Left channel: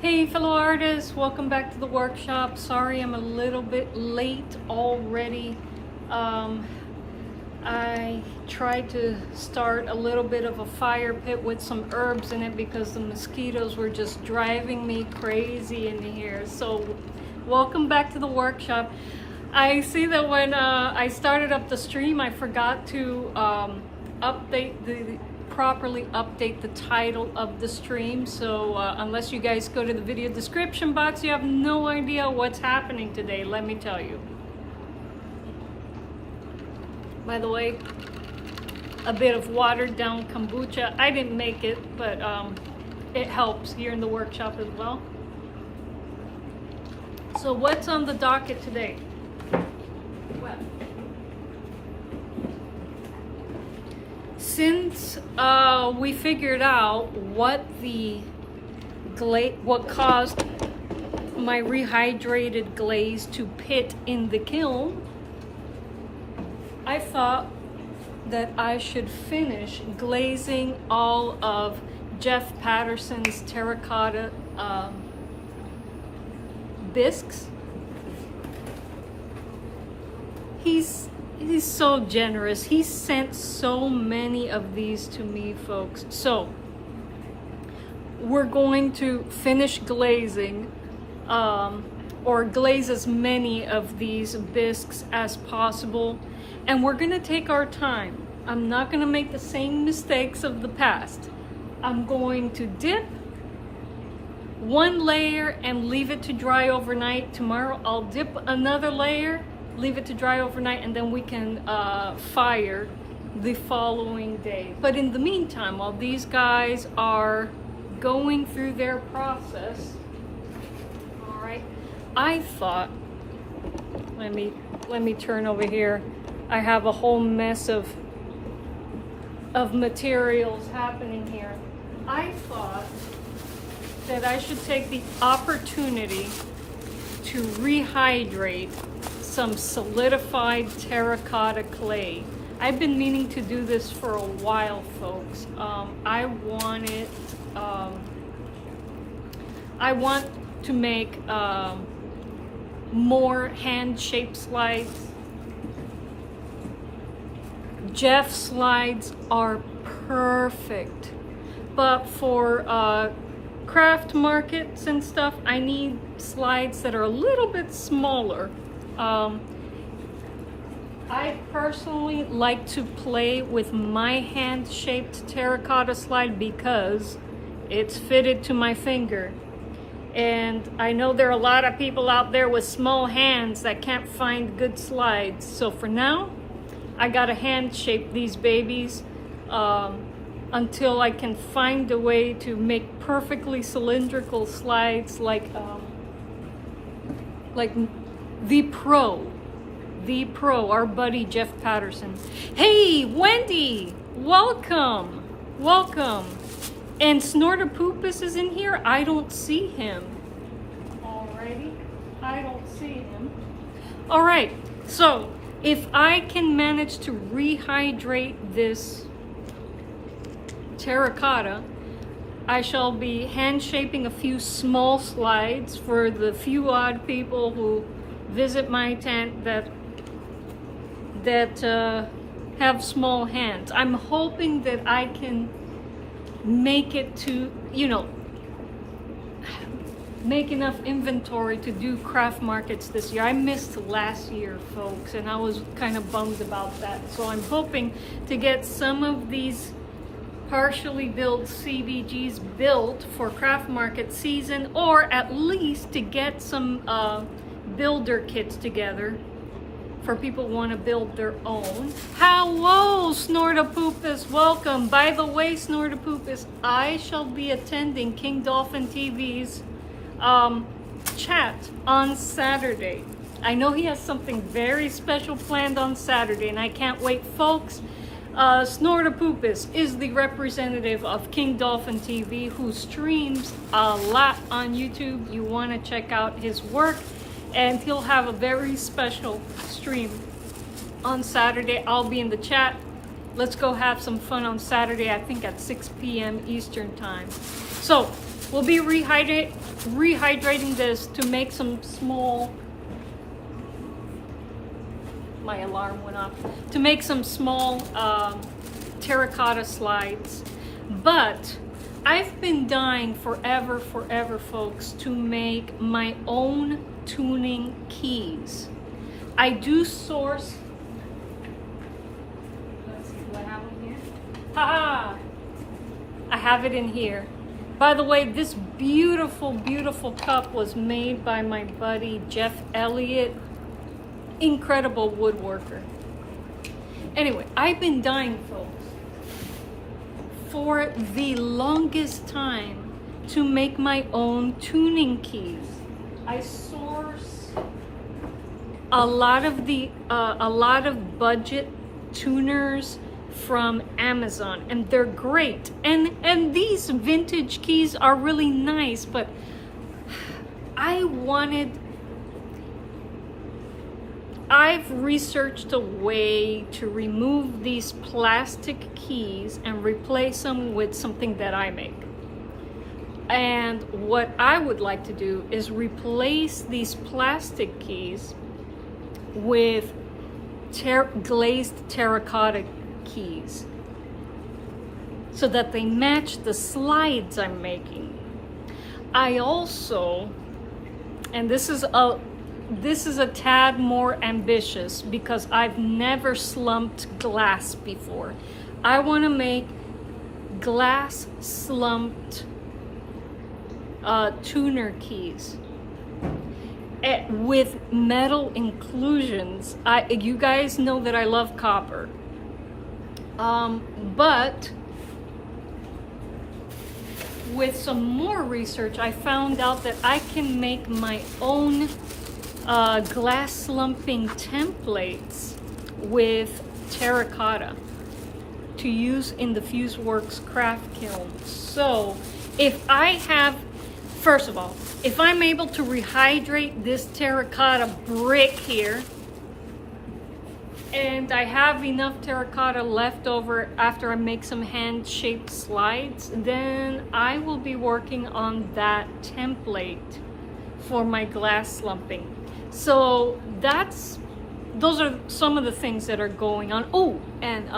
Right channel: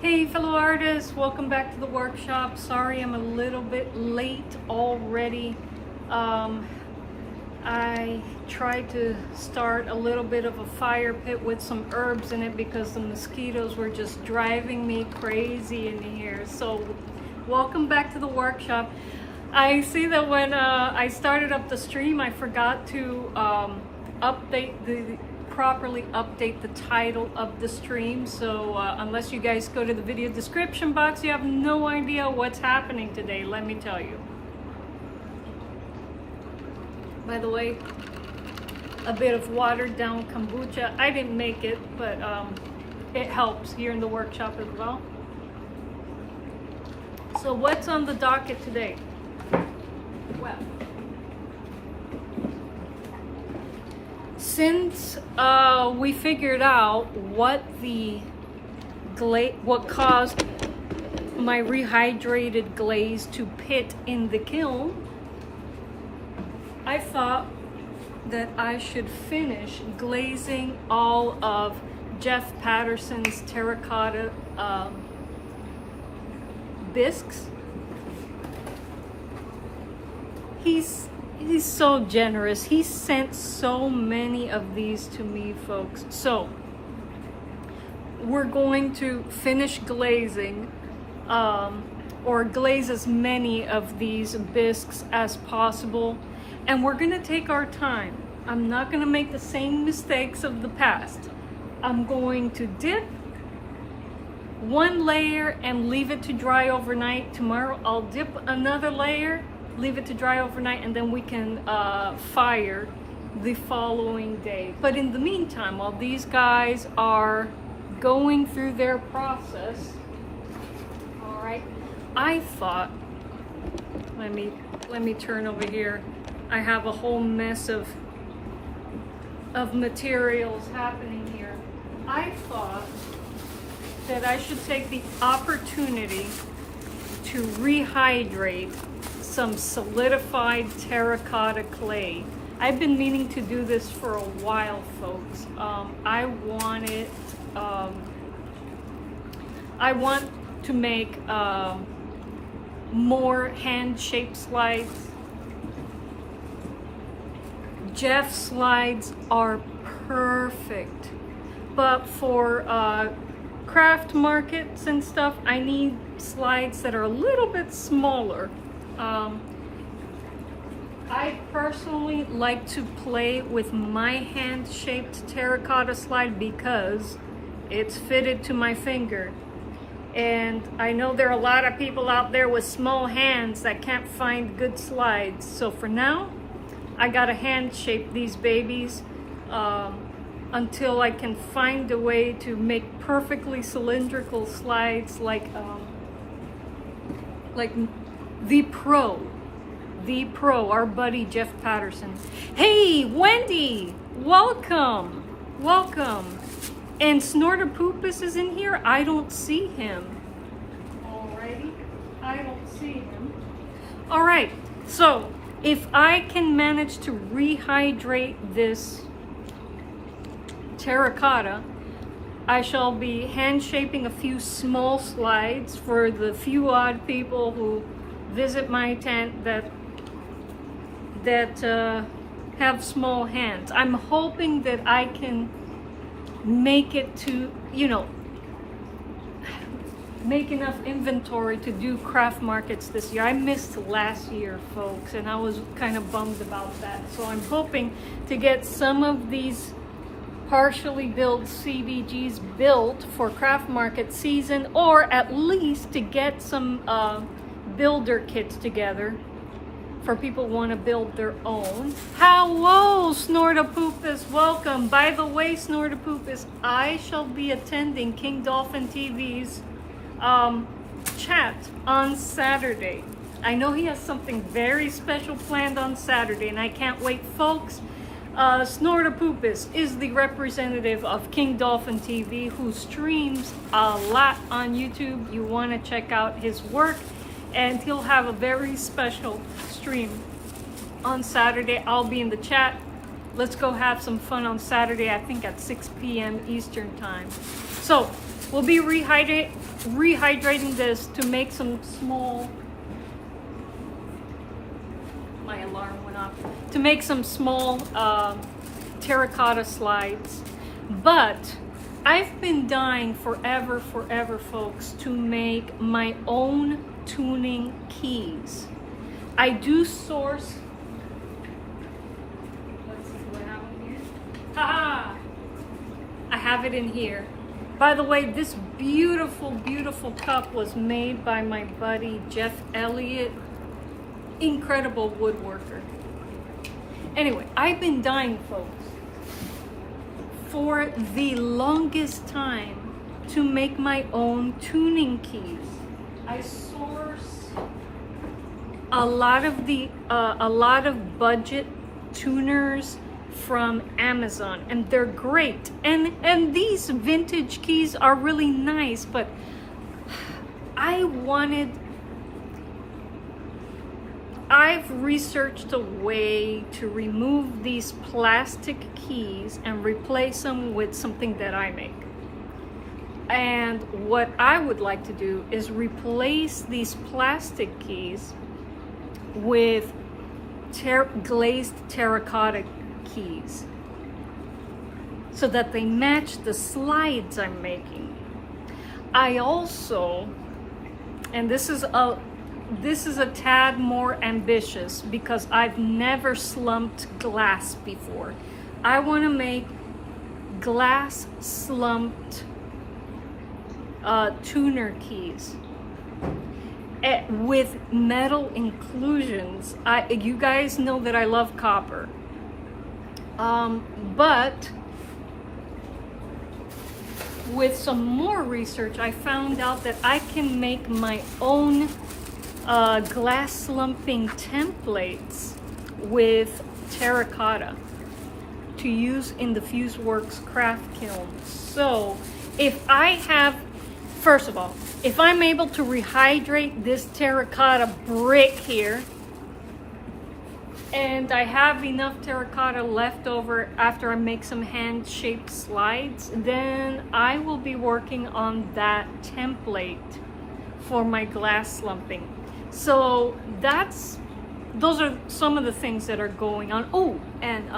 Hey fellow artists, welcome back to the workshop. Sorry I'm a little bit late already. I tried to start a little bit of a fire pit with some herbs in it because the mosquitoes were just driving me crazy in here. So welcome back to the workshop. I see that when I started up the stream, I forgot to properly update the title of the stream. So unless you guys go to the video description box, you have no idea what's happening today, let me tell you. By the way, a bit of watered down kombucha. I didn't make it, but it helps here in the workshop as well. So what's on the docket today? Since we figured out what caused my rehydrated glaze to pit in the kiln, I thought that I should finish glazing all of Jeff Patterson's terracotta bisques. He's so generous. He sent so many of these to me, folks. So we're going to finish glazing or glaze as many of these bisques as possible. And we're gonna take our time. I'm not gonna make the same mistakes of the past. I'm going to dip one layer and leave it to dry overnight. Tomorrow I'll dip another layer, leave it to dry overnight, and then we can fire the following day. But in the meantime, while these guys are going through their process, all right, I thought, let me turn over here. I have a whole mess of materials happening here. I thought that I should take the opportunity to rehydrate some solidified terracotta clay. I've been meaning to do this for a while, folks. I want to make more hand-shaped slides. Jeff slides are perfect, but for craft markets and stuff, I need slides that are a little bit smaller. I personally like to play with my hand-shaped terracotta slide because it's fitted to my finger. And I know there are a lot of people out there with small hands that can't find good slides. So for now, I gotta hand shape these babies until I can find a way to make perfectly cylindrical slides like the pro, our buddy Jeff Patterson. Hey, Wendy, welcome. And Snortopupus is in here. I don't see him. Alrighty, I don't see him. All right, so if I can manage to rehydrate this terracotta, I shall be hand shaping a few small slides for the few odd people who visit my tent that have small hands. I'm hoping that I can make it to, make enough inventory to do craft markets this year. I missed last year, folks, and I was kind of bummed about that. So I'm hoping to get some of these partially built CBGs built for craft market season, or at least to get some builder kits together for people who want to build their own. Hello, Snortopupus, welcome. By the way, Snortopupus, I shall be attending King Dolphin TV's chat on Saturday. I know he has something very special planned on Saturday, and I can't wait, folks. Snortopupus is the representative of King Dolphin TV, who streams a lot on YouTube. You want to check out his work, and he'll have a very special stream on Saturday. I'll be in the chat. Let's go have some fun on Saturday, I think at 6 p.m. Eastern time. So we'll be rehydrating rehydrating this to make some small, my alarm went off, to make some small terracotta slides. But I've been dying forever, folks, to make my own tuning keys. I do source, let's see, do I have it here? Haha! I have it in here. By the way, this beautiful, beautiful cup was made by my buddy Jeff Elliott. Incredible woodworker. Anyway, I've been dying, folks, for the longest time to make my own tuning keys. I source a lot of budget tuners from Amazon, and they're great. And these vintage keys are really nice, but I've researched a way to remove these plastic keys and replace them with something that I make. And what I would like to do is replace these plastic keys with glazed terracotta keys so that they match the slides I'm making. I also, and this is a tad more ambitious because I've never slumped glass before. I want to make glass slumped tuner keys with metal inclusions. You guys know that I love copper, but with some more research I found out that I can make my own glass slumping templates with terracotta to use in the FuseWorks craft kiln. So first of all, if I'm able to rehydrate this terracotta brick here, and I have enough terracotta left over after I make some hand-shaped slides, then I will be working on that template for my glass slumping. So those are some of the things that are going on. Oh, and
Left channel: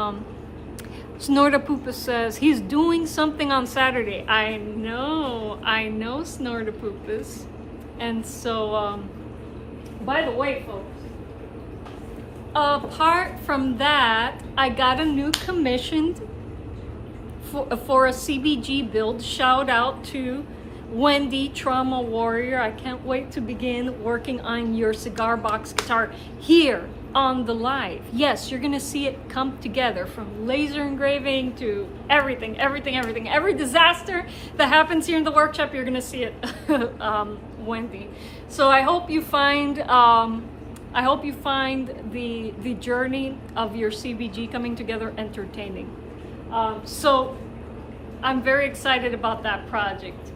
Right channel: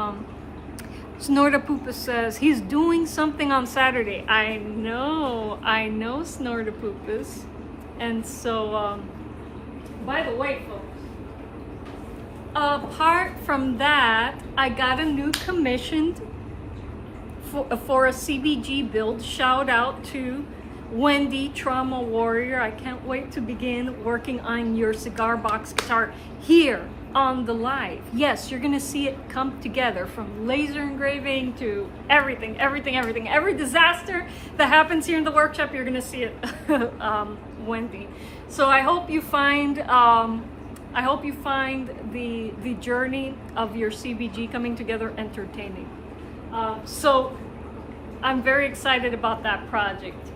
Snortapoopus says he's doing something on Saturday. I know Snortapoopus. And so, by the way, folks, apart from that, I got a new commission for a CBG build. Shout out to Wendy, Trauma Warrior. I can't wait to begin working on your cigar box guitar here on the live. Yes, you're gonna see it come together, from laser engraving to everything. Every disaster that happens here in the workshop, you're gonna see it, Wendy. So I hope you find the journey of your CBG coming together entertaining. So I'm very excited about that project.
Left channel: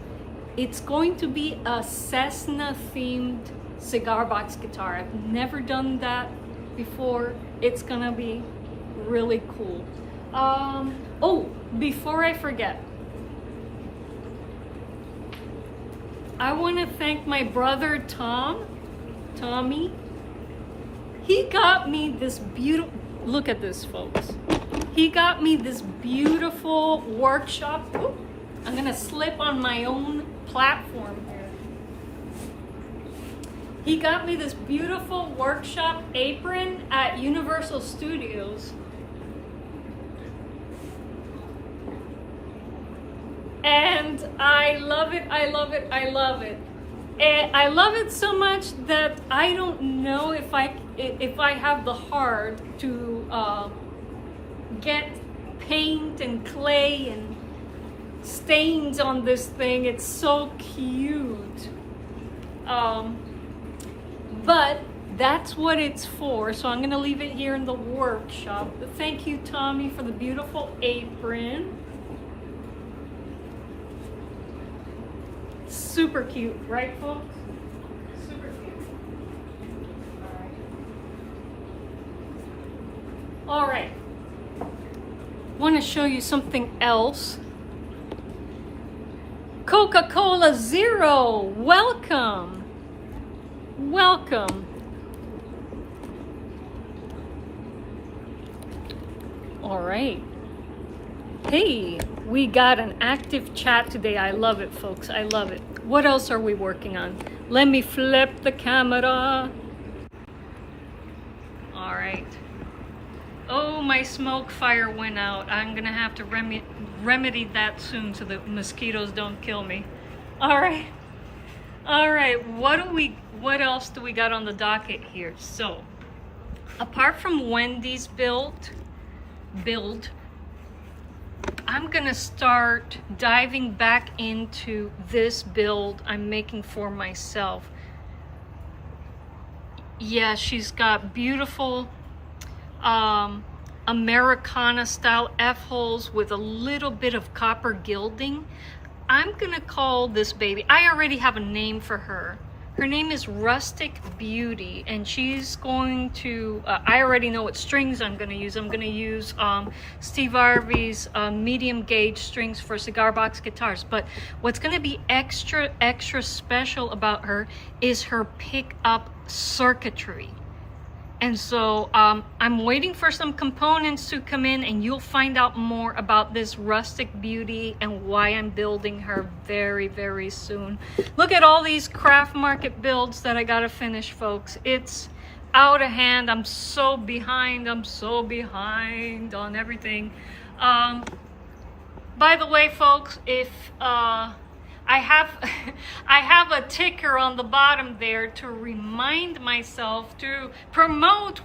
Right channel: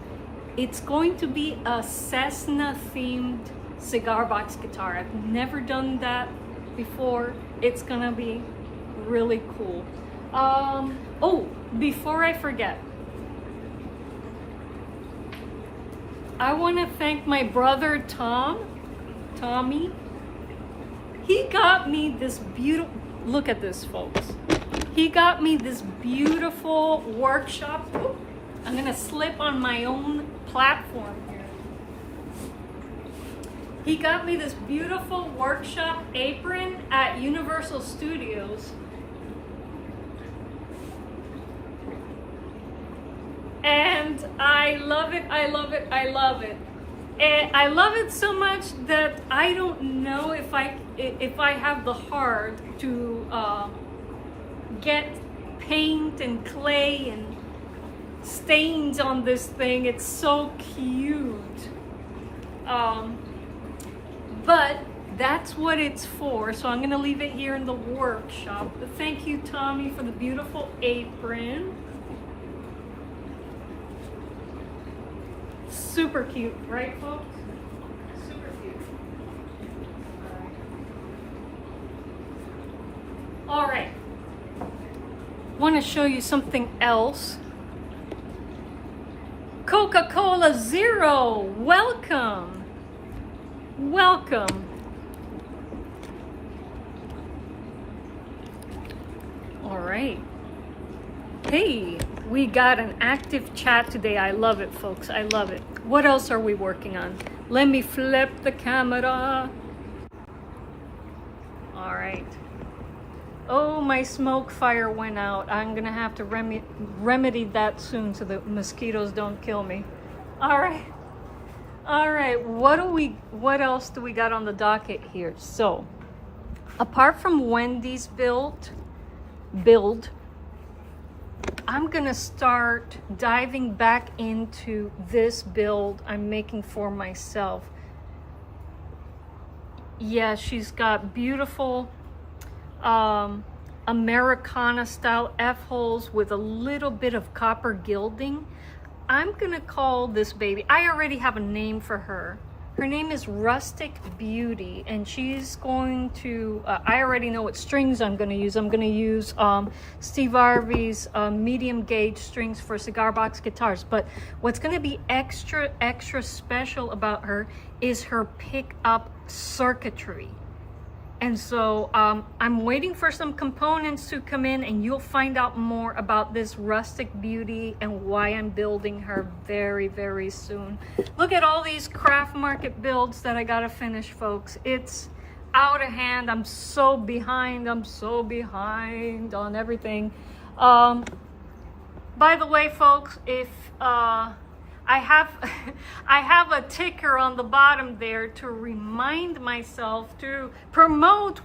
It's going to be a Cessna themed cigar box guitar. I've never done that before. It's gonna be really cool. Oh, before I forget, I want to thank my brother Tommy. He got me this beautiful, look at this, folks. He got me this beautiful workshop. Ooh, I'm gonna slip on my own platform here. He got me this beautiful workshop apron at Universal Studios. And I love it. And I love it so much that I don't know if I have the heart to get paint and clay and stains on this thing. It's so cute. But that's what it's for. So I'm gonna leave it here in the workshop. But thank you, Tommy, for the beautiful apron. Super cute, right, folks? Super cute. All right. Want to show you something else. Coca-Cola Zero, welcome. Welcome. All right. Hey, we got an active chat today. I love it, folks. I love it. What else are we working on? Let me flip the camera. All right. Oh, my smoke fire went out. I'm gonna have to remedy that soon so the mosquitoes don't kill me. All right. All right. What else do we got on the docket here? So, apart from Wendy's build, I'm gonna start diving back into this build I'm making for myself. Yeah, she's got beautiful Americana style F-holes with a little bit of copper gilding. I'm gonna call this baby, I already have a name for her. Her name is Rustic Beauty, and she's going to, I already know what strings I'm gonna use. I'm gonna use Steve Harvey's medium gauge strings for cigar box guitars. But what's gonna be extra special about her is her pickup circuitry. And so I'm waiting for some components to come in, and you'll find out more about this Rustic Beauty and why I'm building her very, very soon. Look at all these craft market builds that I gotta finish, folks. It's out of hand. I'm so behind. I'm so behind on everything. By the way, folks, if I have a ticker on the bottom there to remind myself to promote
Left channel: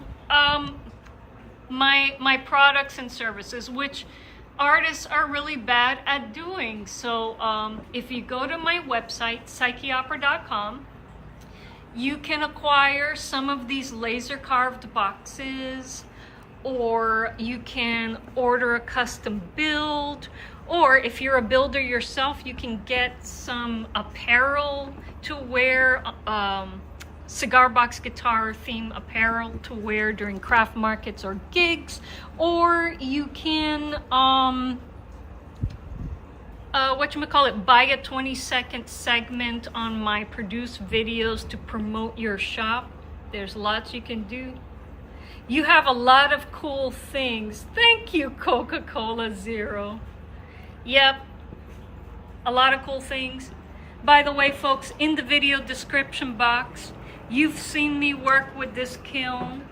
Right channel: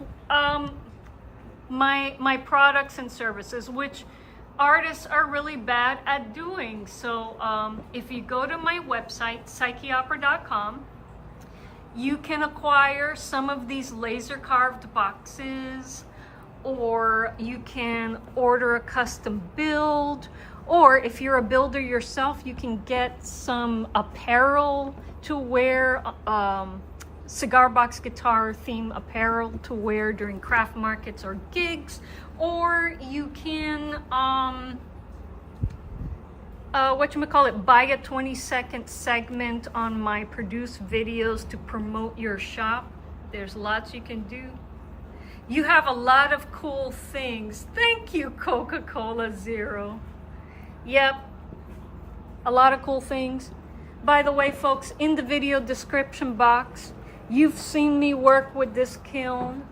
my products and services, which artists are really bad at doing. So if you go to my website, psycheopera.com, you can acquire some of these laser carved boxes, or you can order a custom build. Or if you're a builder yourself, you can get some apparel to wear, cigar box guitar theme apparel to wear during craft markets or gigs. Or you can, buy a 20-second segment on my produced videos to promote your shop. There's lots you can do. You have a lot of cool things. Thank you, Coca-Cola Zero. Yep, a lot of cool things. By the way, folks, in the video description box, you've seen me work with this kiln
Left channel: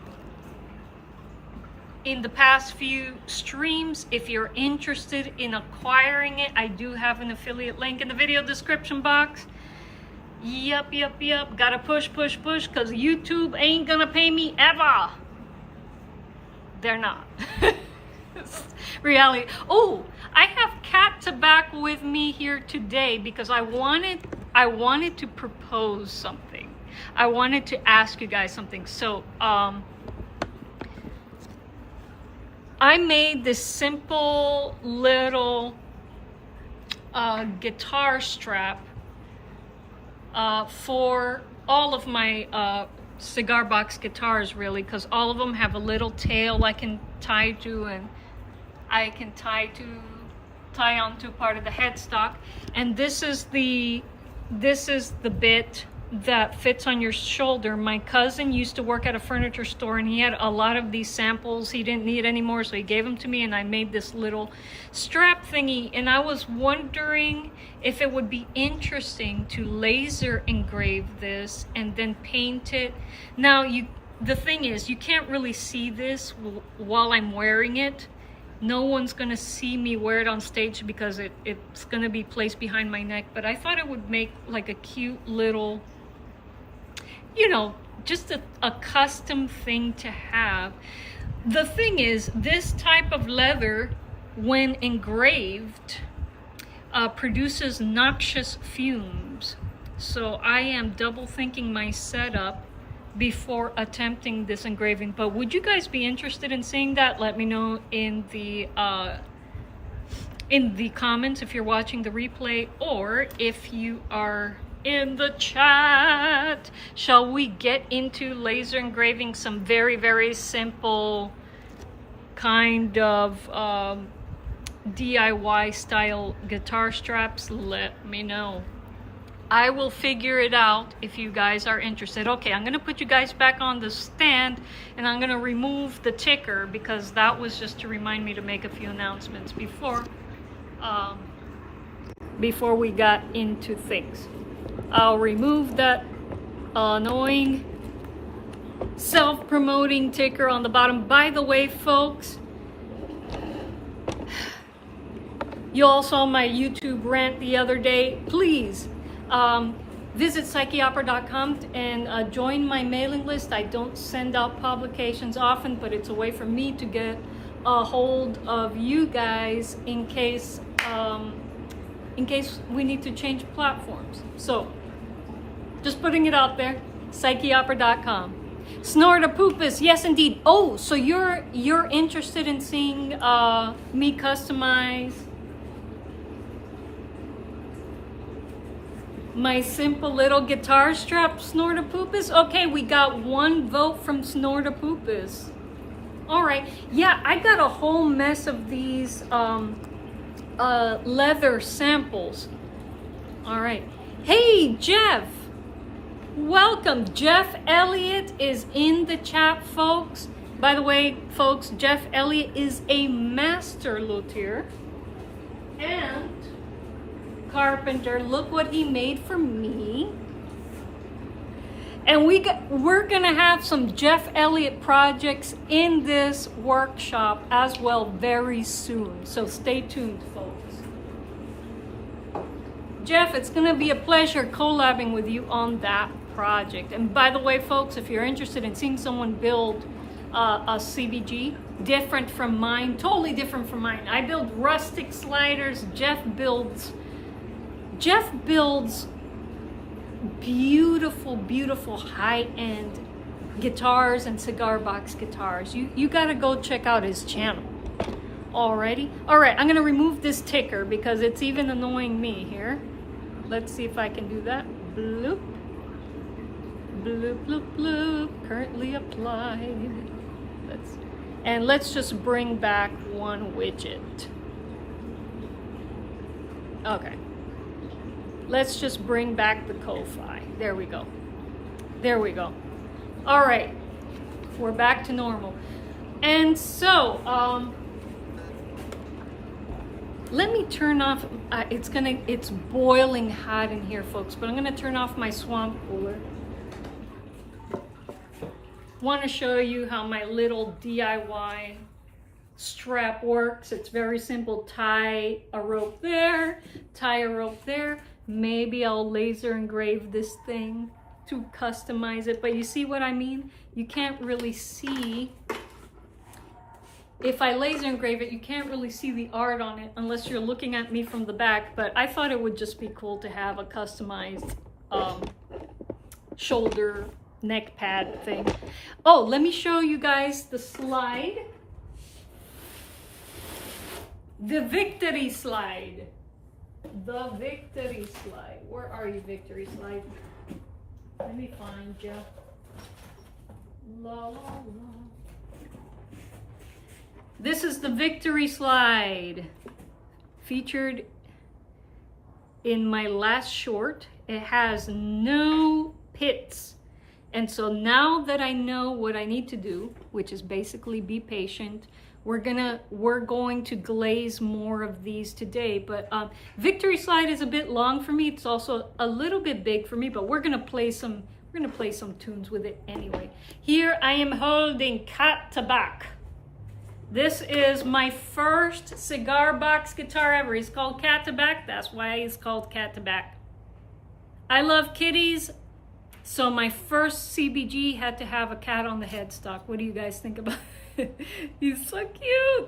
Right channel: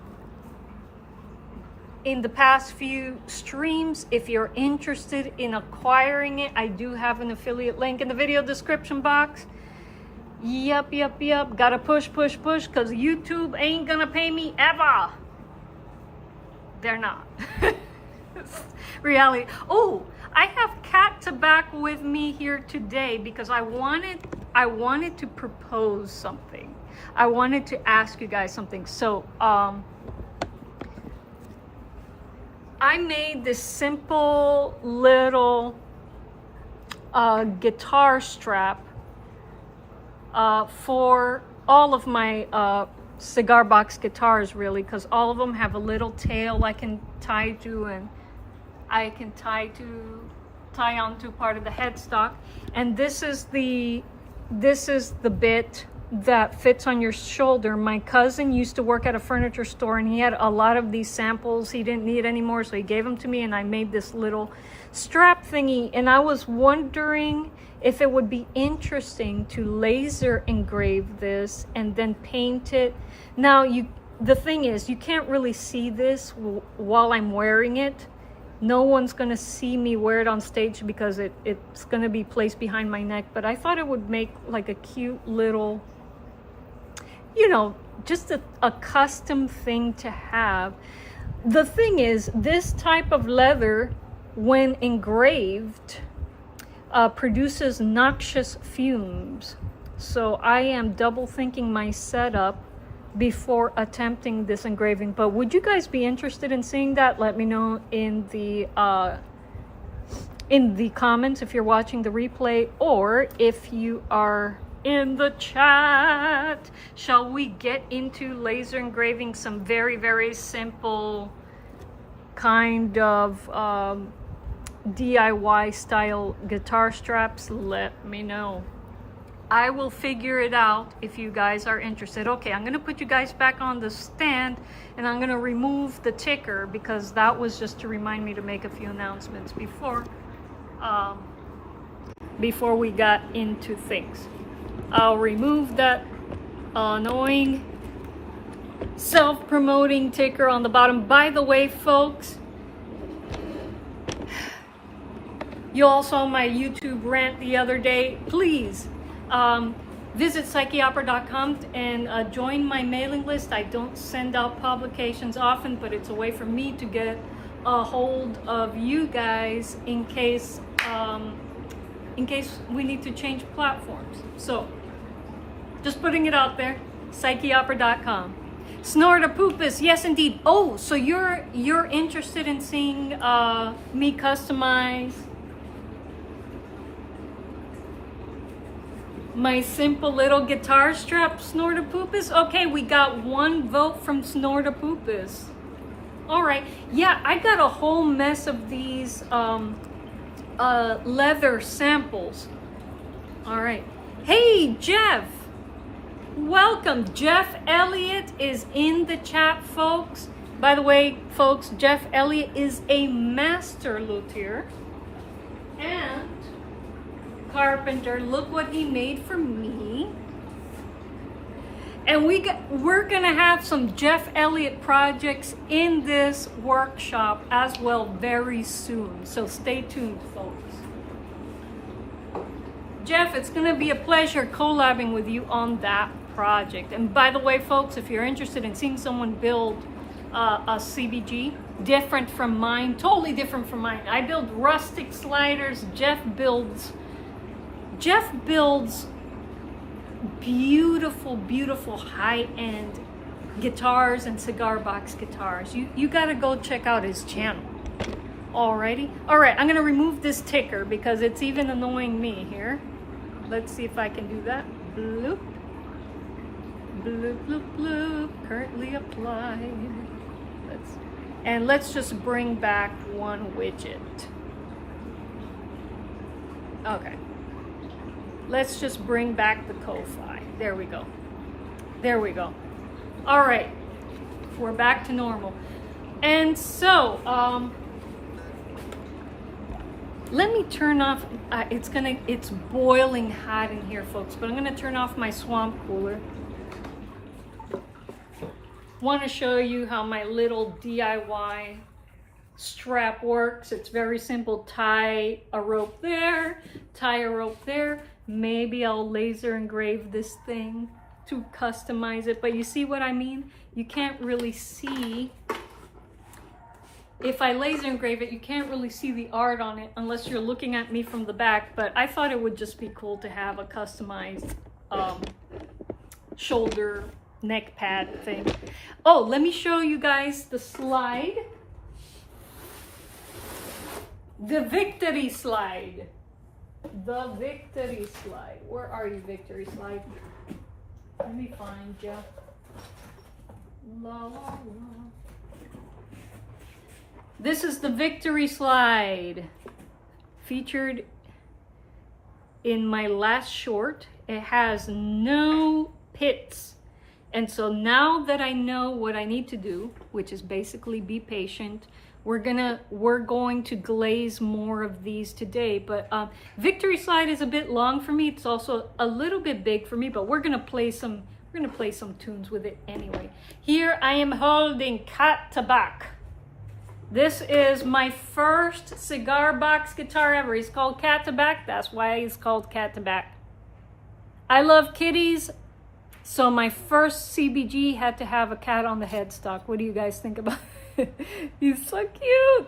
in the past few streams. If you're interested in acquiring it, I do have an affiliate link in the video description box. Yep. Gotta push, because YouTube ain't gonna pay me ever. They're not. Reality. Oh, I have Cat Tobacco with me here today because I wanted to propose something. I wanted to ask you guys something. So I made this simple little guitar strap for all of my cigar box guitars, really, because all of them have a little tail I can tie to, and I can tie onto part of the headstock. And this is the bit that fits on your shoulder. My cousin used to work at a furniture store, and he had a lot of these samples he didn't need anymore, so he gave them to me, and I made this little strap thingy. And I was wondering if it would be interesting to laser engrave this and then paint it. Now, the thing is, you can't really see this while I'm wearing it. No one's gonna see me wear it on stage because it's gonna be placed behind my neck, but I thought it would make like a cute little, you know, just a custom thing to have. The thing is, this type of leather, when engraved, produces noxious fumes. So I am double thinking my setup before attempting this engraving. But would you guys be interested in seeing that? Let me know in the comments if you're watching the replay, or if you are in the chat. Shall we get into laser engraving some very, very simple kind of DIY style guitar straps, let me know. I will figure it out if you guys are interested. Okay, I'm gonna put you guys back on the stand, and I'm gonna remove the ticker because that was just to remind me to make a few announcements before we got into things. I'll remove that annoying self-promoting ticker on the bottom. By the way, folks, you all saw my YouTube rant the other day. Please visit psycheopera.com and join my mailing list. I don't send out publications often, but it's a way for me to get a hold of you guys in case we need to change platforms. So just putting it out there, psycheopera.com. Snort-a-poopus, yes indeed. Oh, so you're interested in seeing me customize my simple little guitar strap, Snort-a-poopus? Okay, we got one vote from Snort-a-poopus. All right, yeah, I got a whole mess of these leather samples. All right, hey Jeff, welcome. Jeff Elliott is in the chat, folks. By the way, folks, Jeff Elliott is a master luthier and carpenter. Look what he made for me. And we're gonna have some Jeff Elliott projects in this workshop as well very soon. So stay tuned, folks. Jeff, it's gonna be a pleasure collabing with you on that project. And by the way, folks, if you're interested in seeing someone build a CBG, different from mine, totally different from mine. I build rustic sliders. Jeff builds beautiful, beautiful high-end guitars and cigar box guitars. You gotta go check out his channel. Alrighty. All right, I'm gonna remove this ticker because it's even annoying me here. Let's see if I can do that. Bloop. Bloop, bloop, bloop. Currently applied. Let's just bring back one widget. Okay. Let's just bring back the Ko-Fi. There we go. There we go. All right, we're back to normal. And so, let me turn off, it's boiling hot in here, folks, but I'm gonna turn off my swamp cooler. Want to show you how my little DIY strap works. It's very simple. Tie a rope there, tie a rope there. Maybe I'll laser engrave this thing to customize it, but you see what I mean? You can't really see. If I laser engrave it, you can't really see the art on it unless you're looking at me from the back, but I thought it would just be cool to have a customized shoulder neck pad thing. Oh, let me show you guys the slide. The victory slide. The victory slide. Where are you, victory slide? Let me find you. La, la, la. This is the victory slide. Featured in my last short. It has no pits. And so now that I know what I need to do, which is basically be patient, we're going to glaze more of these today. But victory slide is a bit long for me. It's also a little bit big for me, but we're gonna play some tunes with it anyway. Here I am holding Cat Tabac. This is my first cigar box guitar ever. He's called Cat Tabac. That's why he's called Cat Tabac. I love kitties. So my first CBG had to have a cat on the headstock. What do you guys think about it? He's so cute.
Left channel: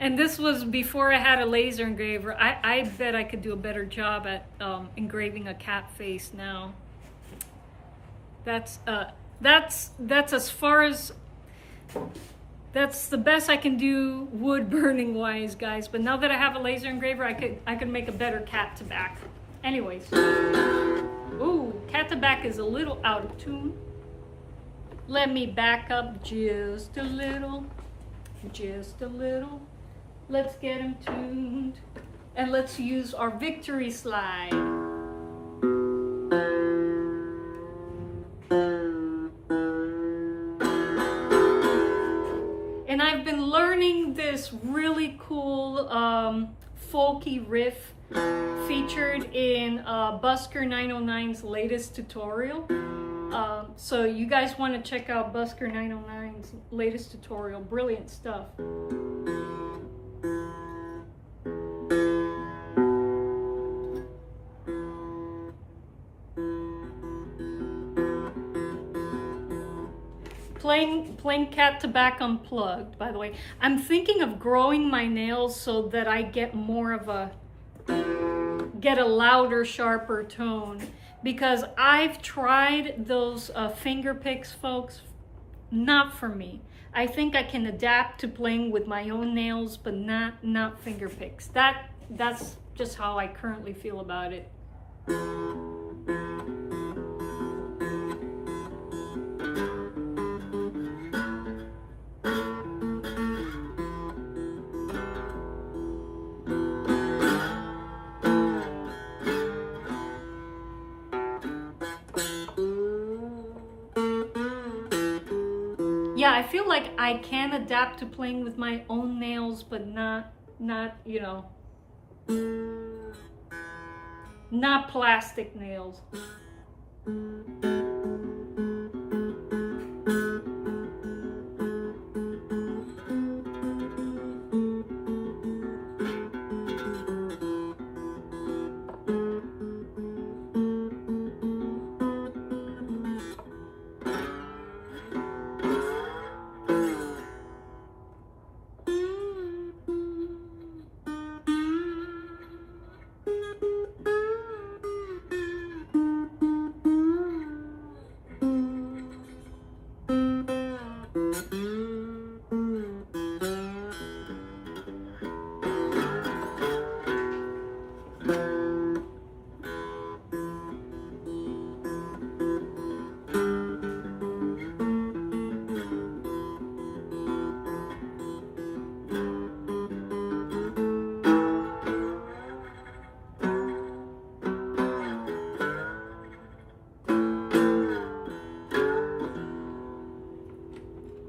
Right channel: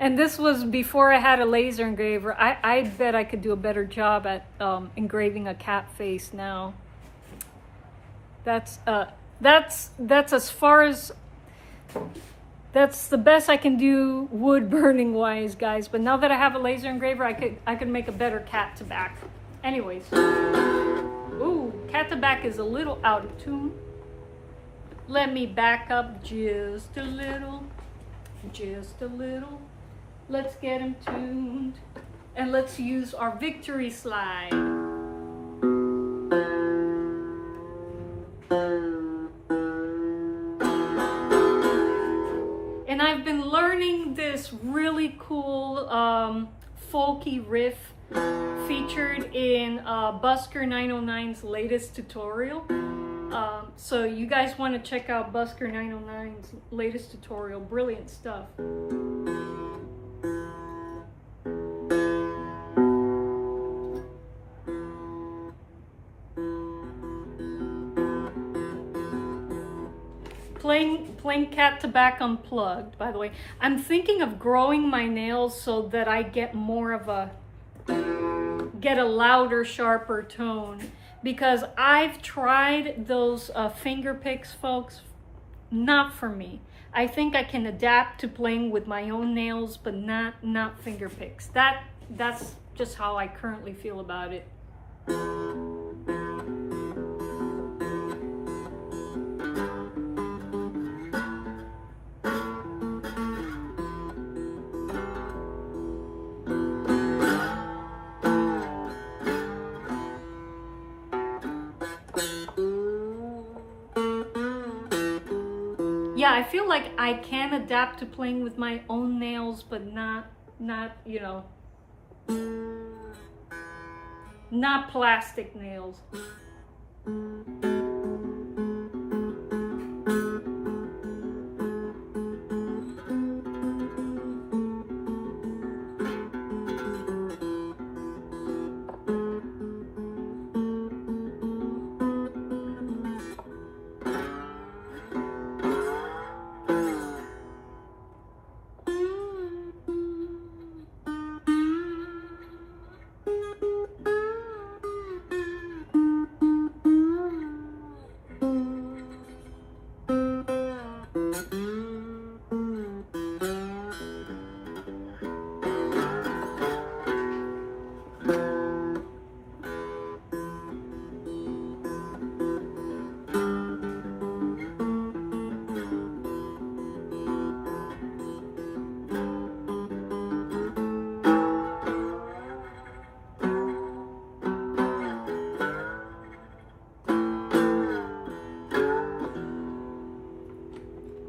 And this was before I had a laser engraver. I bet I could do a better job at engraving a cat face now. That's as far as, that's the best I can do wood burning wise, guys. But now that I have a laser engraver, I could make a better Cat Tabac. Anyways. Ooh, Cat Tabac is a little out of tune. Let me back up just a little. Just a little. Let's get them tuned. And let's use our victory slide. And I've been learning this really cool folky riff featured in Busker 909's latest tutorial. So you guys want to check out Busker 909's latest tutorial. Brilliant stuff. Playing Cat to Back Unplugged, by the way. I'm thinking of growing my nails so that I get more of a louder, sharper tone, because I've tried those finger picks, folks. Not for me. I think I can adapt to playing with my own nails, but not finger picks. That's just how I currently feel about it. Yeah, I feel like I can adapt to playing with my own nails, but not, you know, not plastic nails.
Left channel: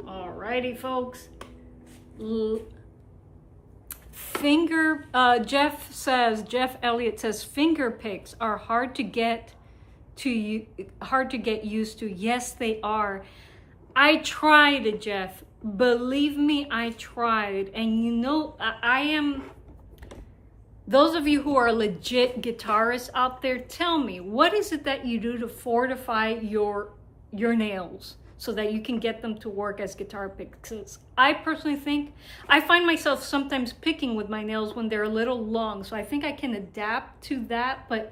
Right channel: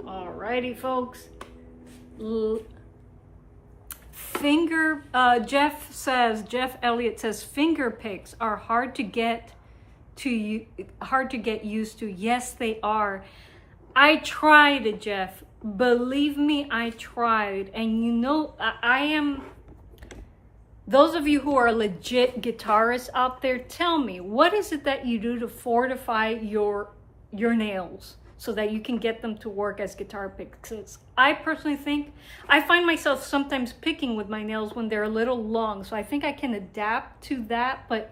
Alrighty, folks. Jeff Elliott says finger picks are hard to get used to. Yes, they are. I tried it, Jeff. Believe me, I tried. And you know, those of you who are legit guitarists out there, tell me, what is it that you do to fortify your nails so that you can get them to work as guitar picks? I personally think, I find myself sometimes picking with my nails when they're a little long, so I think I can adapt to that, but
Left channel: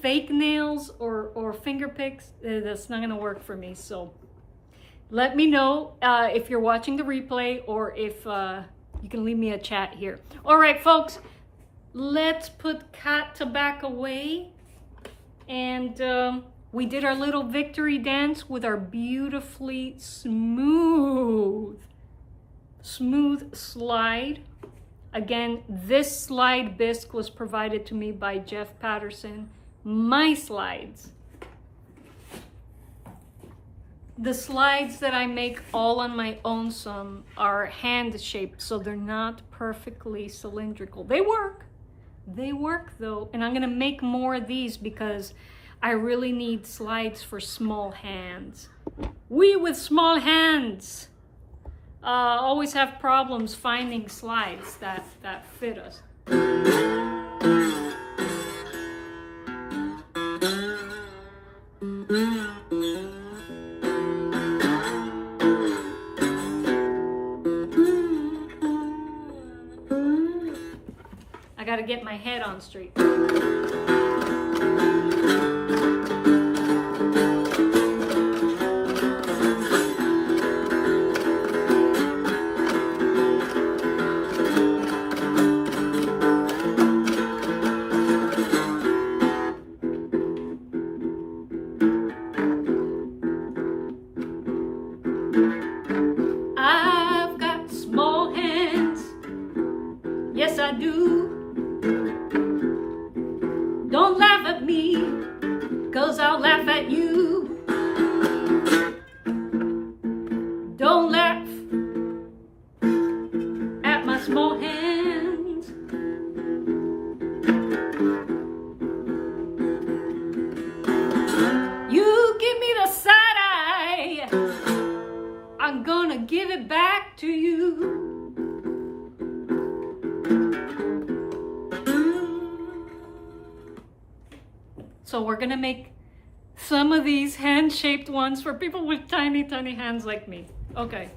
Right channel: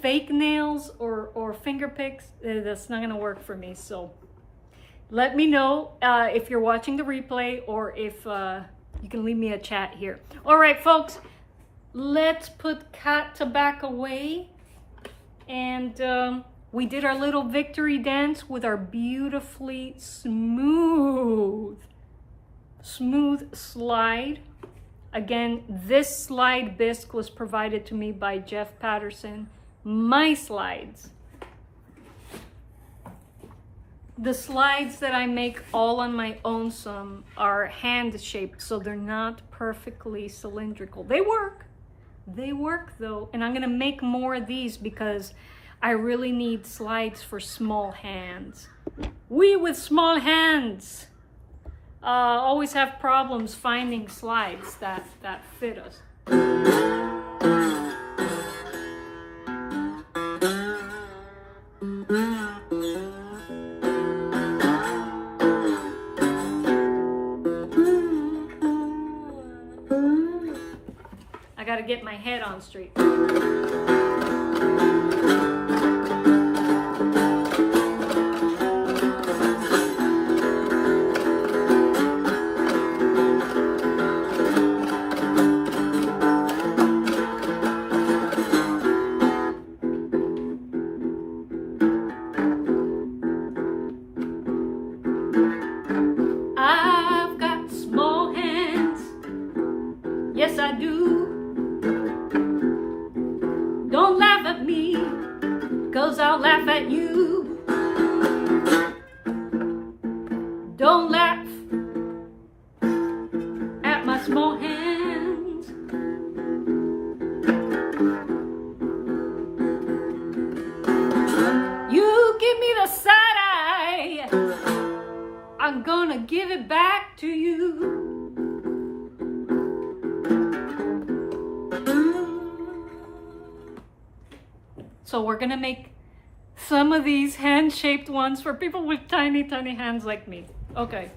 fake nails or finger picks, that's not gonna work for me. So let me know if you're watching the replay, or if you can leave me a chat here. All right, folks, let's put Cat to Back away, and we did our little victory dance with our beautifully smooth slide. Again, this slide bisque was provided to me by Jeff Patterson. My slides, the slides that I make all on my own, some are hand shaped, so they're not perfectly cylindrical. They work though, and I'm gonna make more of these because I really need slides for small hands. We with small hands always have problems finding slides that fit us. I gotta get my head on straight. I've got small hands, 'cause I'll laugh at you. Don't laugh at my small hands. You give me the side eye, I'm gonna give it back to you. So we're gonna make some of these hand-shaped ones for people with tiny, tiny hands like me. Okay.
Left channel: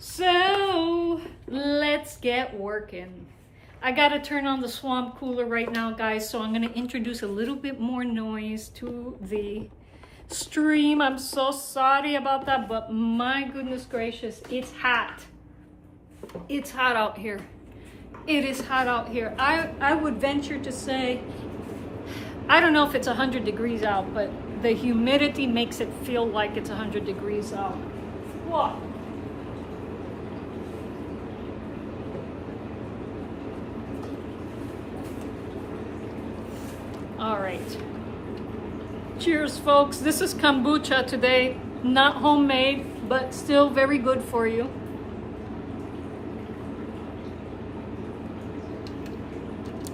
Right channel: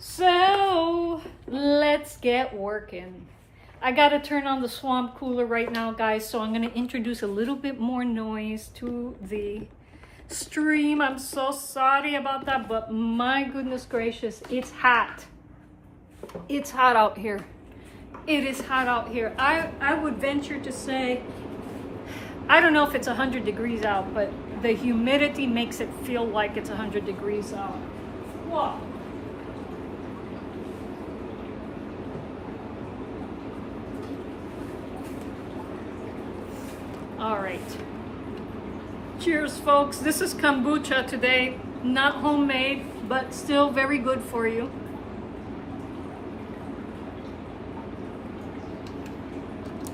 So let's get working. I gotta turn on the swamp cooler right now, guys, so I'm gonna introduce a little bit more noise to the stream. I'm so sorry about that, but my goodness gracious, it's hot. It's hot out here. It is hot out here. I would venture to say, I don't know if it's 100 degrees out, but the humidity makes it feel like it's 100 degrees out. Whoa. All right. Cheers, folks. This is kombucha today. Not homemade, but still very good for you.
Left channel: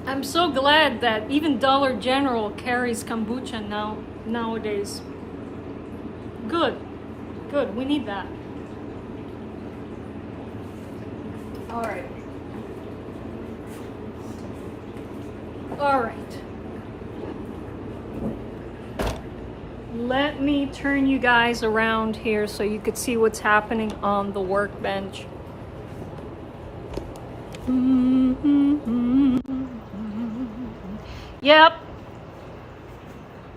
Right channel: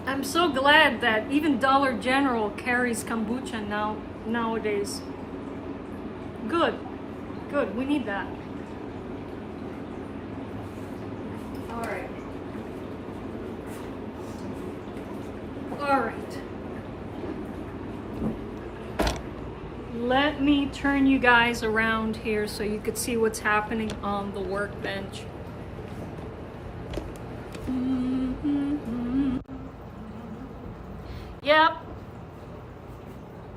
I'm so glad that even Dollar General carries kombucha nowadays. Good, good, we need that. All right. All right. Let me turn you guys around here so you could see what's happening on the workbench. Yep,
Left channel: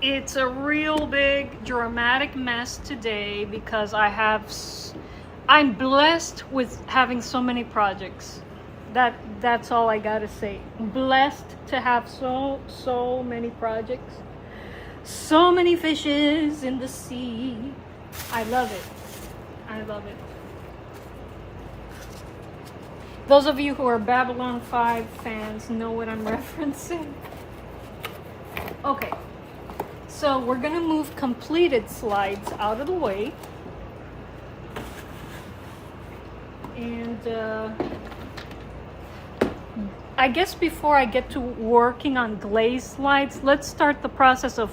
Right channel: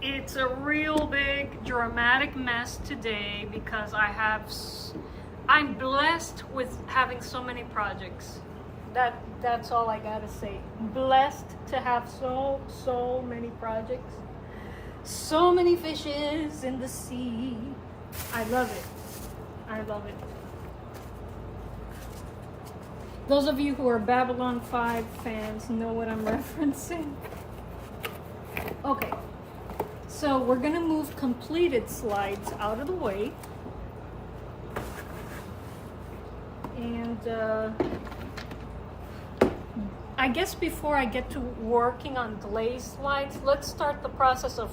it's a real big dramatic mess today because I'm blessed with having so many projects. That's all I gotta say. Blessed to have so many projects, so many fishes in the sea. I love it. I love it. Those of you who are Babylon 5 fans know what I'm referencing. Okay, so we're gonna move completed slides out of the way. And I guess before I get to working on glaze slides, let's start the process of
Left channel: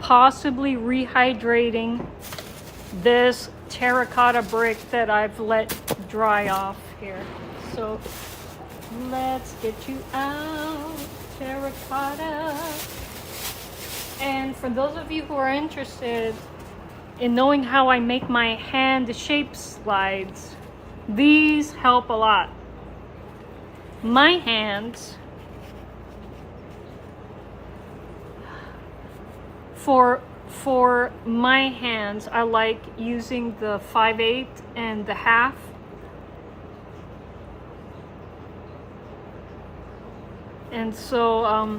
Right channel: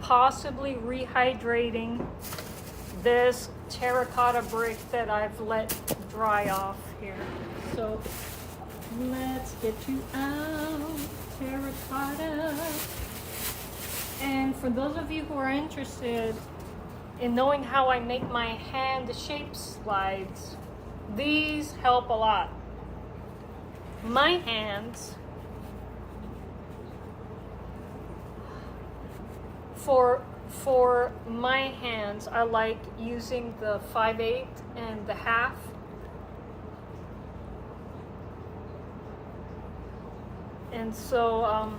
possibly rehydrating this terracotta brick that I've let dry off here. So let's get you out, terracotta. And for those of you who are interested in knowing how I make my hand shape slides, these help a lot. My hands, for my hands, I like using the 5/8 and the 1/2. And so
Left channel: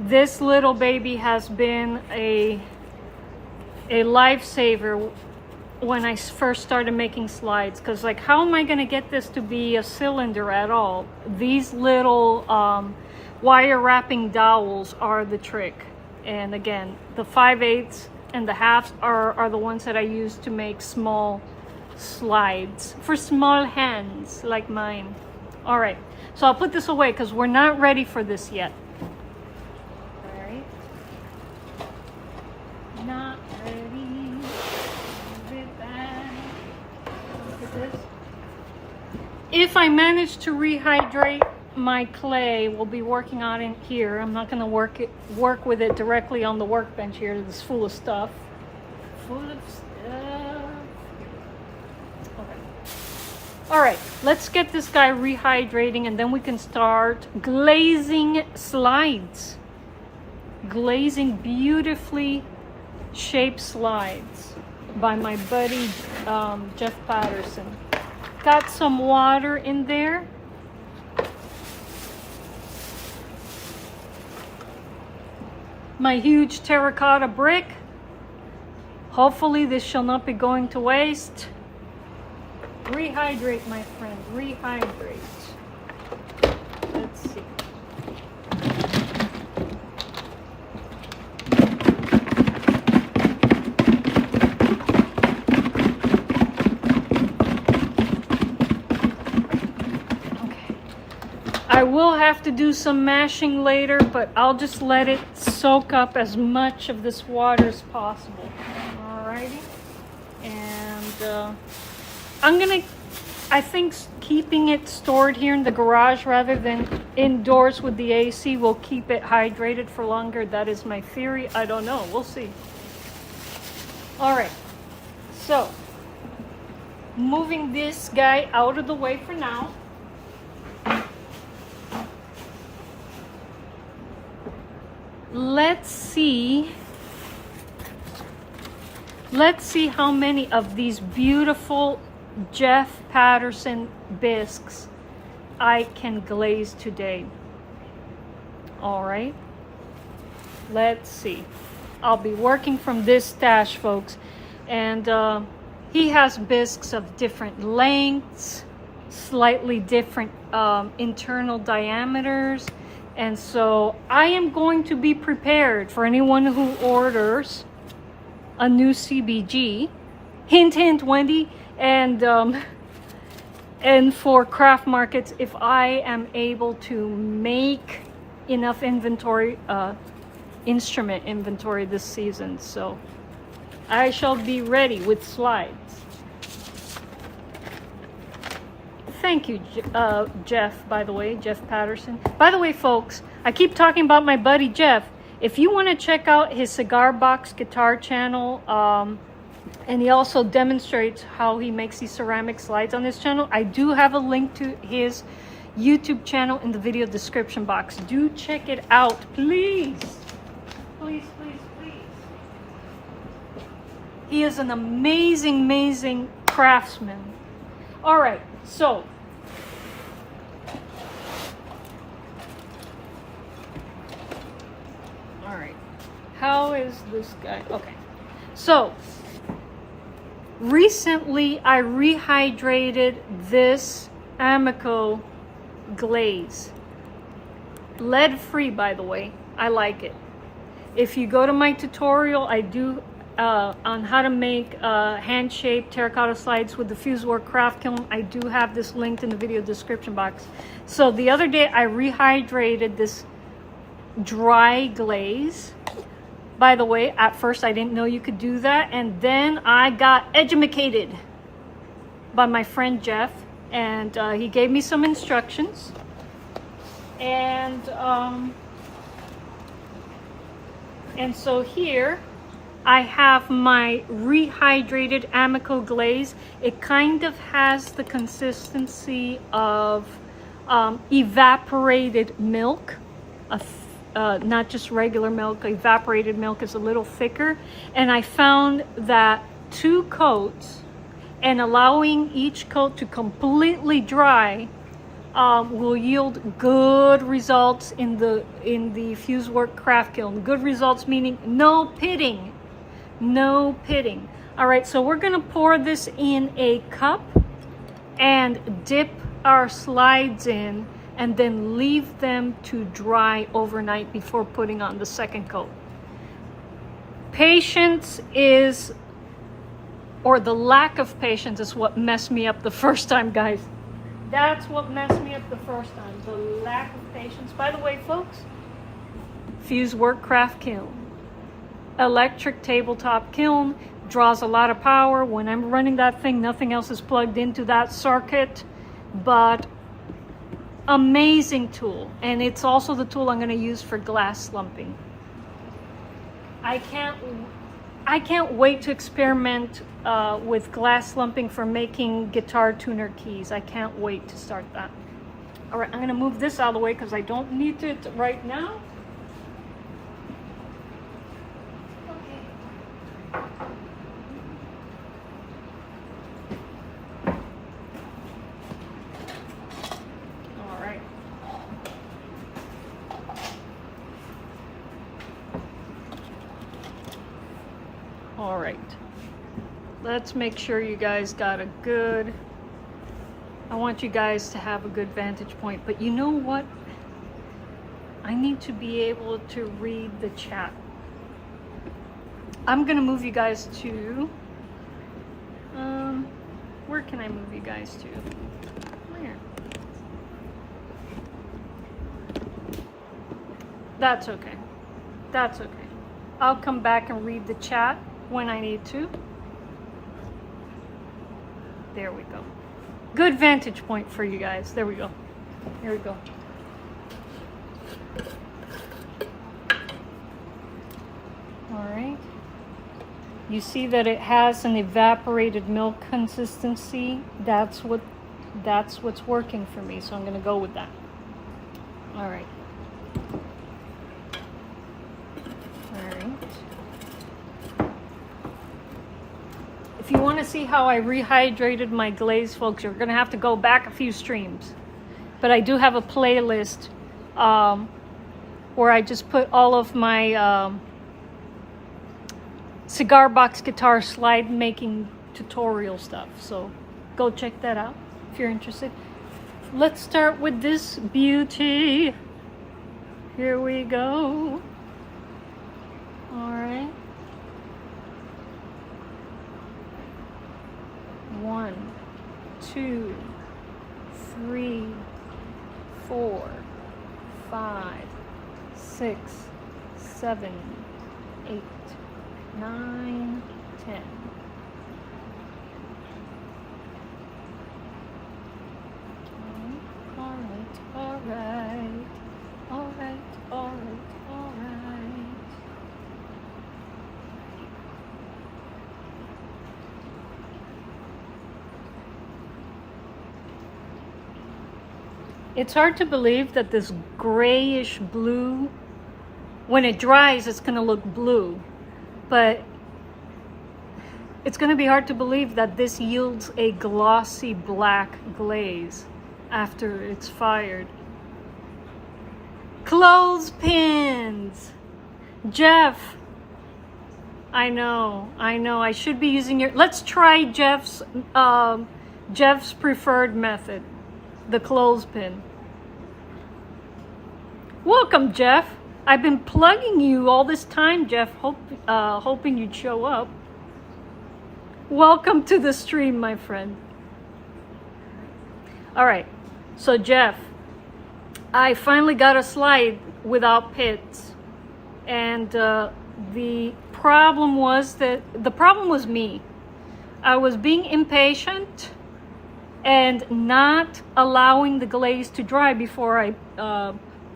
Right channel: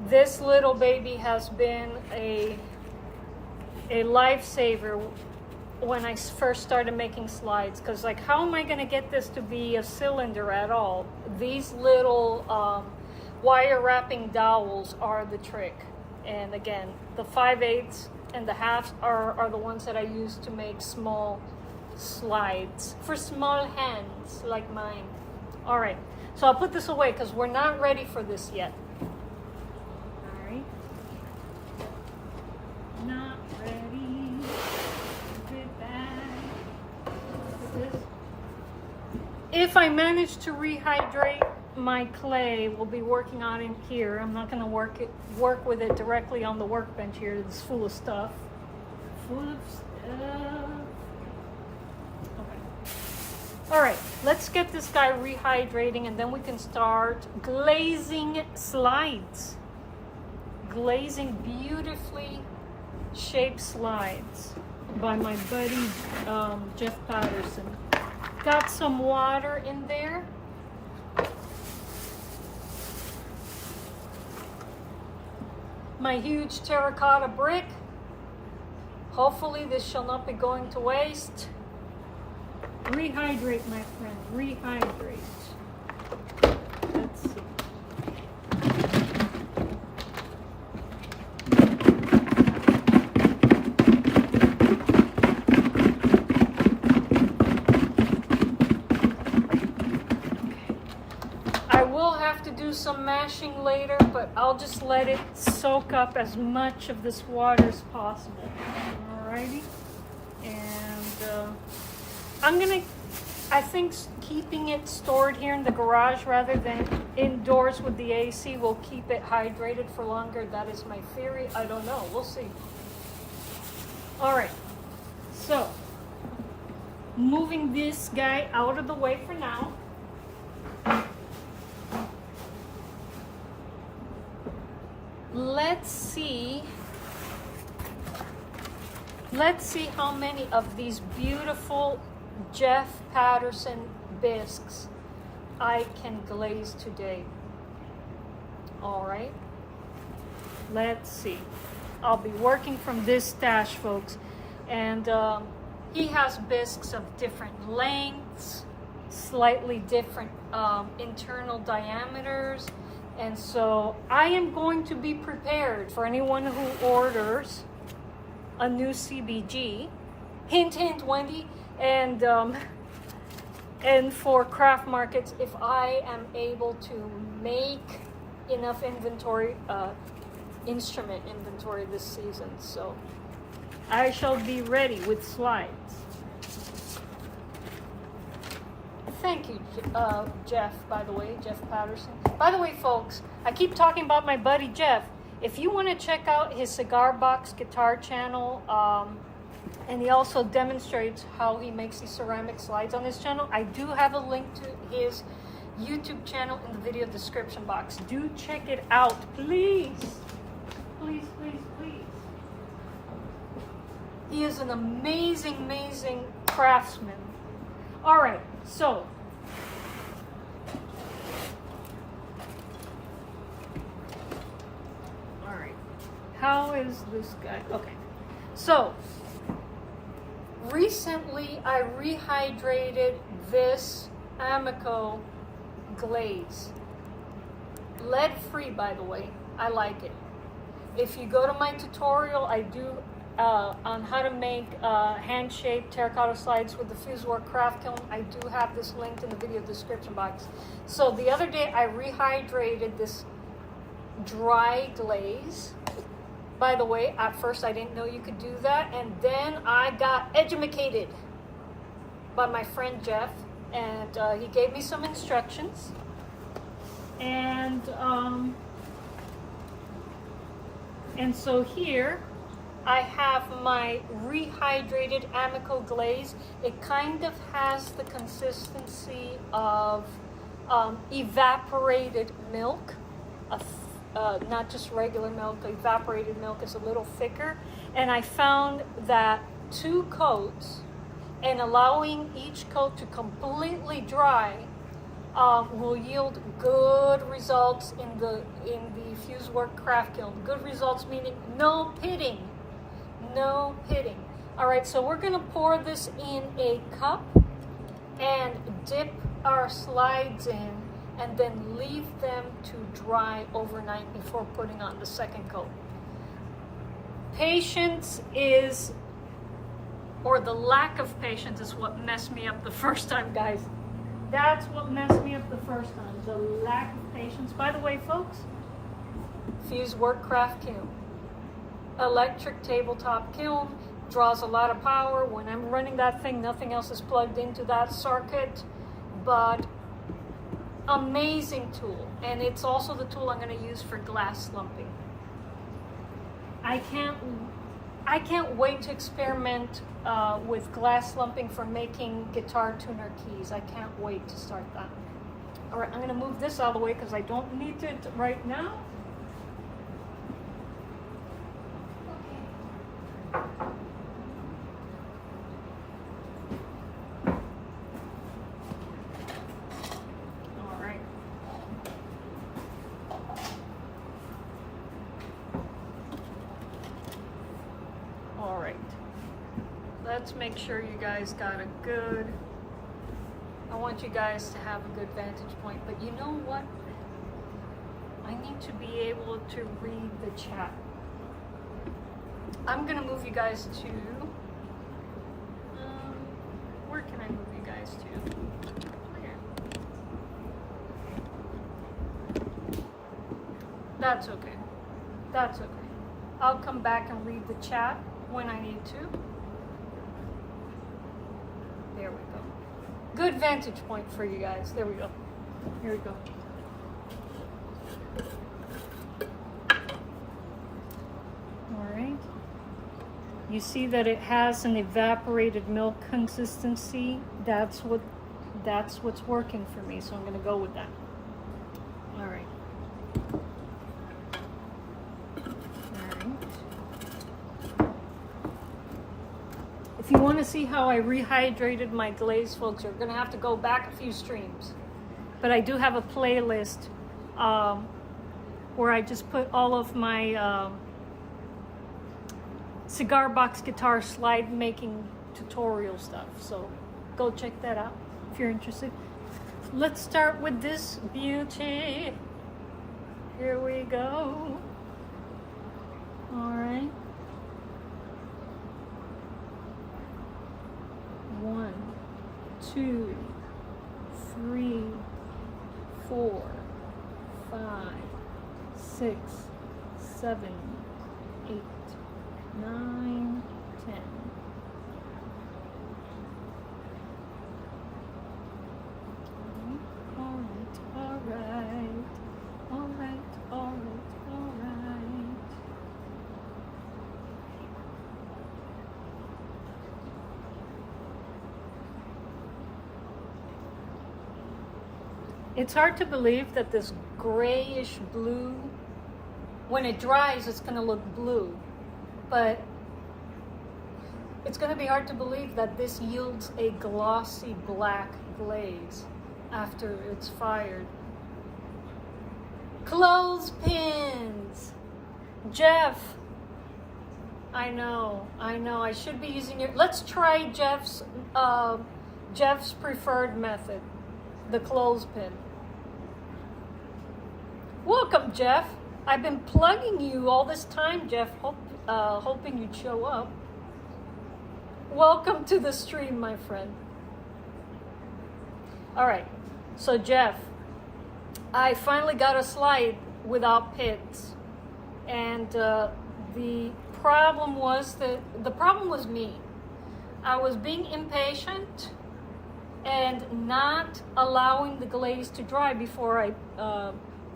this little baby has been a lifesaver when I first started making slides, because like, how am I going to get this to be a cylinder at all? These little wire wrapping dowels are the trick. And again, the 5/8 and the 1/2 are the ones that I use to make small slides for small hands like mine. All right, so I'll put this away because we're not ready for this yet. All right, not ready. Put it back. Look at this. If I manage to rehydrate my clay, we'll be working on it here. I'm not going to work with it directly on the workbench here. It's full of stuff. Full of stuff. Okay. All right, let's get this guy rehydrating and then we can start glazing slides. Glazing beautifully shaped slides by my buddy Jeff Patterson. Got some water in there. My huge terracotta brick. Hopefully this shall not be going to waste. Rehydrate, my friend, rehydrate. Let's will have to do some mashing later, but I'll just let it soak up as much of this water as possible. Alrighty. And I think keeping it stored here in the garage rather than indoors with the AC will keep it hydrated for longer. That is my theory. I don't know. We'll see. All right. So, moving this guy out of the way for now. Let's see how many of these beautiful Jeff Patterson bisques I can glaze today. All right, let's see. I'll be working from this stash, folks, and he has bisques of different lengths, slightly different internal diameters, and so I am going to be prepared for anyone who orders a new CBG. Hint, hint, Wendy. And for craft markets, if I am able to make enough inventory, instrument inventory this season, so I shall be ready with slides. Thank you, Jeff, by the way, Jeff Patterson. By the way, folks, I keep talking about my buddy Jeff. If you want to check out his Cigar Box guitar channel, and he also demonstrates how he makes these ceramic slides on his channel, I do have a link to his YouTube channel in the video description box. Do check it out, please. Please, please, please. He is an amazing, amazing craftsman. All right, so all right, how is this guy? Okay, so recently I rehydrated this Amico glaze. Lead free, by the way. I like it. If you go to my tutorial I do on how to make hand-shaped terracotta slides with the Fusework craft kiln, I do have this linked in the video description box. So the other day I rehydrated this dry glaze. By the way, at first I didn't know you could do that, and then I got edumacated by my friend Jeff, and he gave me some instructions. And so here I have my rehydrated Amico glaze. It kind of has the consistency of evaporated milk. Not just regular milk, evaporated milk is a little thicker. And I found that 2 coats and allowing each coat to completely dry will yield good results in the Fusework craft kiln. Good results meaning no pitting. No pitting. All right, so we're gonna pour this in a cup and dip our slides in, and then leave them to dry overnight before putting on the second coat. Patience is, or the lack of patience is what messed me up the first time, guys. That's what messed me up the first time, the lack of patience. By the way, folks, Fusework craft kiln. Electric tabletop kiln, draws a lot of power. When I'm running that thing, nothing else is plugged into that circuit, but amazing tool. And it's also the tool I'm going to use for glass slumping. I can't wait to experiment with glass slumping for making guitar tuner keys. I can't wait to start that. All right, I'm going to move this out of the way because I don't need it right now. Let's make sure you guys got a good, I want you guys to have a good vantage point, but you know what? I need to be able to read the chat. I'm gonna move you guys to, where can I move you guys to? Where? That's okay. That's okay. I'll come back and read the chat when I need to. There we go. Good vantage point for you guys. There we go. Here we go. All right. You see that it has an evaporated milk consistency. That's what's working for me. So I'm going to go with that. All right. If you want to see how I rehydrated my glaze, folks, you're going to have to go back a few streams. But I do have a playlist where I just put all of my cigar box guitar slide making tutorial stuff. So go check that out if you're interested. Let's start with this beauty. Here we go. All right. 1, 2, 3, 4, 5, 6, 7, 8, 9, 10. It's hard to believe that this grayish blue, when it dries, it's going to look blue. But it's going to be hard to believe that this yields a glossy black glaze after it's fired. Clothespins! Jeff! I know. I should be using your... Let's try Jeff's preferred method. The clothespin. Welcome, Jeff. I've been plugging you all this time, Jeff, hoping you'd show up. Welcome to the stream, my friend. All right, so Jeff, I finally got a slide without pits, and the problem was me. I was being impatient and not allowing the glaze to dry before I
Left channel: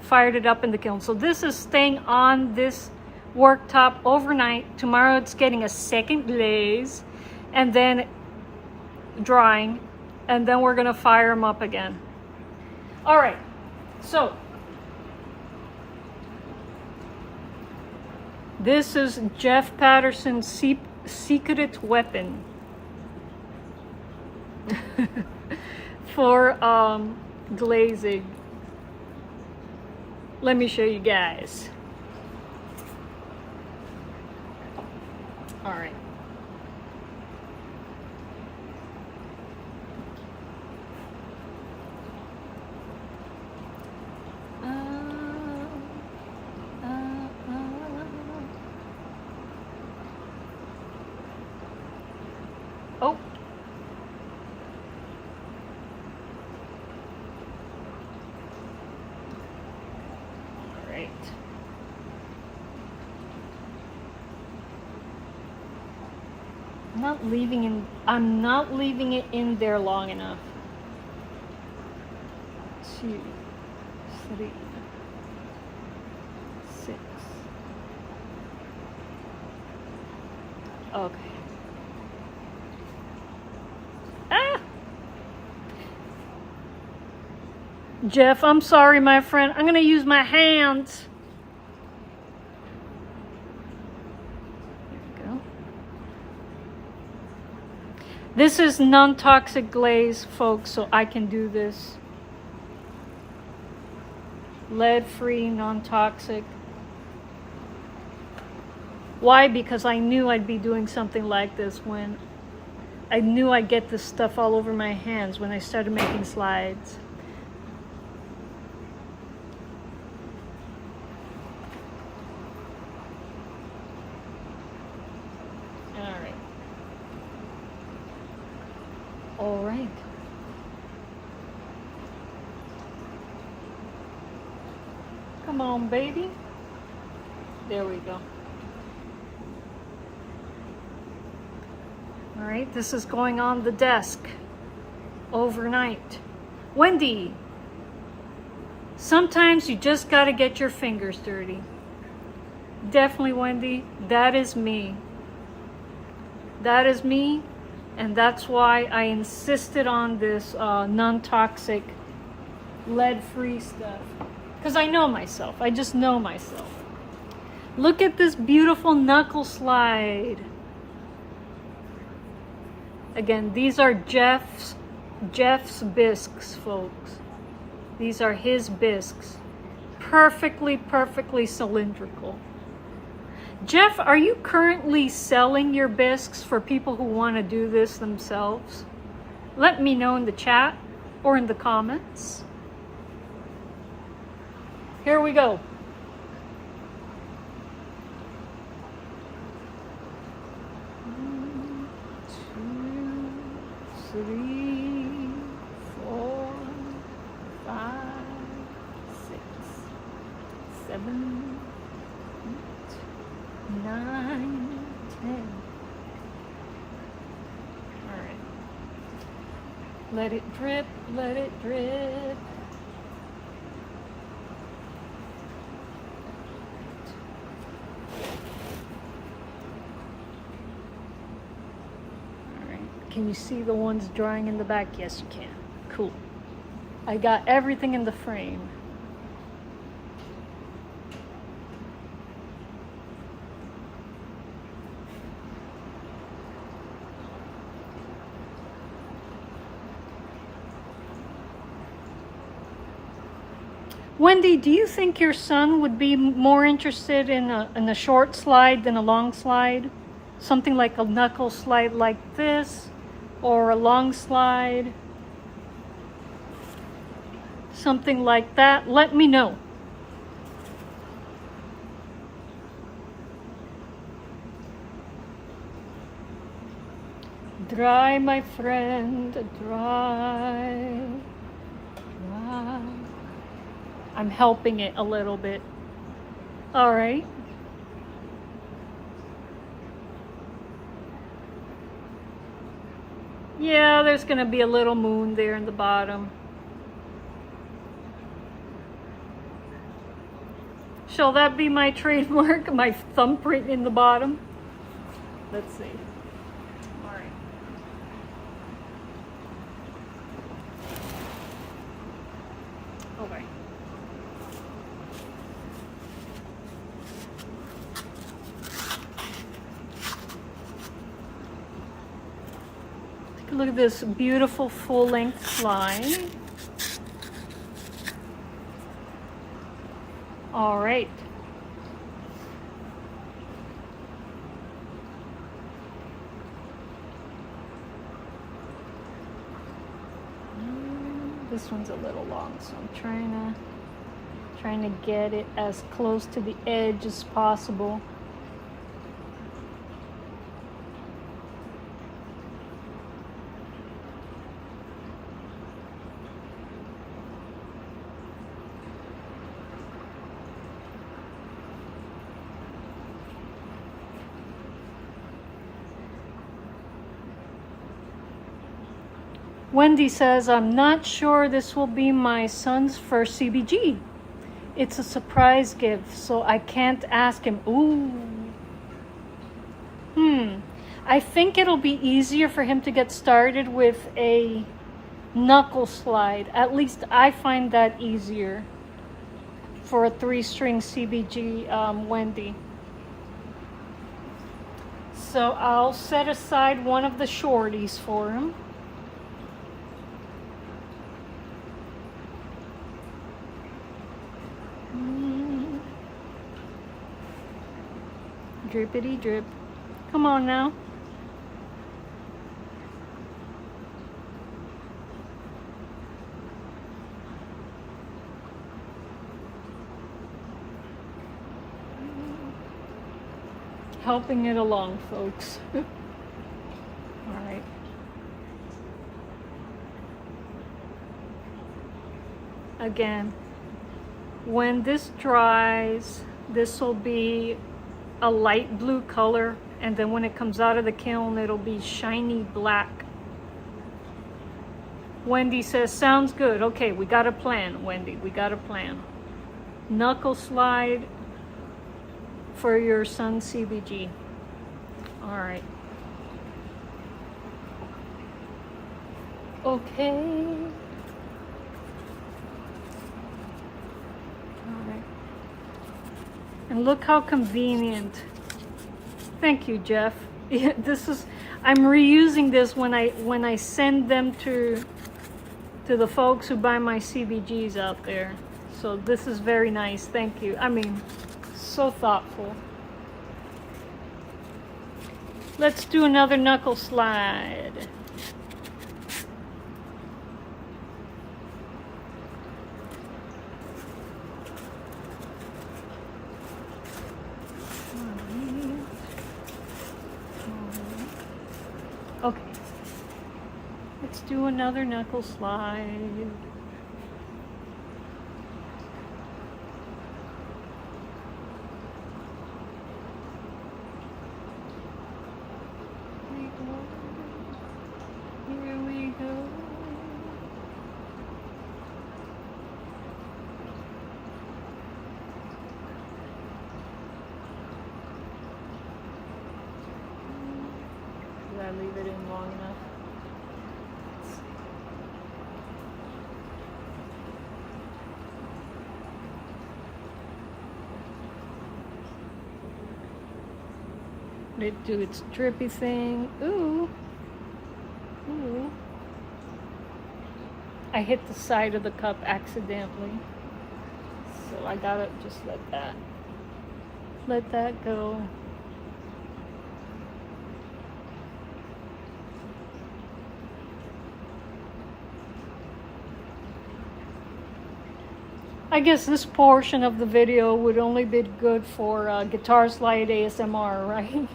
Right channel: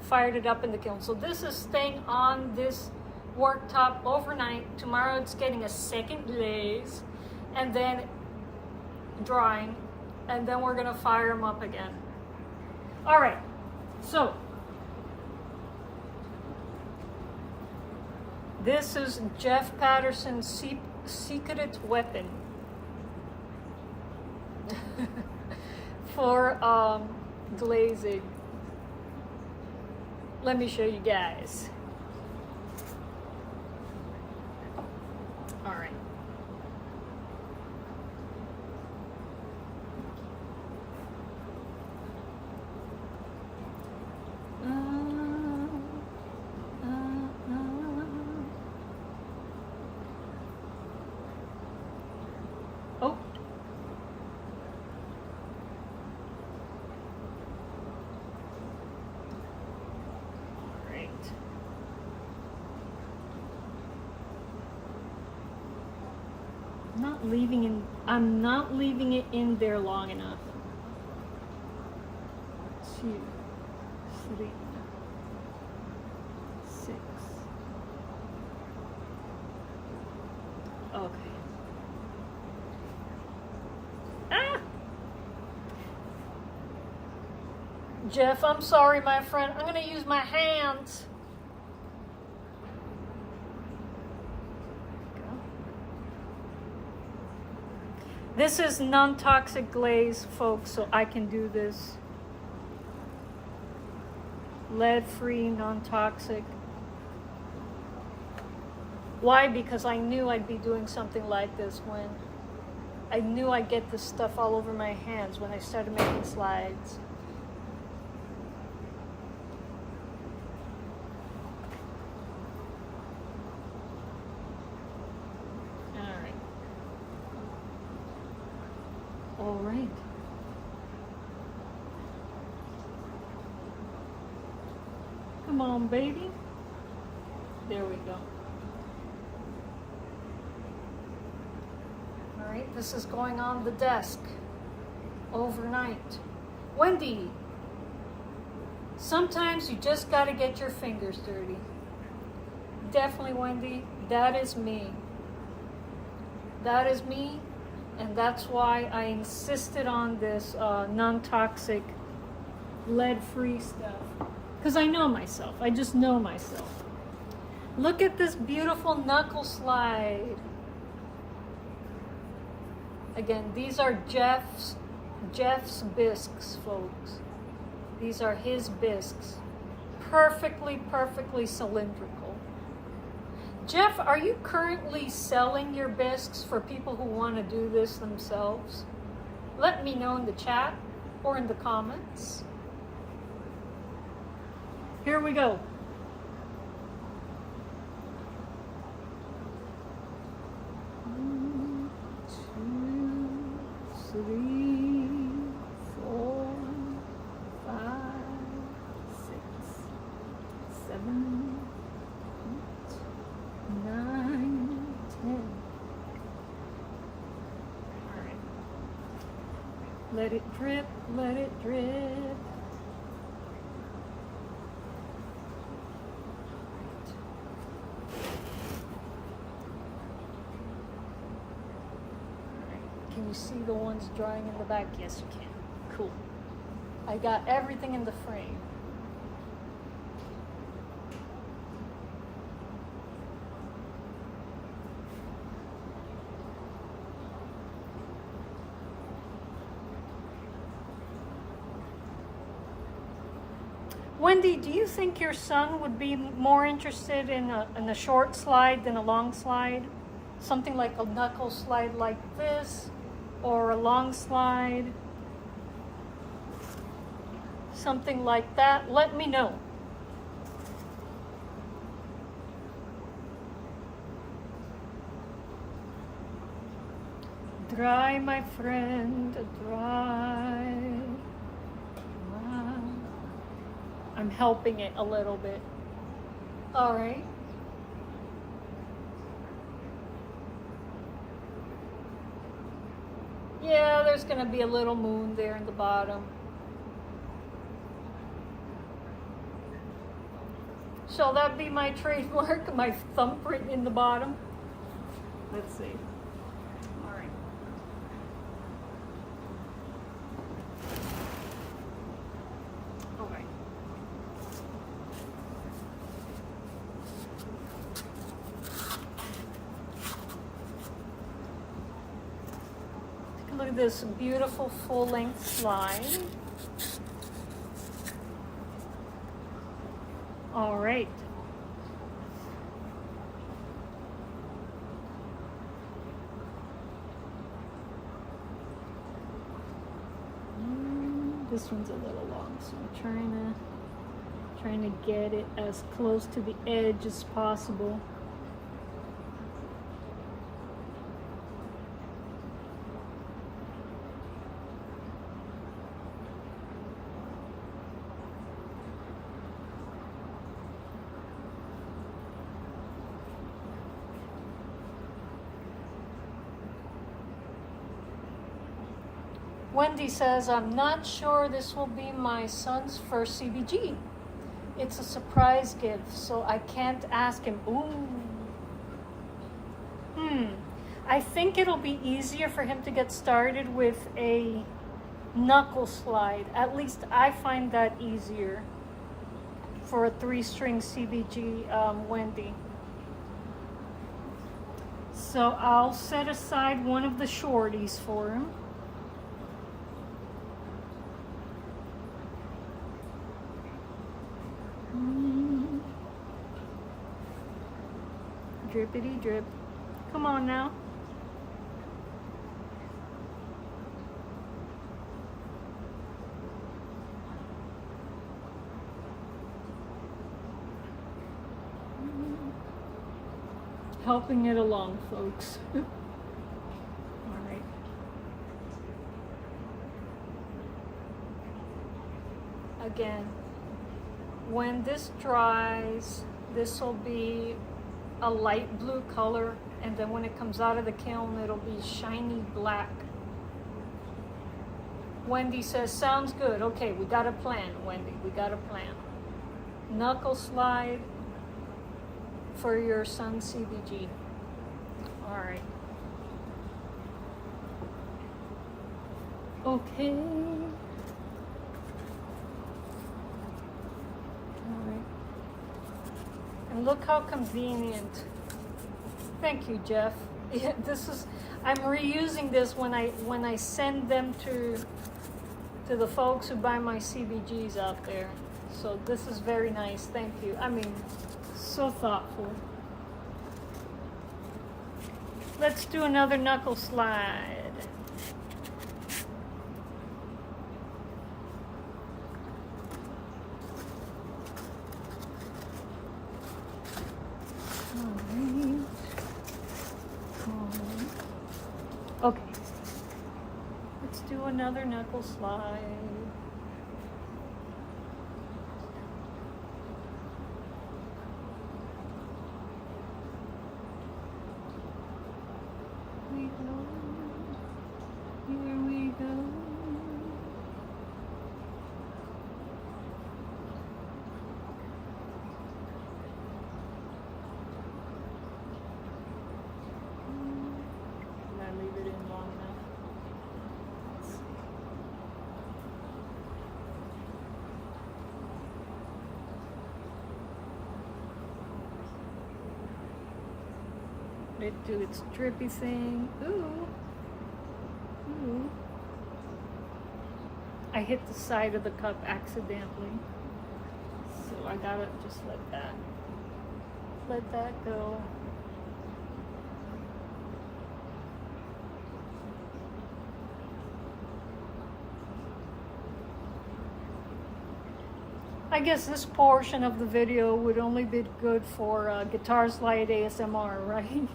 fired it up in the kiln. So this is staying on this worktop overnight. Tomorrow it's getting a second glaze and then drying, and then we're gonna fire them up again. All right, so this is Jeff Patterson's secret weapon for glazing. Let me show you guys. All right. Oh. I'm not leaving it in there long enough. 2, 3, 6. Okay. Ah! Jeff, I'm sorry, my friend. I'm gonna use my hands. This is non-toxic glaze, folks, so I can do this. Lead-free, non-toxic. Why? Because I knew I'd be doing something like this when I knew I'd get this stuff all over my hands when I started making slides. All right. Come on, baby. There we go. All right, this is going on the desk overnight. Wendy, sometimes you just got to get your fingers dirty. Definitely, Wendy, that is me. That is me, and that's why I insisted on this non-toxic, lead-free stuff. Because I know myself. I just know myself. Look at this beautiful knuckle slide. Again, these are Jeff's bisques, folks. These are his bisques. Perfectly cylindrical. Jeff, are you currently selling your bisques for people who want to do this themselves? Let me know in the chat or in the comments. Here we go. 1, 2, 3, 4, 5, 6, 7, 9, 10. All right. Let it drip, let it drip. All right. Can you see the ones drying in the back? Yes, you can. Cool. I got everything in the frame. Wendy, do you think your son would be more interested in a short slide than a long slide? Something like a knuckle slide like this, or a long slide? Something like that? Let me know. Dry, my friend, dry. I'm helping it a little bit. All right. Yeah, there's gonna be a little moon there in the bottom. Shall that be my trademark, my thumbprint in the bottom? Let's see. All right. Okay. Look at this beautiful full-length slide. All right. This one's a little long, so I'm trying to get it as close to the edge as possible. Wendy says, I'm not sure this will be my son's first CBG. It's a surprise gift, so I can't ask him. Ooh. I think it'll be easier for him to get started with a knuckle slide. At least I find that easier for a 3-string CBG, Wendy. So I'll set aside one of the shorties for him. Drippity drip. Come on now. Helping it along, folks. All right. Again, when this dries, This will be a light blue color, and then when it comes out of the kiln, it'll be shiny black. Wendy says, sounds good. Okay, we got a plan, Wendy, we got a plan. Knuckle slide for your son's CBG. All right. Okay. All right. And look how convenient. Thank you, Jeff. This is, I'm reusing this when I send them to the folks who buy my CBGs out there. So this is very nice. Thank you. I mean, so thoughtful. Let's do another knuckle slide. Okay, let's do another knuckle slide. Here we go. Leave it in long enough. Let it do its drippy thing. Ooh. Ooh. I hit the side of the cup accidentally. So I gotta just let that go. I guess this portion of the video would only be good for guitar slide ASMR, right?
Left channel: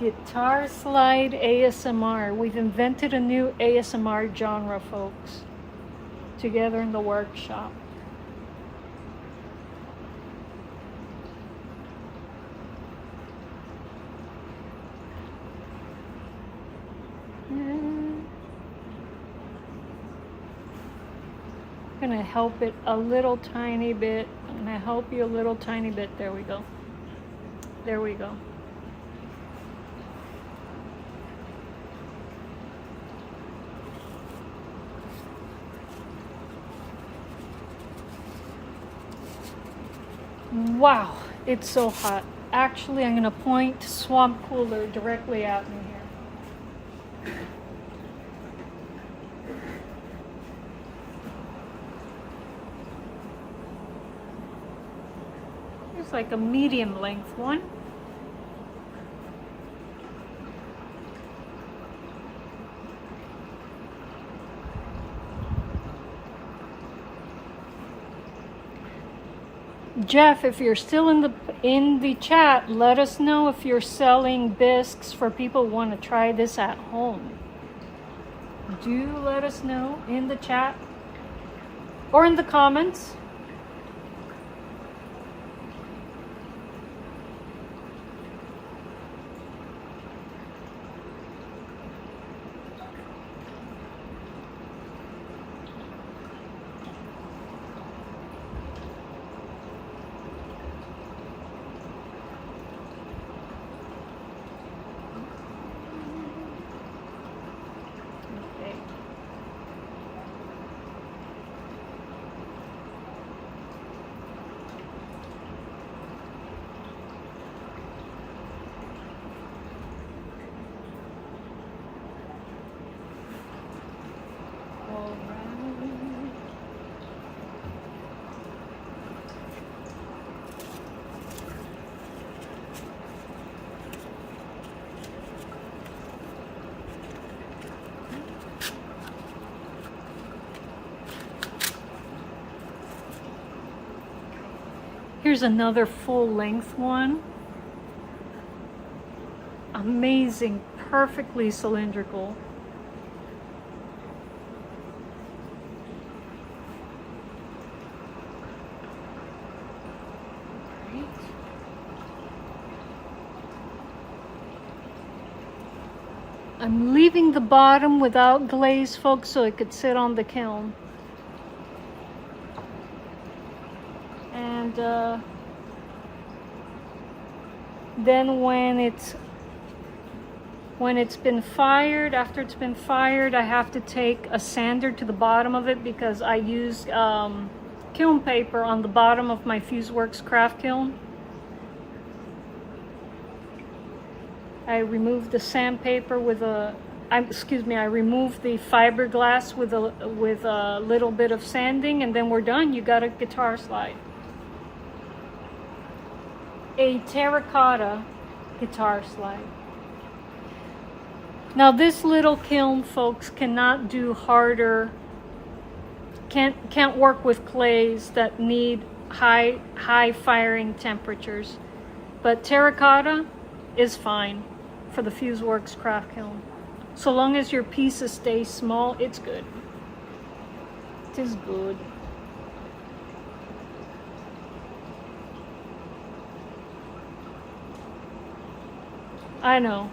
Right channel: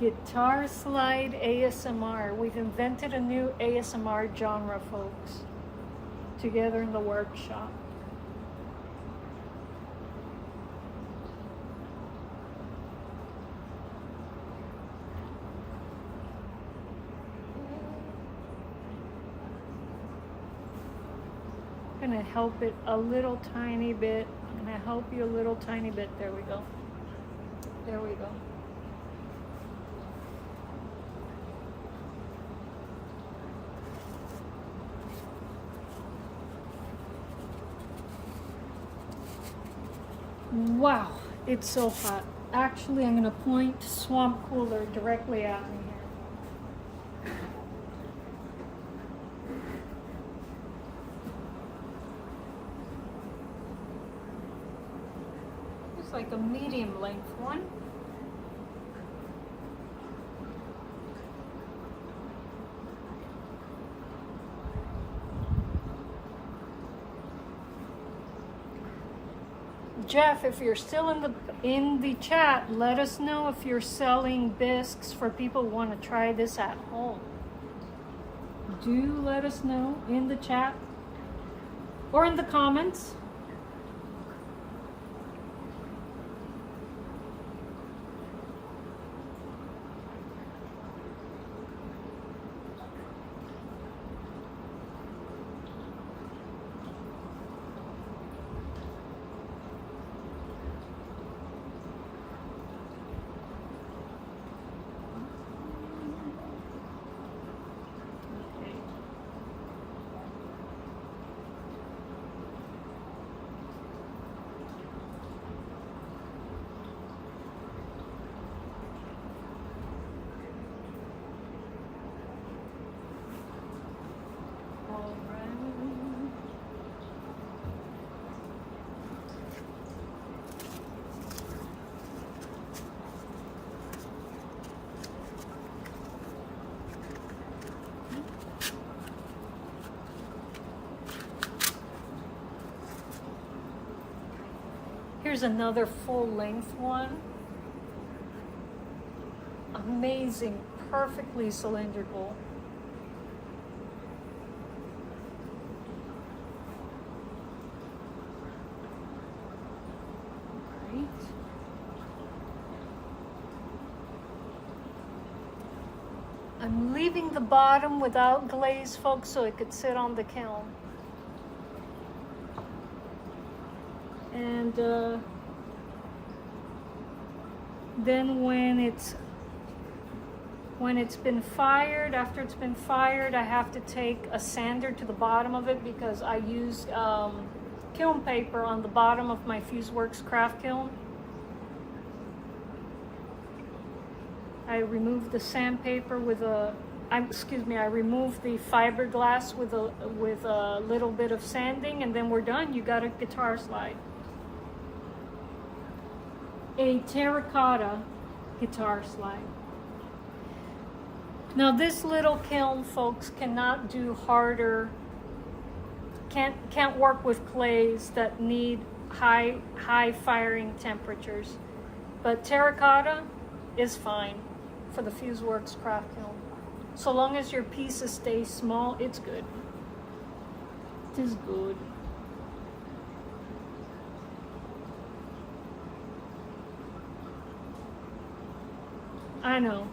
Guitar slide ASMR. We've invented a new ASMR genre, folks, together in the workshop. I'm gonna help it a little tiny bit. I'm gonna help you a little tiny bit. There we go. There we go. Wow, it's so hot. Actually, I'm gonna point Swamp Cooler directly at me here. It's like a medium length one. Jeff, if you're still in the chat, let us know if you're selling bisques for people who want to try this at home. Do let us know in the chat or in the comments. Here's another full length one. Amazing, perfectly cylindrical. I'm leaving the bottom without glaze, folks, so it could sit on the kiln. And then when it's been fired, after it's been fired, I have to take a sander to the bottom of it because I use kiln paper on the bottom of my Fuseworks craft kiln. I remove the sandpaper with a, I remove the fiberglass with a little bit of sanding, and then we're done. You got a guitar slide. A terracotta guitar slide. Now this little kiln, folks, cannot do harder, can't work with clays that need high firing temperatures. But terracotta is fine for the Fuseworks craft kiln. So long as your pieces stay small, it's good. It is good. I know,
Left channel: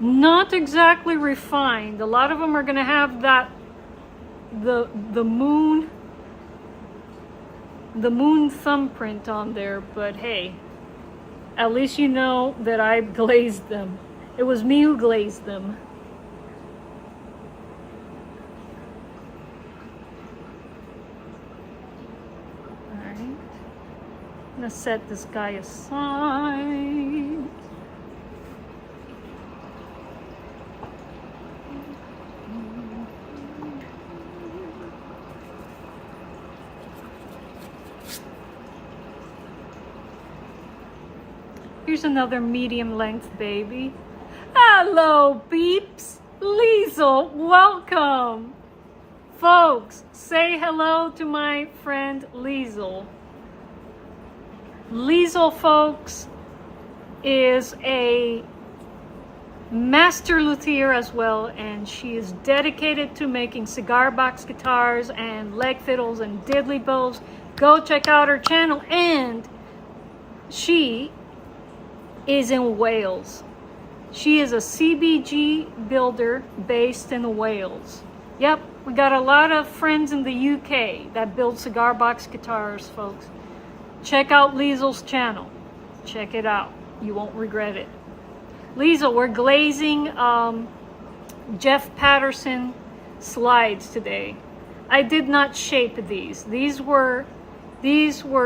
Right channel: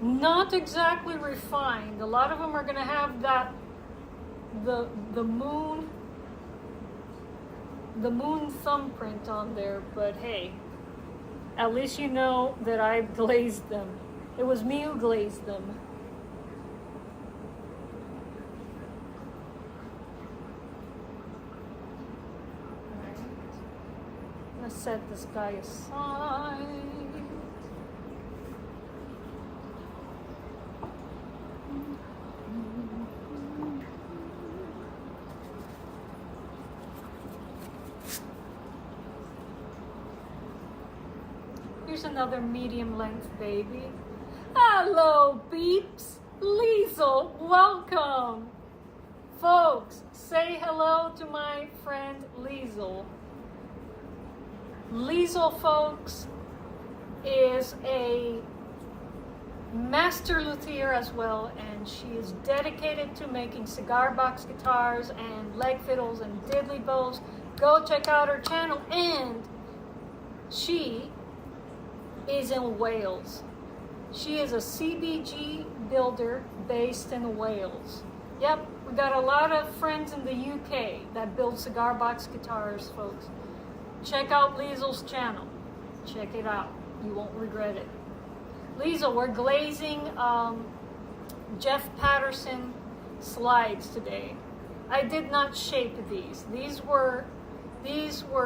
not exactly refined. A lot of them are gonna have that, the moon thumbprint on there, but hey, at least you know that I glazed them. It was me who glazed them. All right, I'm gonna set this guy aside. Here's another medium length baby. Hello, beeps. Liesel, welcome. Folks, say hello to my friend Liesel. Liesel, folks, is a master luthier as well, and she is dedicated to making cigar box guitars and leg fiddles and diddly bows. Go check out her channel, and she is in Wales. She is a CBG builder based in Wales. Yep, we got a lot of friends in the UK that build cigar box guitars, folks. Check out Liesel's channel. Check it out. You won't regret it. Liesel, we're glazing Jeff Patterson slides today. I did not shape these. These were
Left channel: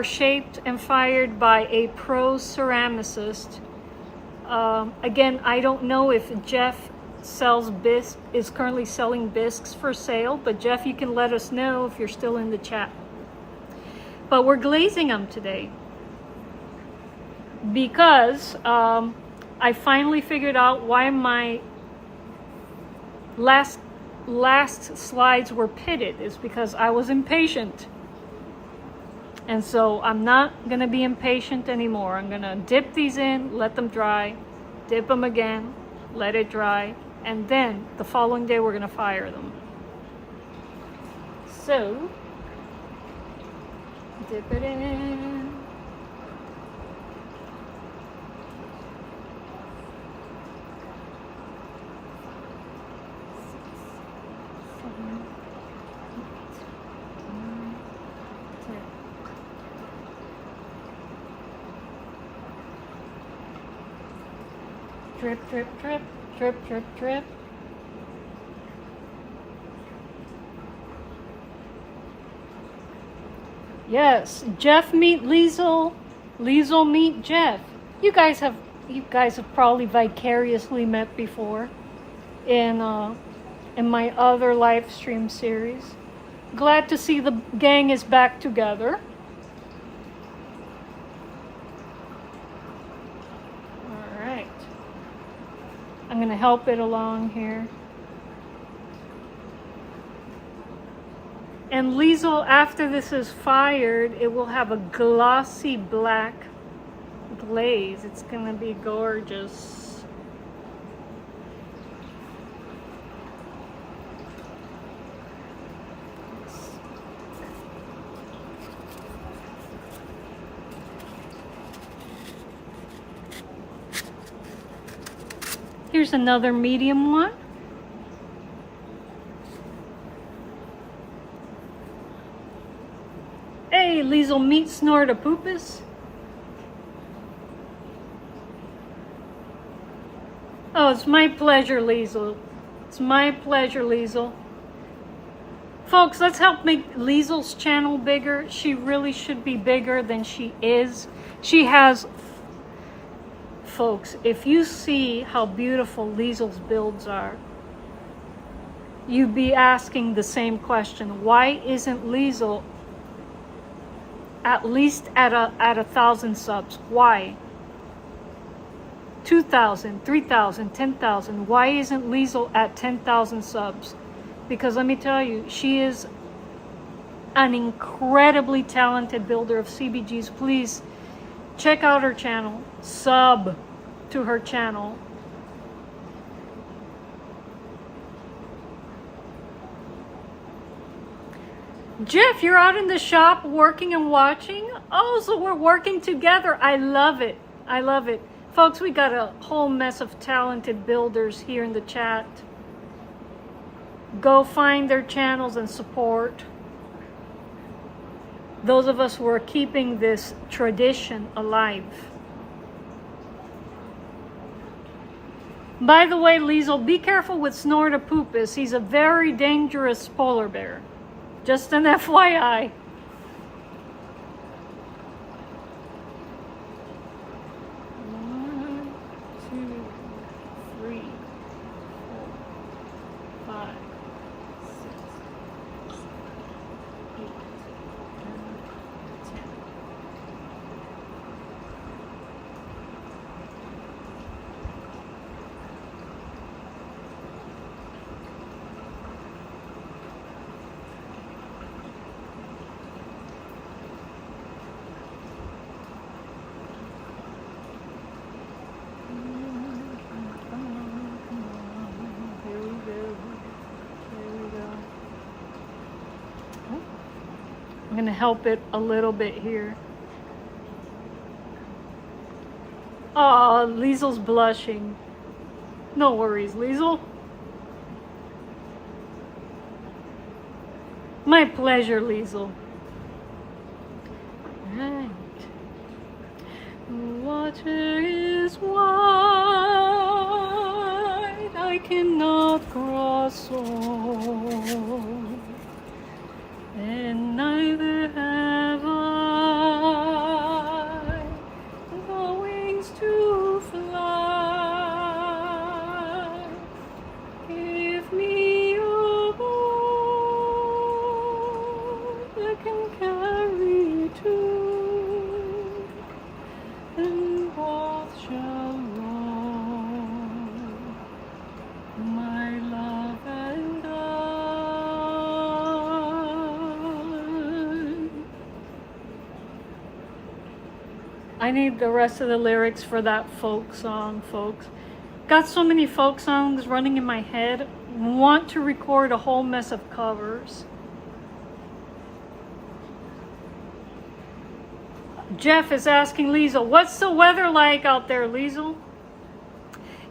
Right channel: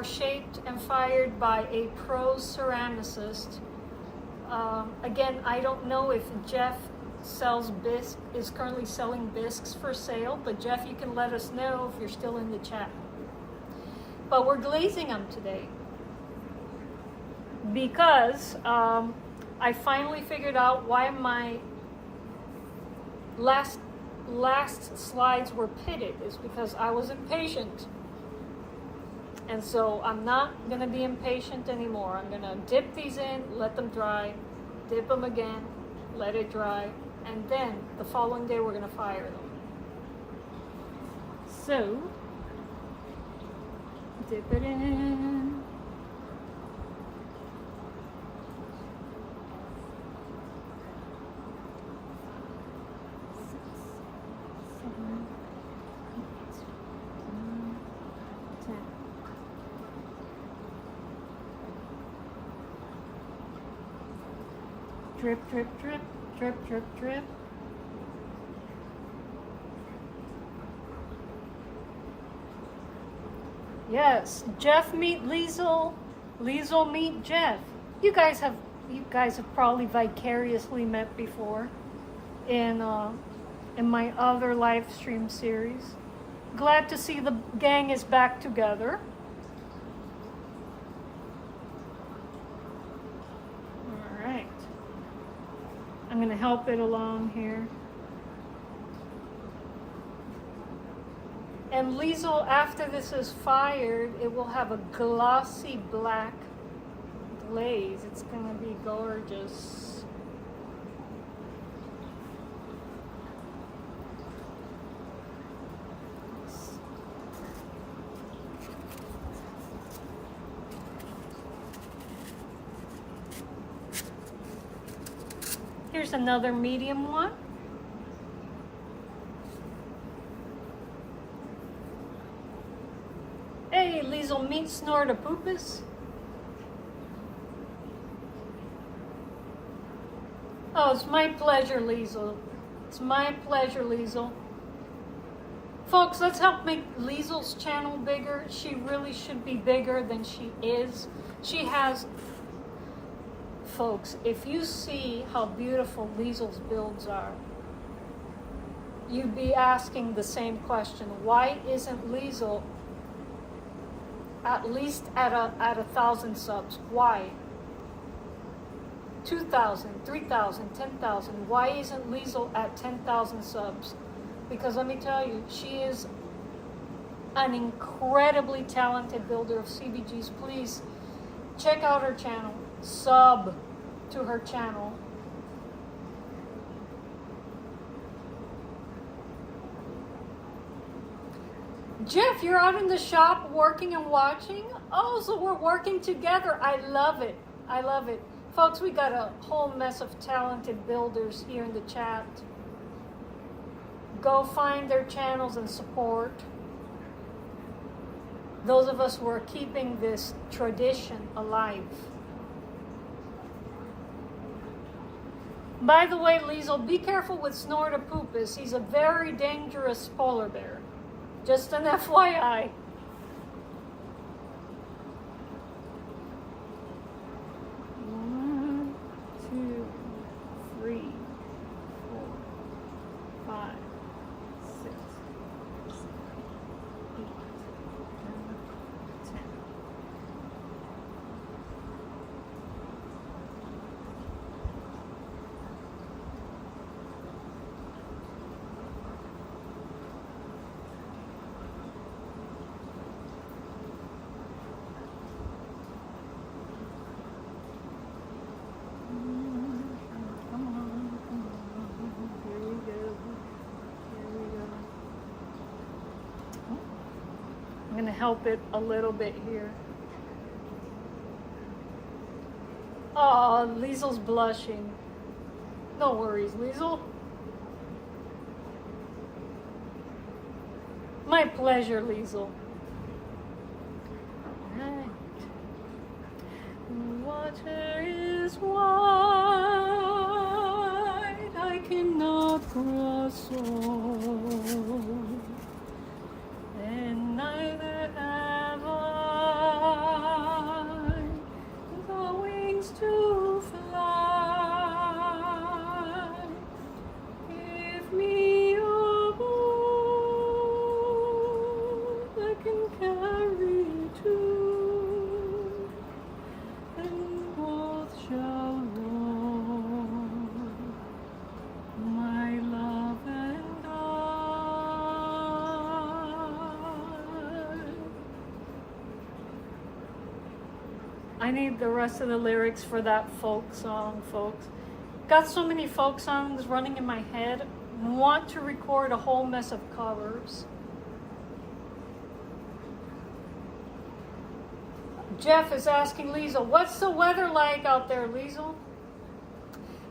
shaped and fired by a pro ceramicist. Again, I don't know if Jeff sells bisques, is currently selling bisques for sale, but Jeff, you can let us know if you're still in the chat. But we're glazing them today because I finally figured out why my last slides were pitted. Is because I was impatient. And so I'm not gonna be impatient anymore. I'm gonna dip these in, let them dry, dip them again, let it dry, and then the following day we're gonna fire them. So, dip it in. Drip, drip, drip, drip, drip, drip. Yes, Jeff meet Liesel, Liesel meet Jeff. You guys have probably vicariously met before in my other live stream series. Glad to see the gang is back together. I'm going to help it along here. And Liesel, after this is fired, it will have a glossy black glaze. It's going to be gorgeous. Here's another medium one. Hey, Liesel, meet Snortapoopus. Oh, it's my pleasure, Liesel. It's my pleasure, Liesel. Folks, let's help make Liesel's channel bigger. She really should be bigger than she is. She has, folks, if you see how beautiful Liesel's builds are, you'd be asking the same question. Why isn't Liesel at least at 1,000 subs? Why? 2,000, 3,000, 10,000. Why isn't Liesel at 10,000 subs? Because let me tell you, she is an incredibly talented builder of CBGs. Please check out her channel. Sub to her channel. Jeff, you're out in the shop working and watching? Oh, so we're working together. I love it. I love it. Folks, we got a whole mess of talented builders here in the chat. Go find their channels and support. Those of us who are keeping this tradition alive. By the way, Liesel, be careful with Snortapoopus. He's a very dangerous polar bear. Just an FYI. One, two, three, four, five, 6, 8, 9, 10. I'm going to help it a little bit here. Oh, Liesel's blushing. No worries, Liesel. My pleasure, Liesel. Right. Water is wide, I cannot cross over. And neither have I the wings to fly. Give me a boat that can carry two, and both shall roam, my love and I. I need the rest of the lyrics for that folk song, folks. Got so many folk songs running in my head. Want to record a whole mess of covers. Jeff is asking Liesel, what's the weather like out there, Liesel?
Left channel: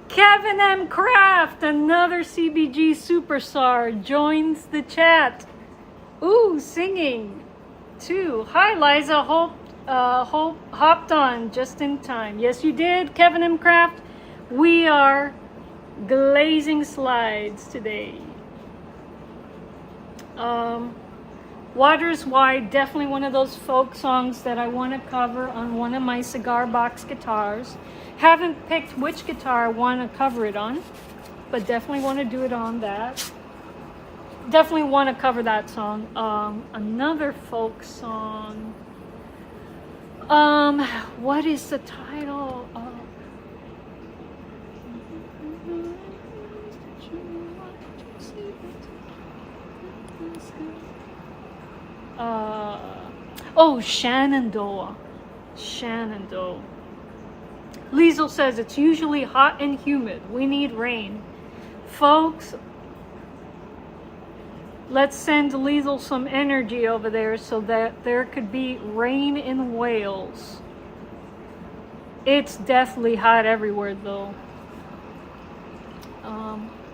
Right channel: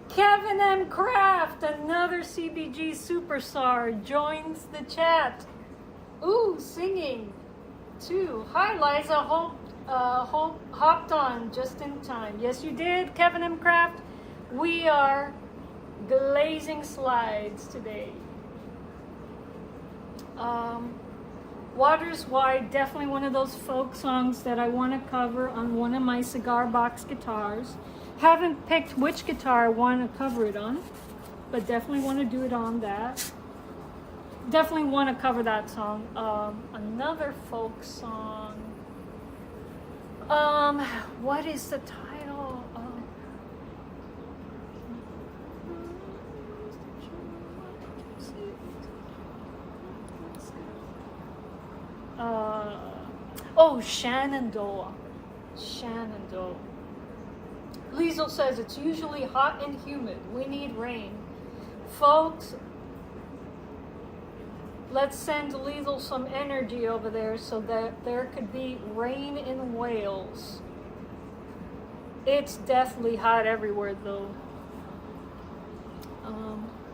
Kevin M. Kraft, another CBG superstar, joins the chat. Ooh, singing too. Hi, Liza. Hopped on just in time. Yes, you did, Kevin M. Kraft. We are glazing slides today. Water's Wide, definitely one of those folk songs that I want to cover on one of my cigar box guitars. Haven't picked which guitar I want to cover it on, but definitely want to do it on that. Definitely want to cover that song. Another folk song. What is the title? Oh, Shenandoah. Shenandoah. Liesel says it's usually hot and humid. We need rain. Folks, let's send Liesel some energy over there so that there could be rain in Wales. It's definitely hot everywhere though.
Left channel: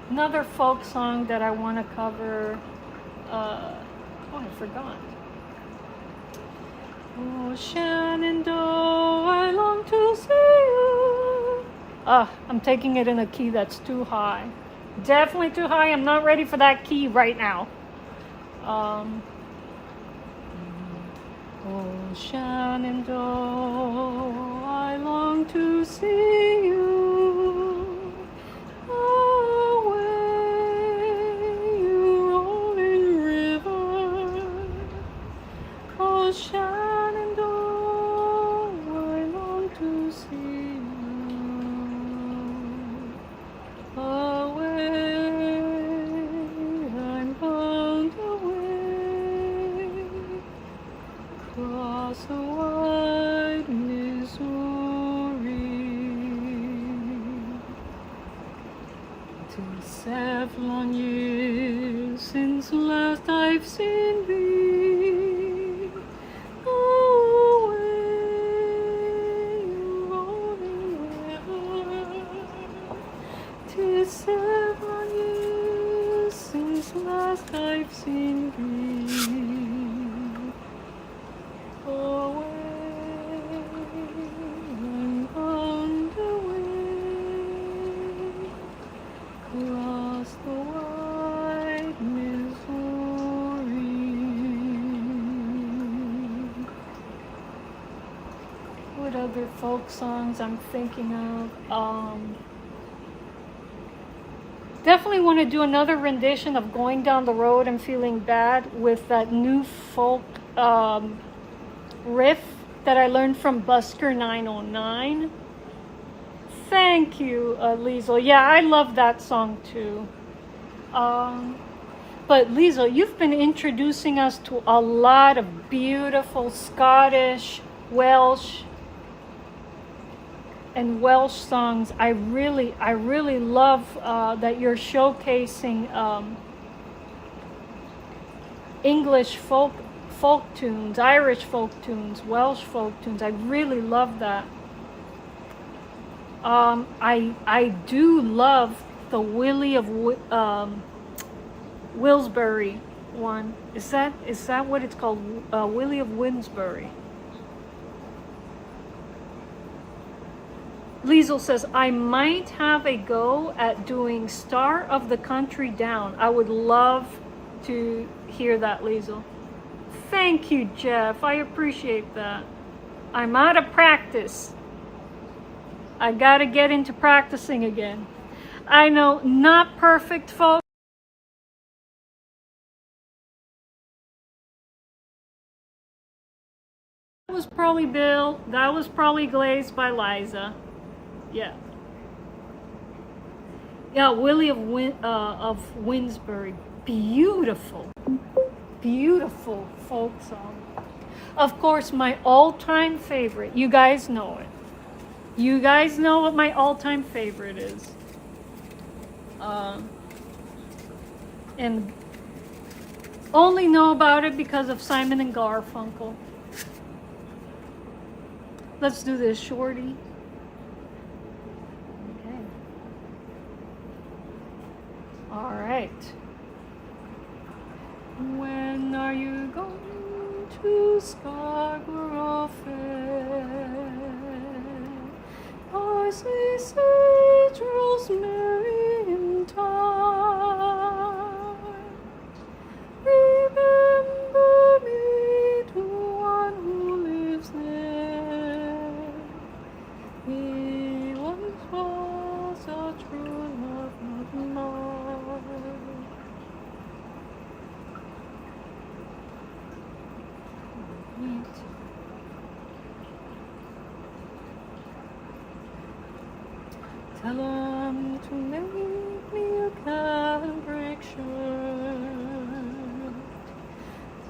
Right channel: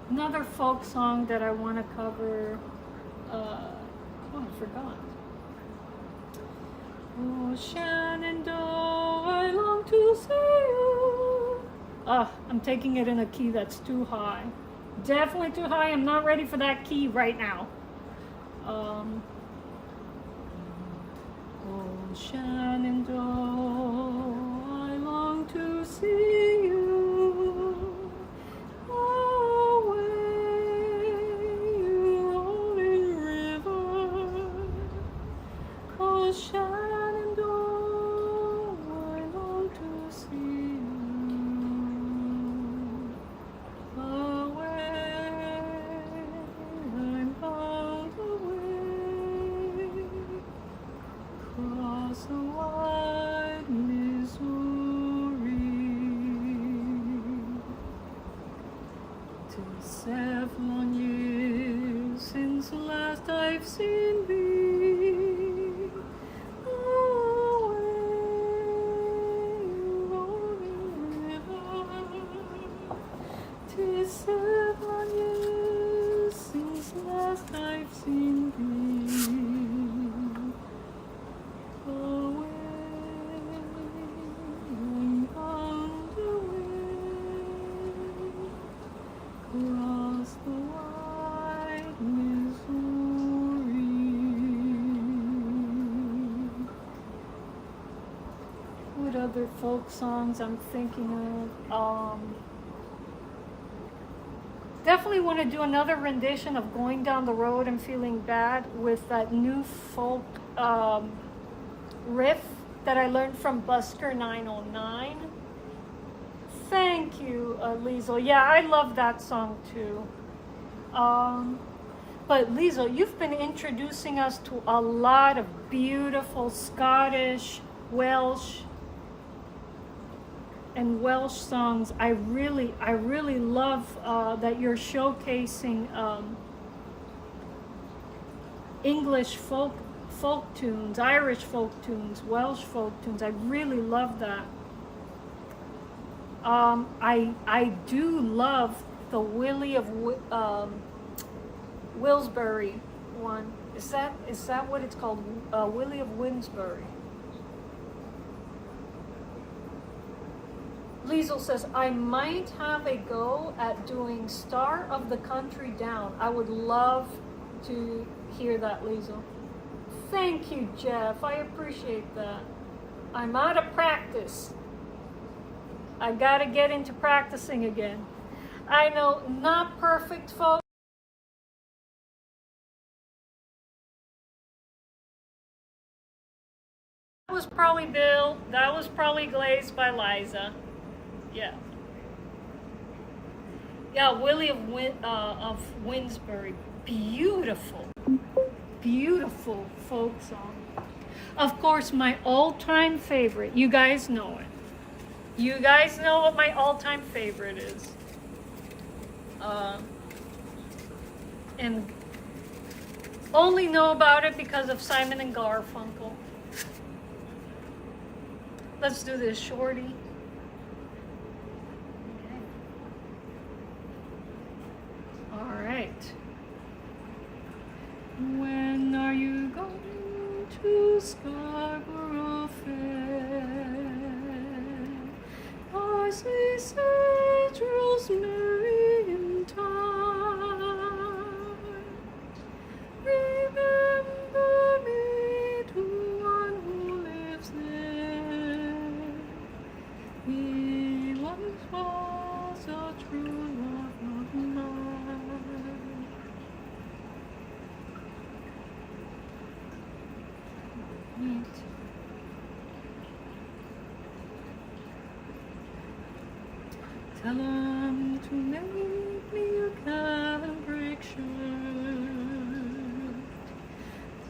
Another folk song that I want to cover. Oh, I forgot. Oh, Shenandoah, I long to see you. I'm taking it in a key that's too high. Definitely too high. I'm not ready for that key right now. Oh, Shenandoah, I long to see you. Away, you rolling river. Oh, Shenandoah, I long to see you. Away, I'm bound away, across the wide Missouri, to 7 years since last I've seen thee. Away, rolling river. 'Tis 7 years since last I've seen thee. Away, I'm bound away, across the wide Missouri. What other folk songs I'm thinking of? Definitely want to do another rendition of Going Down the Road and Feeling Bad with that new folk riff that I learned from Busker 909. Thank you, Liesl. Yeah, I love that song too. But Liesl, you've been introducing us to a lot of beautiful Scottish, Welsh, and Welsh songs. I really love that you're showcasing English folk tunes, Irish folk tunes, Welsh folk tunes. I really love that. I do love the Willie of Wilsbury one. Is that what it's called? Willie of Wilsbury. Liesl says, I might have a go at doing Star of the Country Down. I would love to hear that, Liesl. Thank you, Jeff. I appreciate that. I'm out of practice. I gotta get into practicing again. I know, not perfect, folks. That was probably Bill. That was probably Glazed by Liza. Yeah. Yeah, Willie of Winsbury. Beautiful. Beautiful folk song. Of course, my all-time favorite. You guys know it. You guys know what my all-time favorite is. And only know about it because of Simon and Garfunkel. Let's do this, Shorty. All right. When are you going to Scarborough Fair? I see sage rosemary in time. Remember me to one who lives there. He once was a true love of mine. Neat. Tell him to make me a cambric shirt.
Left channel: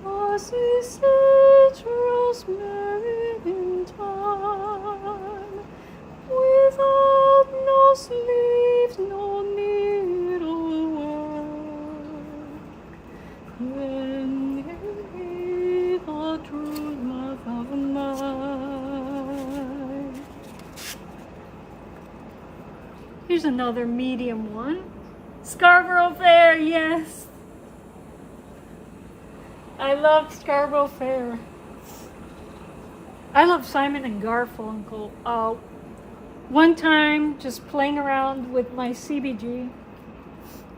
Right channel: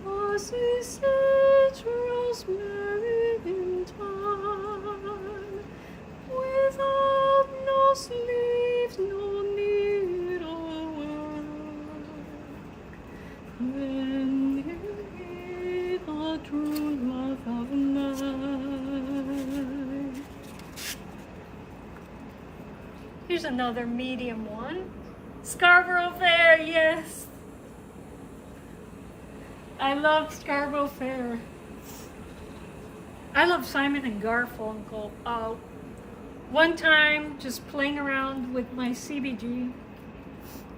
Fussy sage rosemary in time. Without no sleeves, no needlework. When he'll be the true love of mine. Here's another medium one. Scarborough Fair, yes. I love Scarborough Fair. I love Simon and Garfunkel. One time, just playing around with my CBG,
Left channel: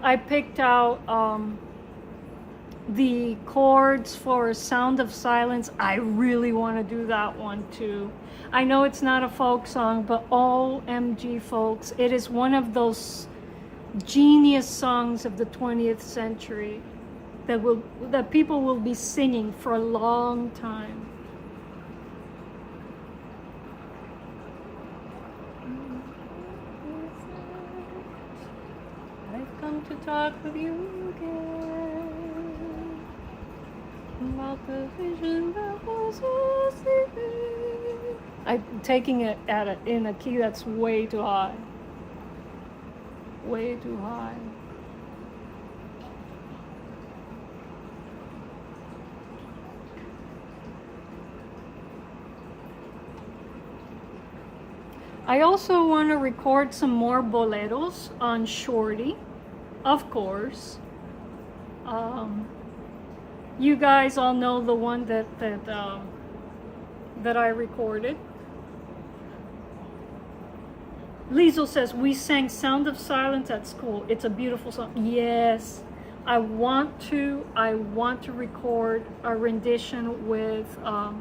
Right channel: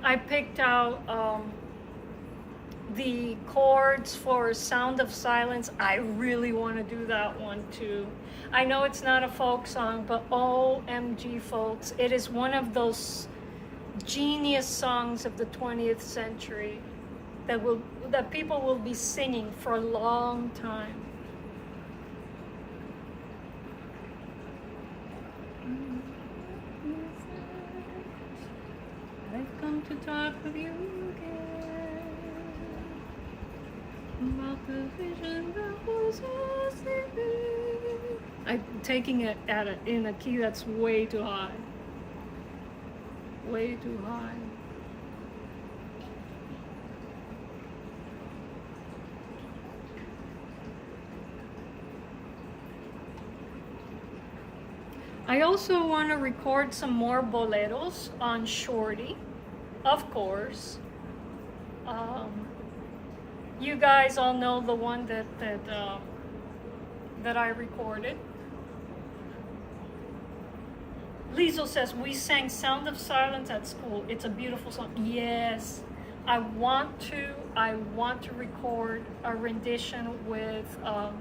I picked out the chords for Sound of Silence. I really want to do that one too. I know it's not a folk song, but OMG folks, it is one of those genius songs of the 20th century that people will be singing for a long time. I've come to talk with you again about the vision that was asleep. I'm taking it in a key that's way too high. Way too high. I also want to record some more boleros on Shorty, of course. You guys all know the one that I recorded. Liesel says, we sang Sound of Silence at school. It's a beautiful song. Yes, I want to record a rendition with a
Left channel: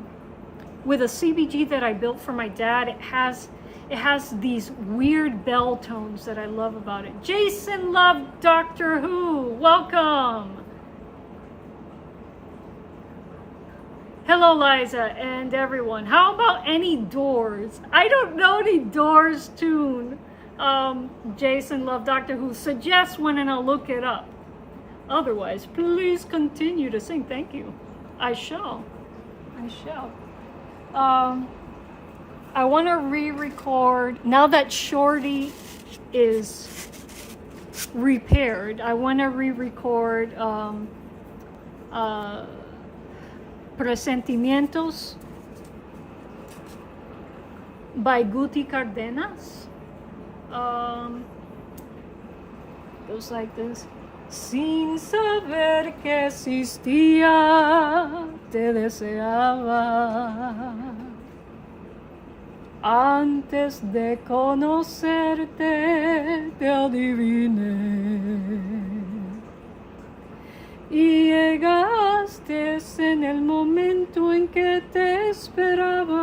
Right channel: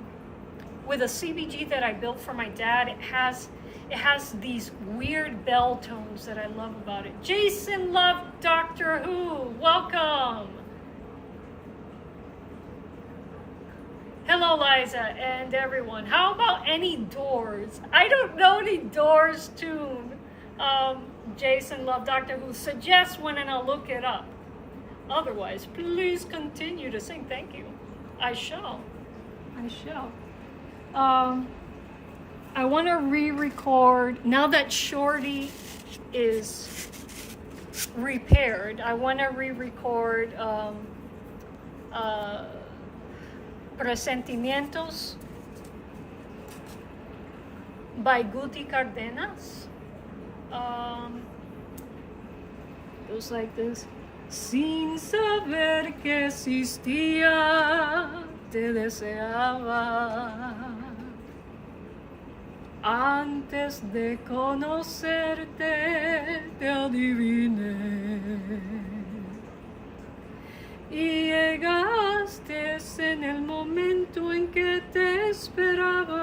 CBG that I built for my dad. It has these weird bell tones that I love about it. Jason loved Doctor Who. Welcome. Hello, Liza and everyone. How about any Doors? I don't know any Doors tune. Jason loved Doctor Who. Suggest one and I'll look it up. Otherwise, please continue to sing. Thank you. I shall. I want to re-record, now that Shorty is repaired, I want to re-record Presentimientos by Guti Cardenas. Goes like this. Sin saber que existía, te deseaba. Antes de conocerte, te adiviné. Y llegaste en el momento en que te esperaba.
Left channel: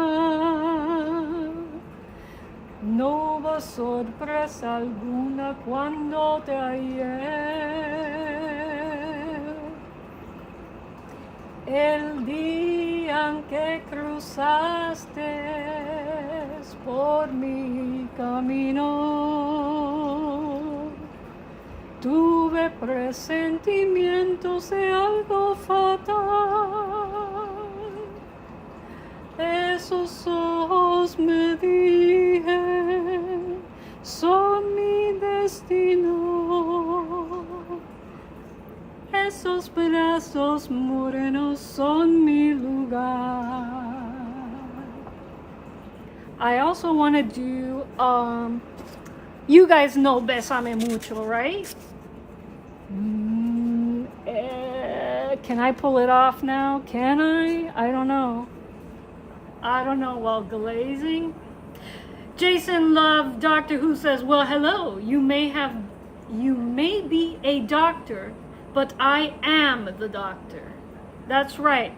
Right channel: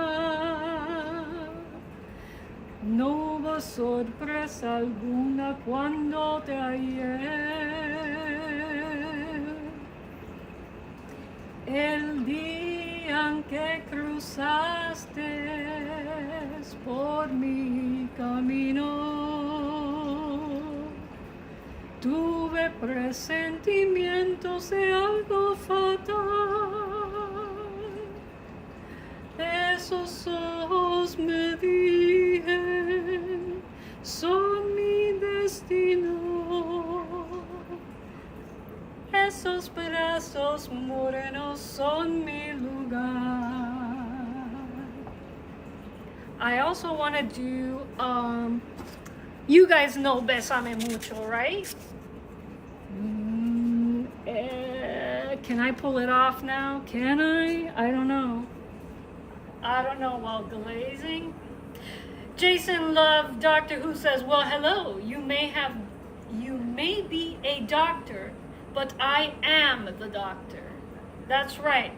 No hubo sorpresa alguna cuando te hallé. El día en que cruzaste por mi camino, tuve presentimientos de algo fatal. Esos ojos me dije, son mi destino. Esos brazos morenos son mi lugar. I also want to do, you guys know Bésame Mucho, right? Can I pull it off now? Can I? I don't know. Well, Glazing. Jason Love Doctor Who says, well, hello. You may be a doctor, but I am the doctor. That's right.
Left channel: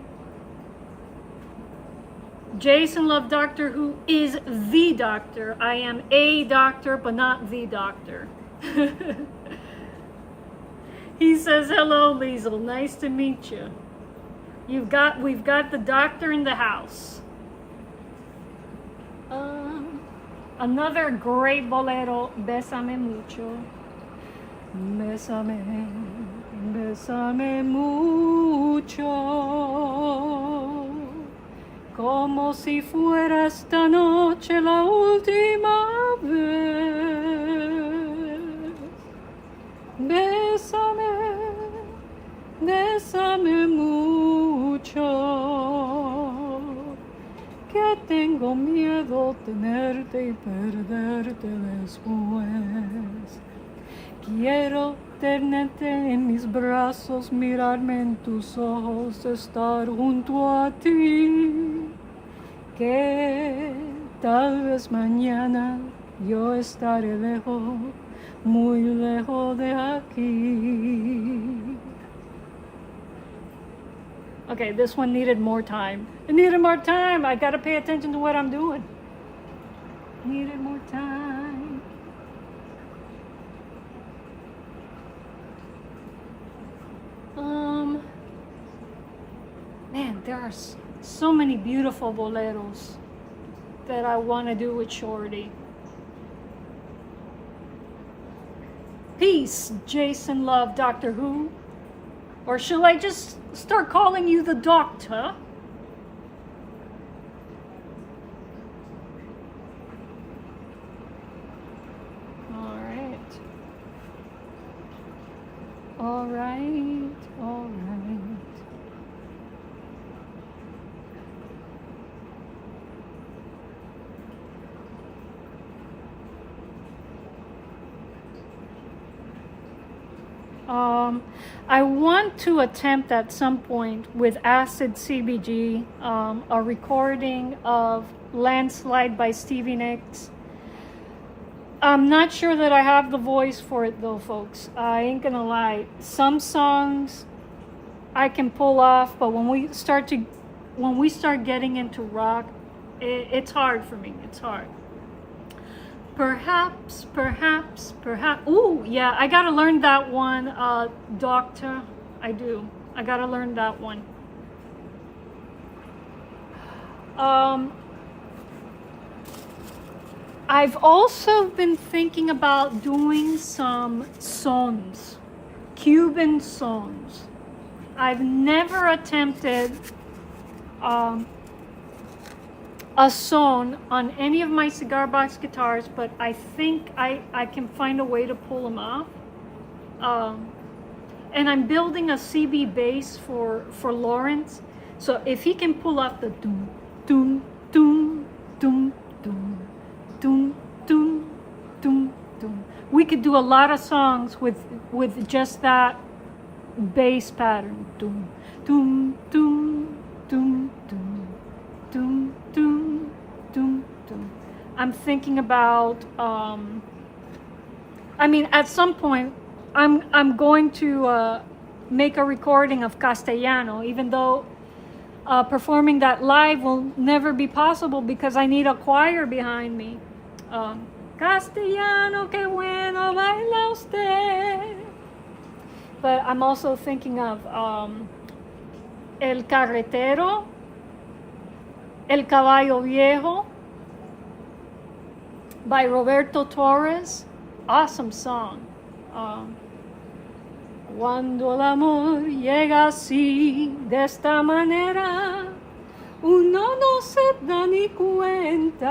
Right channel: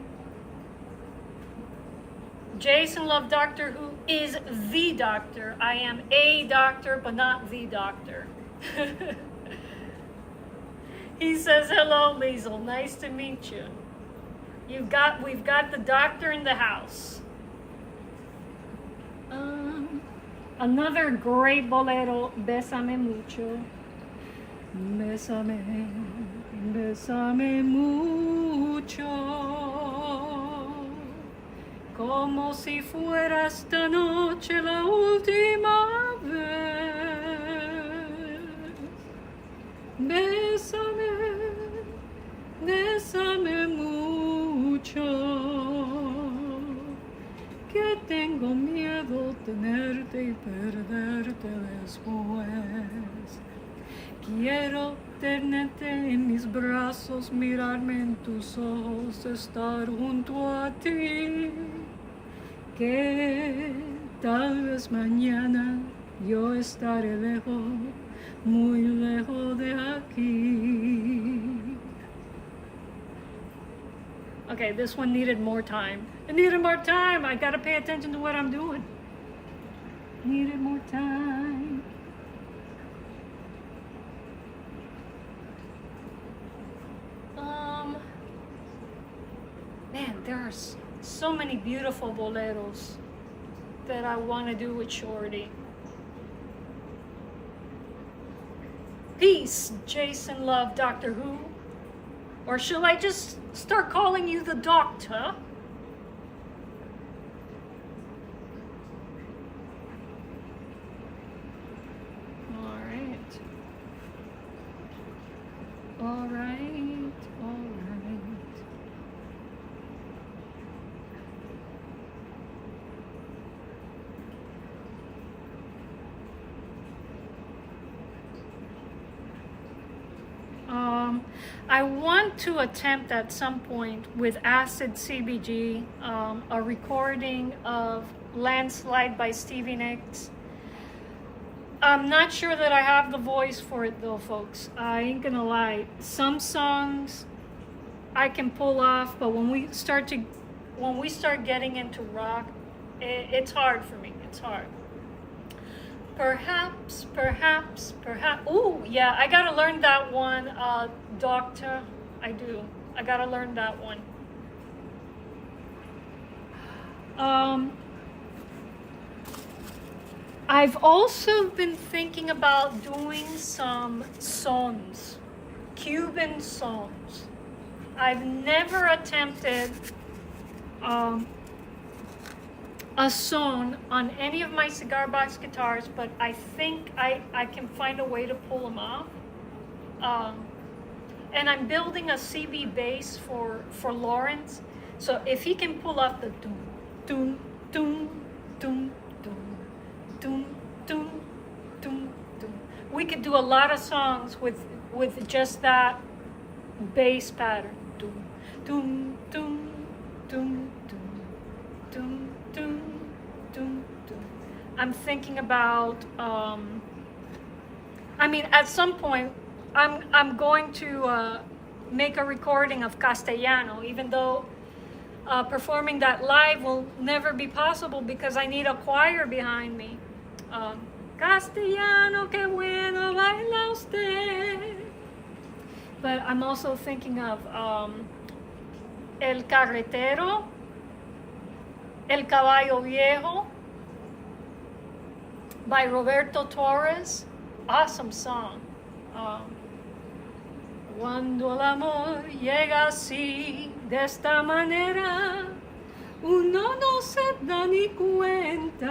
Jason Love Doctor Who is the doctor. I am a doctor, but not the doctor. He says, hello, Liesel. Nice to meet you. We've got the doctor in the house. Another great bolero, Bésame Mucho. Bésame, bésame mucho, como si fuera esta noche la última vez. Bésame, bésame mucho, que tengo miedo tenerte y perderte después. Quiero tenerte en mis brazos, mirarme en tus ojos, estar junto a ti que tal vez mañana yo estaré lejos, muy lejos de aquí. Okay, this one needed more time. It needed more time. I gotta pay attention to what I'm doing. Needed more time. Man, there are so many beautiful boleros that I want to do with Shorty. Peace, Jason Love, Doctor Who. Or shall I just start calling you the doctor? All right. All right. All right. I want to attempt at some point with Acid CBG a recording of Landslide by Stevie Nicks. I'm not sure that I have the voice for it though, folks. I ain't gonna lie. Some songs I can pull off, but when we start getting into rock, it's hard for me. It's hard. Perhaps. Ooh, yeah, I gotta learn that one, Doctor. I do. I gotta learn that one. I've also been thinking about doing some songs, Cuban songs. I've never attempted a song on any of my cigar box guitars, but I think I can find a way to pull them off. And I'm building a CB bass for Lawrence, so if he can pull off the doom doom doom doom doom doom doom doom doom, we could do a lot of songs with just that bass pattern. Doom doom doom doom doom doom doom doom doom. I'm thinking about I mean, at some point I'm going to make a recording of Castellano, even though performing that live will never be possible because I need a choir behind me. Castellano, que bueno baila usted. But I'm also thinking of El Carretero, El Caballo Viejo by Roberto Torres. Awesome song. Cuando el amor llega así, de esta manera, uno no se da ni cuenta.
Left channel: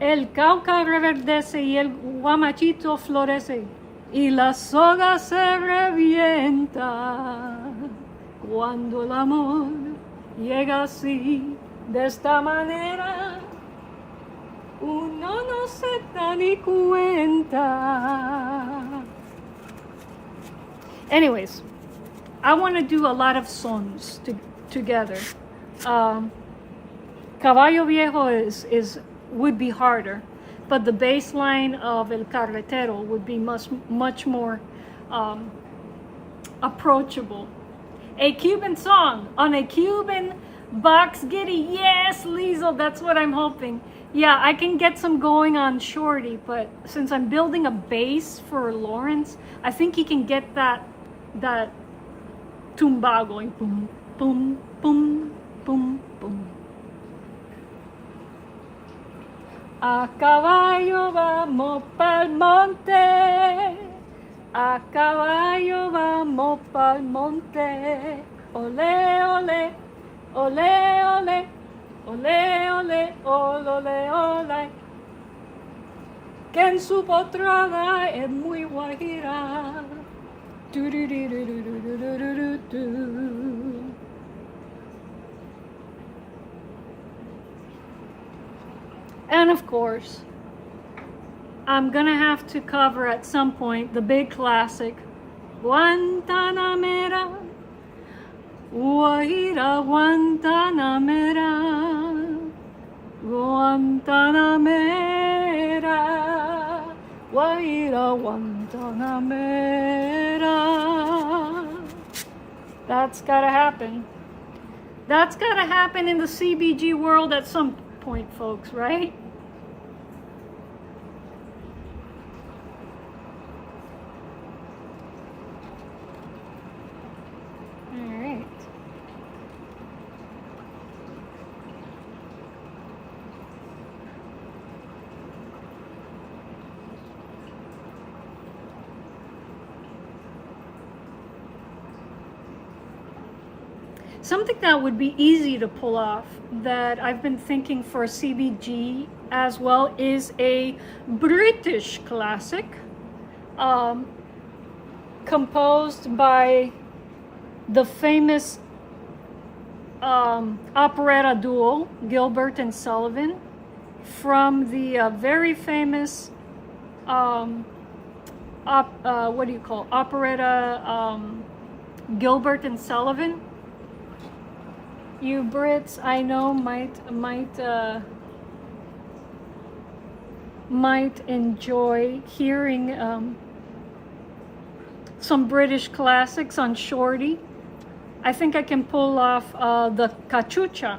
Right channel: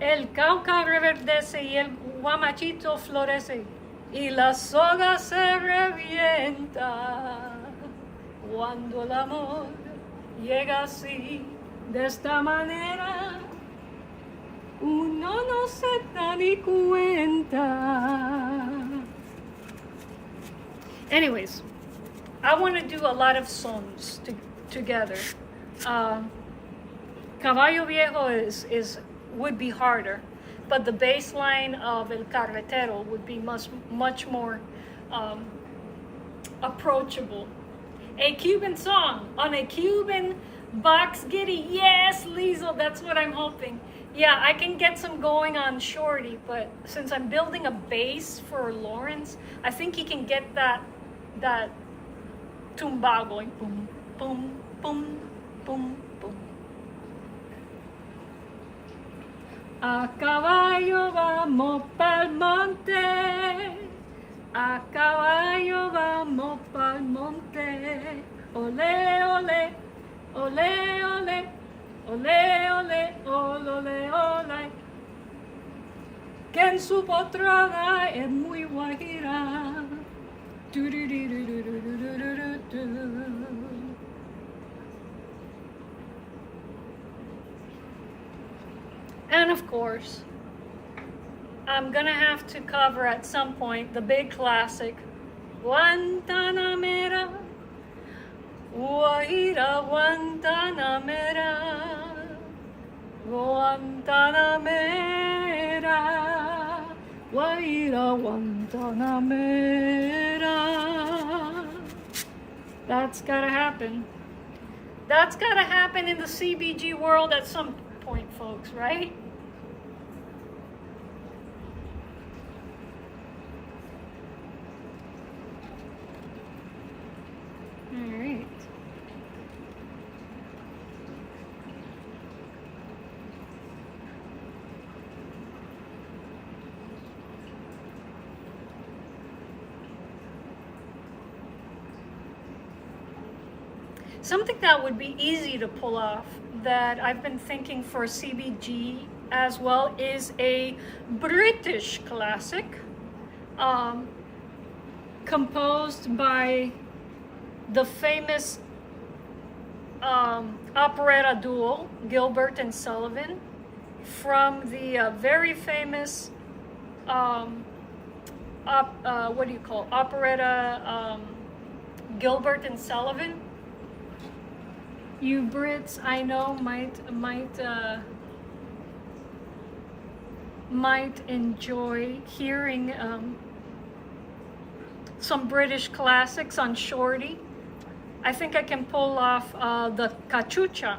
El cauca reverdece y el guamachito florece y la soga se revienta. Cuando el amor llega así, de esta manera, uno no se da ni cuenta. Anyways, I want to do a lot of songs together. Caballo Viejo would be harder, but the bass line of El Carretero would be much more approachable. A Cuban song on a Cuban box giddy. Yes, Liesel, that's what I'm hoping. Yeah, I can get some going on Shorty, but since I'm building a bass for Lawrence, I think he can get that tumba going. Boom, boom, boom, boom, boom. A caballo vamos pa'l monte, a caballo vamos pa'l monte, ole, ole, ole, ole. Ole, ole, ole, ole, que en su potrada es muy guajira. And of course, I'm gonna have to cover at some point the big classic, Guantanamera, Guajira, Guantanamera. Guantanamera. That's gotta happen. That's gotta happen in the CBG world at some point, folks, right? All right. Something that would be easy to pull off that I've been thinking for CBG as well is a British classic composed by the famous operetta duo Gilbert and Sullivan from the very famous what do you call operetta Gilbert and Sullivan. You Brits, I know, might enjoy hearing some British classics on Shorty. I think I can pull off the cachucha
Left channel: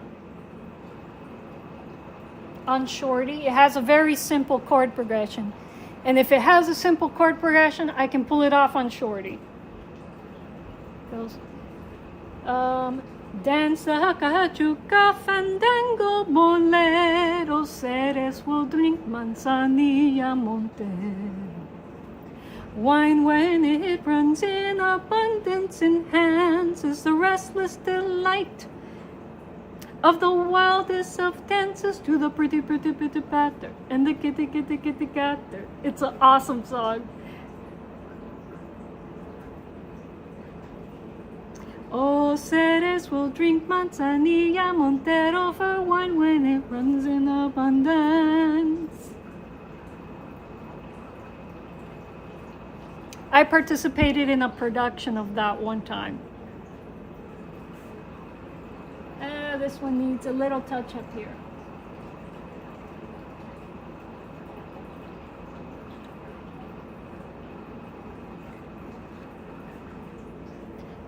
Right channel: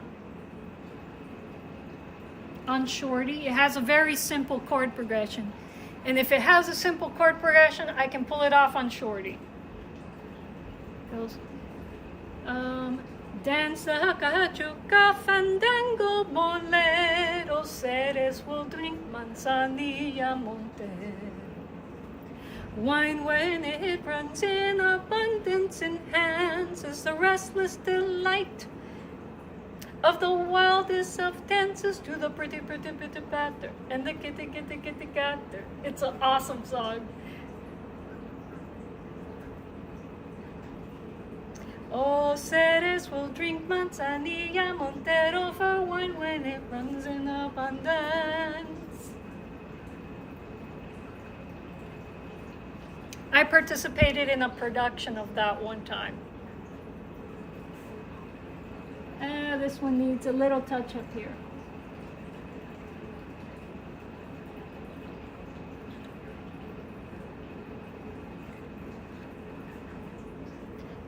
on Shorty. It has a very simple chord progression, and if it has a simple chord progression, I can pull it off on Shorty. It goes, dance the cachuca, fandango, bolero, seres will drink manzanilla, monte. Wine when it runs in abundance enhances the restless delight of the wildest of dances to the pretty patter and the kitty catter. It's an awesome song. Oh, seres will drink manzanilla, montero for wine when it runs in abundance. I participated in a production of that one time. This one needs a little touch up here.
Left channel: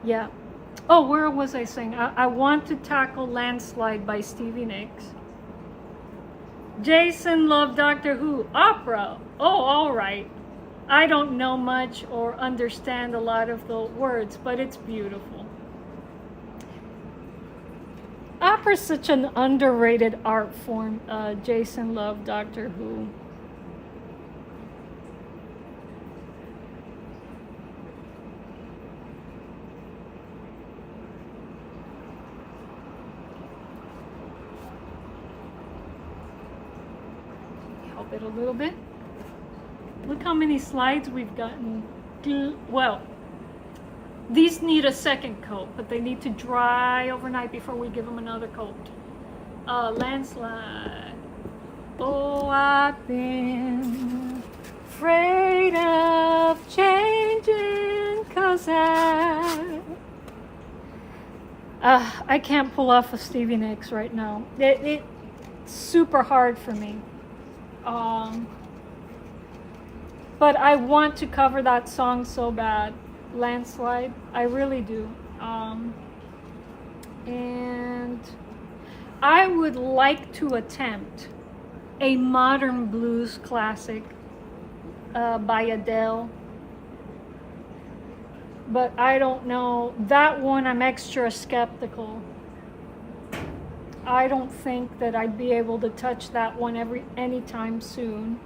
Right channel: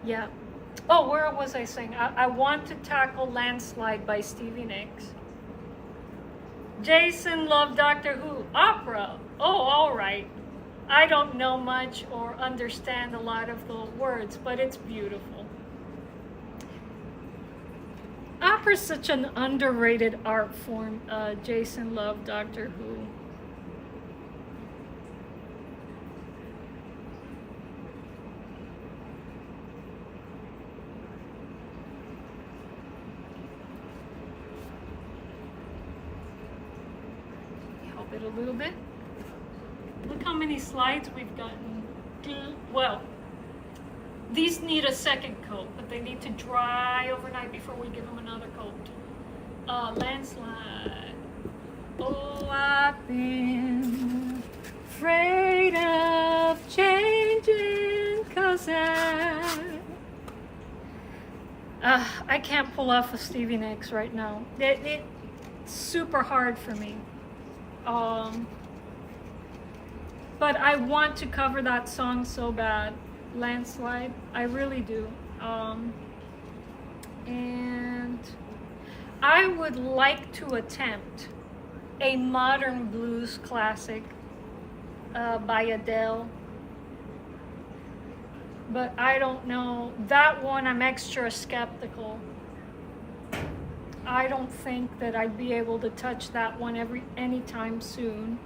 Yeah. Oh, where was I saying? I want to tackle Landslide by Stevie Nicks. Jason loved Doctor Who. Opera. Oh, all right. I don't know much or understand a lot of the words, but it's beautiful. Opera's such an underrated art form. Jason loved Doctor Who. Help it a little bit. Look how many slides we've gotten. Well, these need a second coat, but they need to dry overnight before we give them another coat. Landslide. Oh, I've been afraid of changing 'cause I can't pull off a Stevie Nicks right now. It's super hard for me. But I want to cover that song so bad, Landslide. I really do. And I would like to attempt a modern blues classic by Adele. But I don't know. That one, I'm extra skeptical. I don't think that I'd be able to touch that one anytime soon.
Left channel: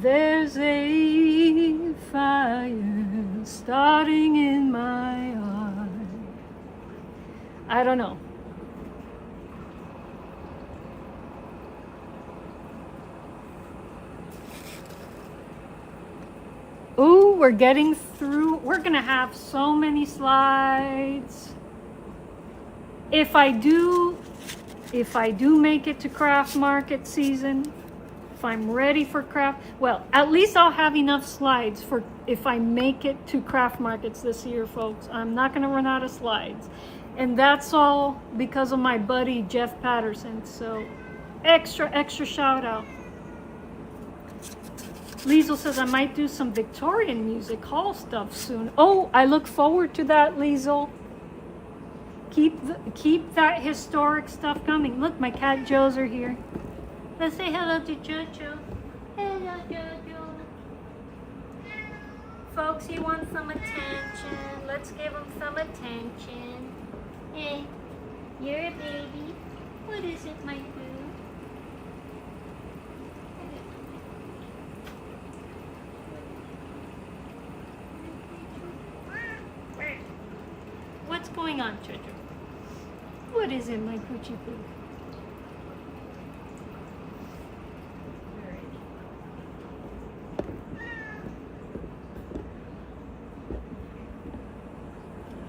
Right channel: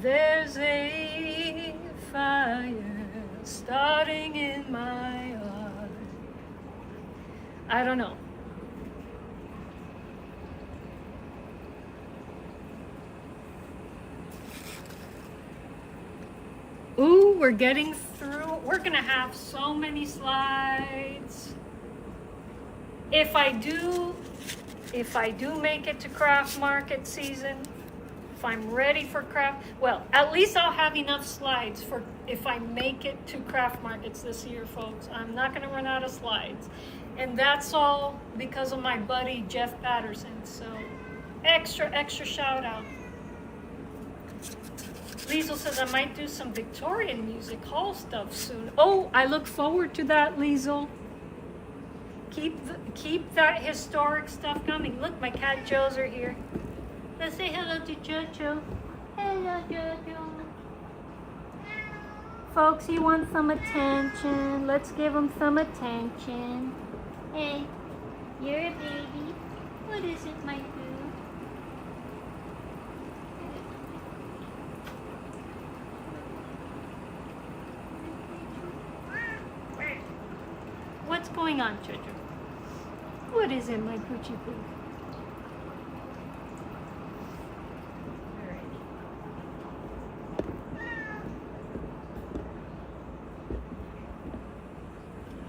There's a fire starting in my heart. I don't know. Ooh, we're getting through. We're gonna have so many slides. If I do make it to craft market season, if I'm ready for craft, well, at least I'll have enough slides for if I make it to craft markets this year, folks. I'm not gonna run out of slides. And that's all because of my buddy Jeff Patterson. So extra shout out. Liesel says I might do some Victorian music hall stuff soon. Oh, I look forward to that, Liesel. Keep that historic stuff coming. Look, my cat Joe's are here. Let's say hello to Jojo. Hello, Jojo. Folks, he wants some attention. Let's give him some attention. Hey, you're a baby. What is it, my boo? What's going on, Jojo? What is it, my poochie poo?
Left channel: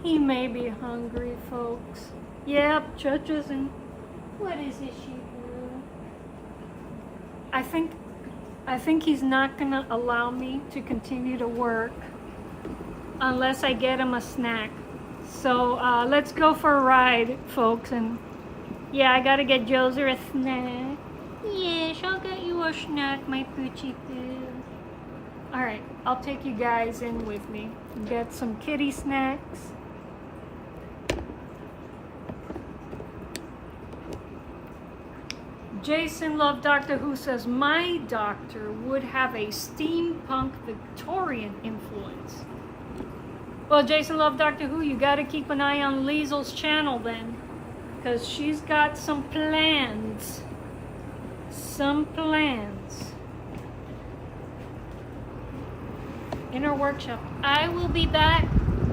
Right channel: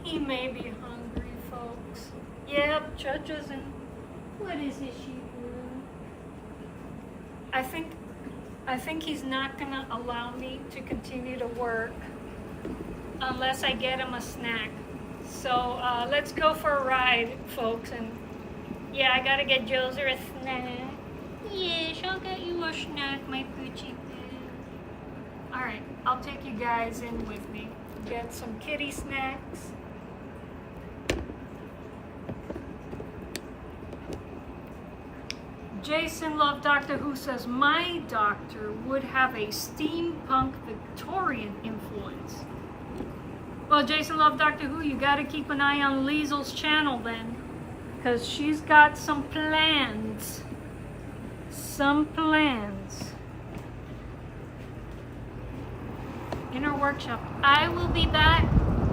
He may be hungry, folks. Yep, Jojo's in. What is it, she boo? I think he's not gonna allow me to continue to work unless I get him a snack. So let's go for a ride, folks. And yeah, I gotta get Joser a snack. Yes, I'll get you a snack, my poochie poo. All right, I'll take you guys in with me. Get some kitty snacks. Jason Love Doctor Who says my doctor would have a steampunk Victorian influence. Well, Jason Love Doctor Who, you got to keep an eye on Liesel's channel then, because she's got some plans. Some plans. In her workshop. I will be back,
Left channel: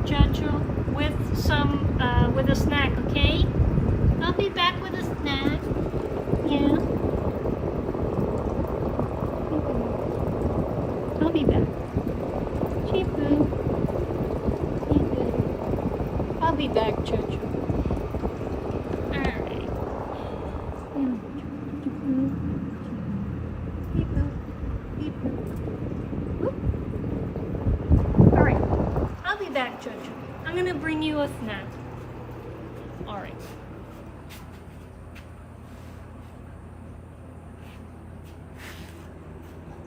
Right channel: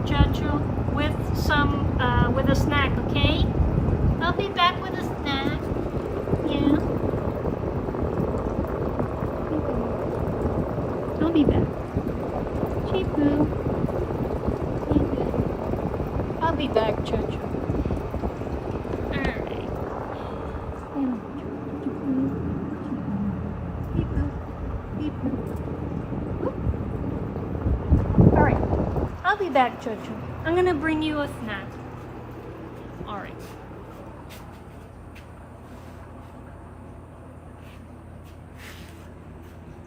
Jojo, with with a snack, okay? I'll be back with a snack. Yeah. I'll be back. Cheapoo. I'll be back, Jojo. Alright. Alright. I'll be back, Jojo. I'm gonna bring you a snack. Alright.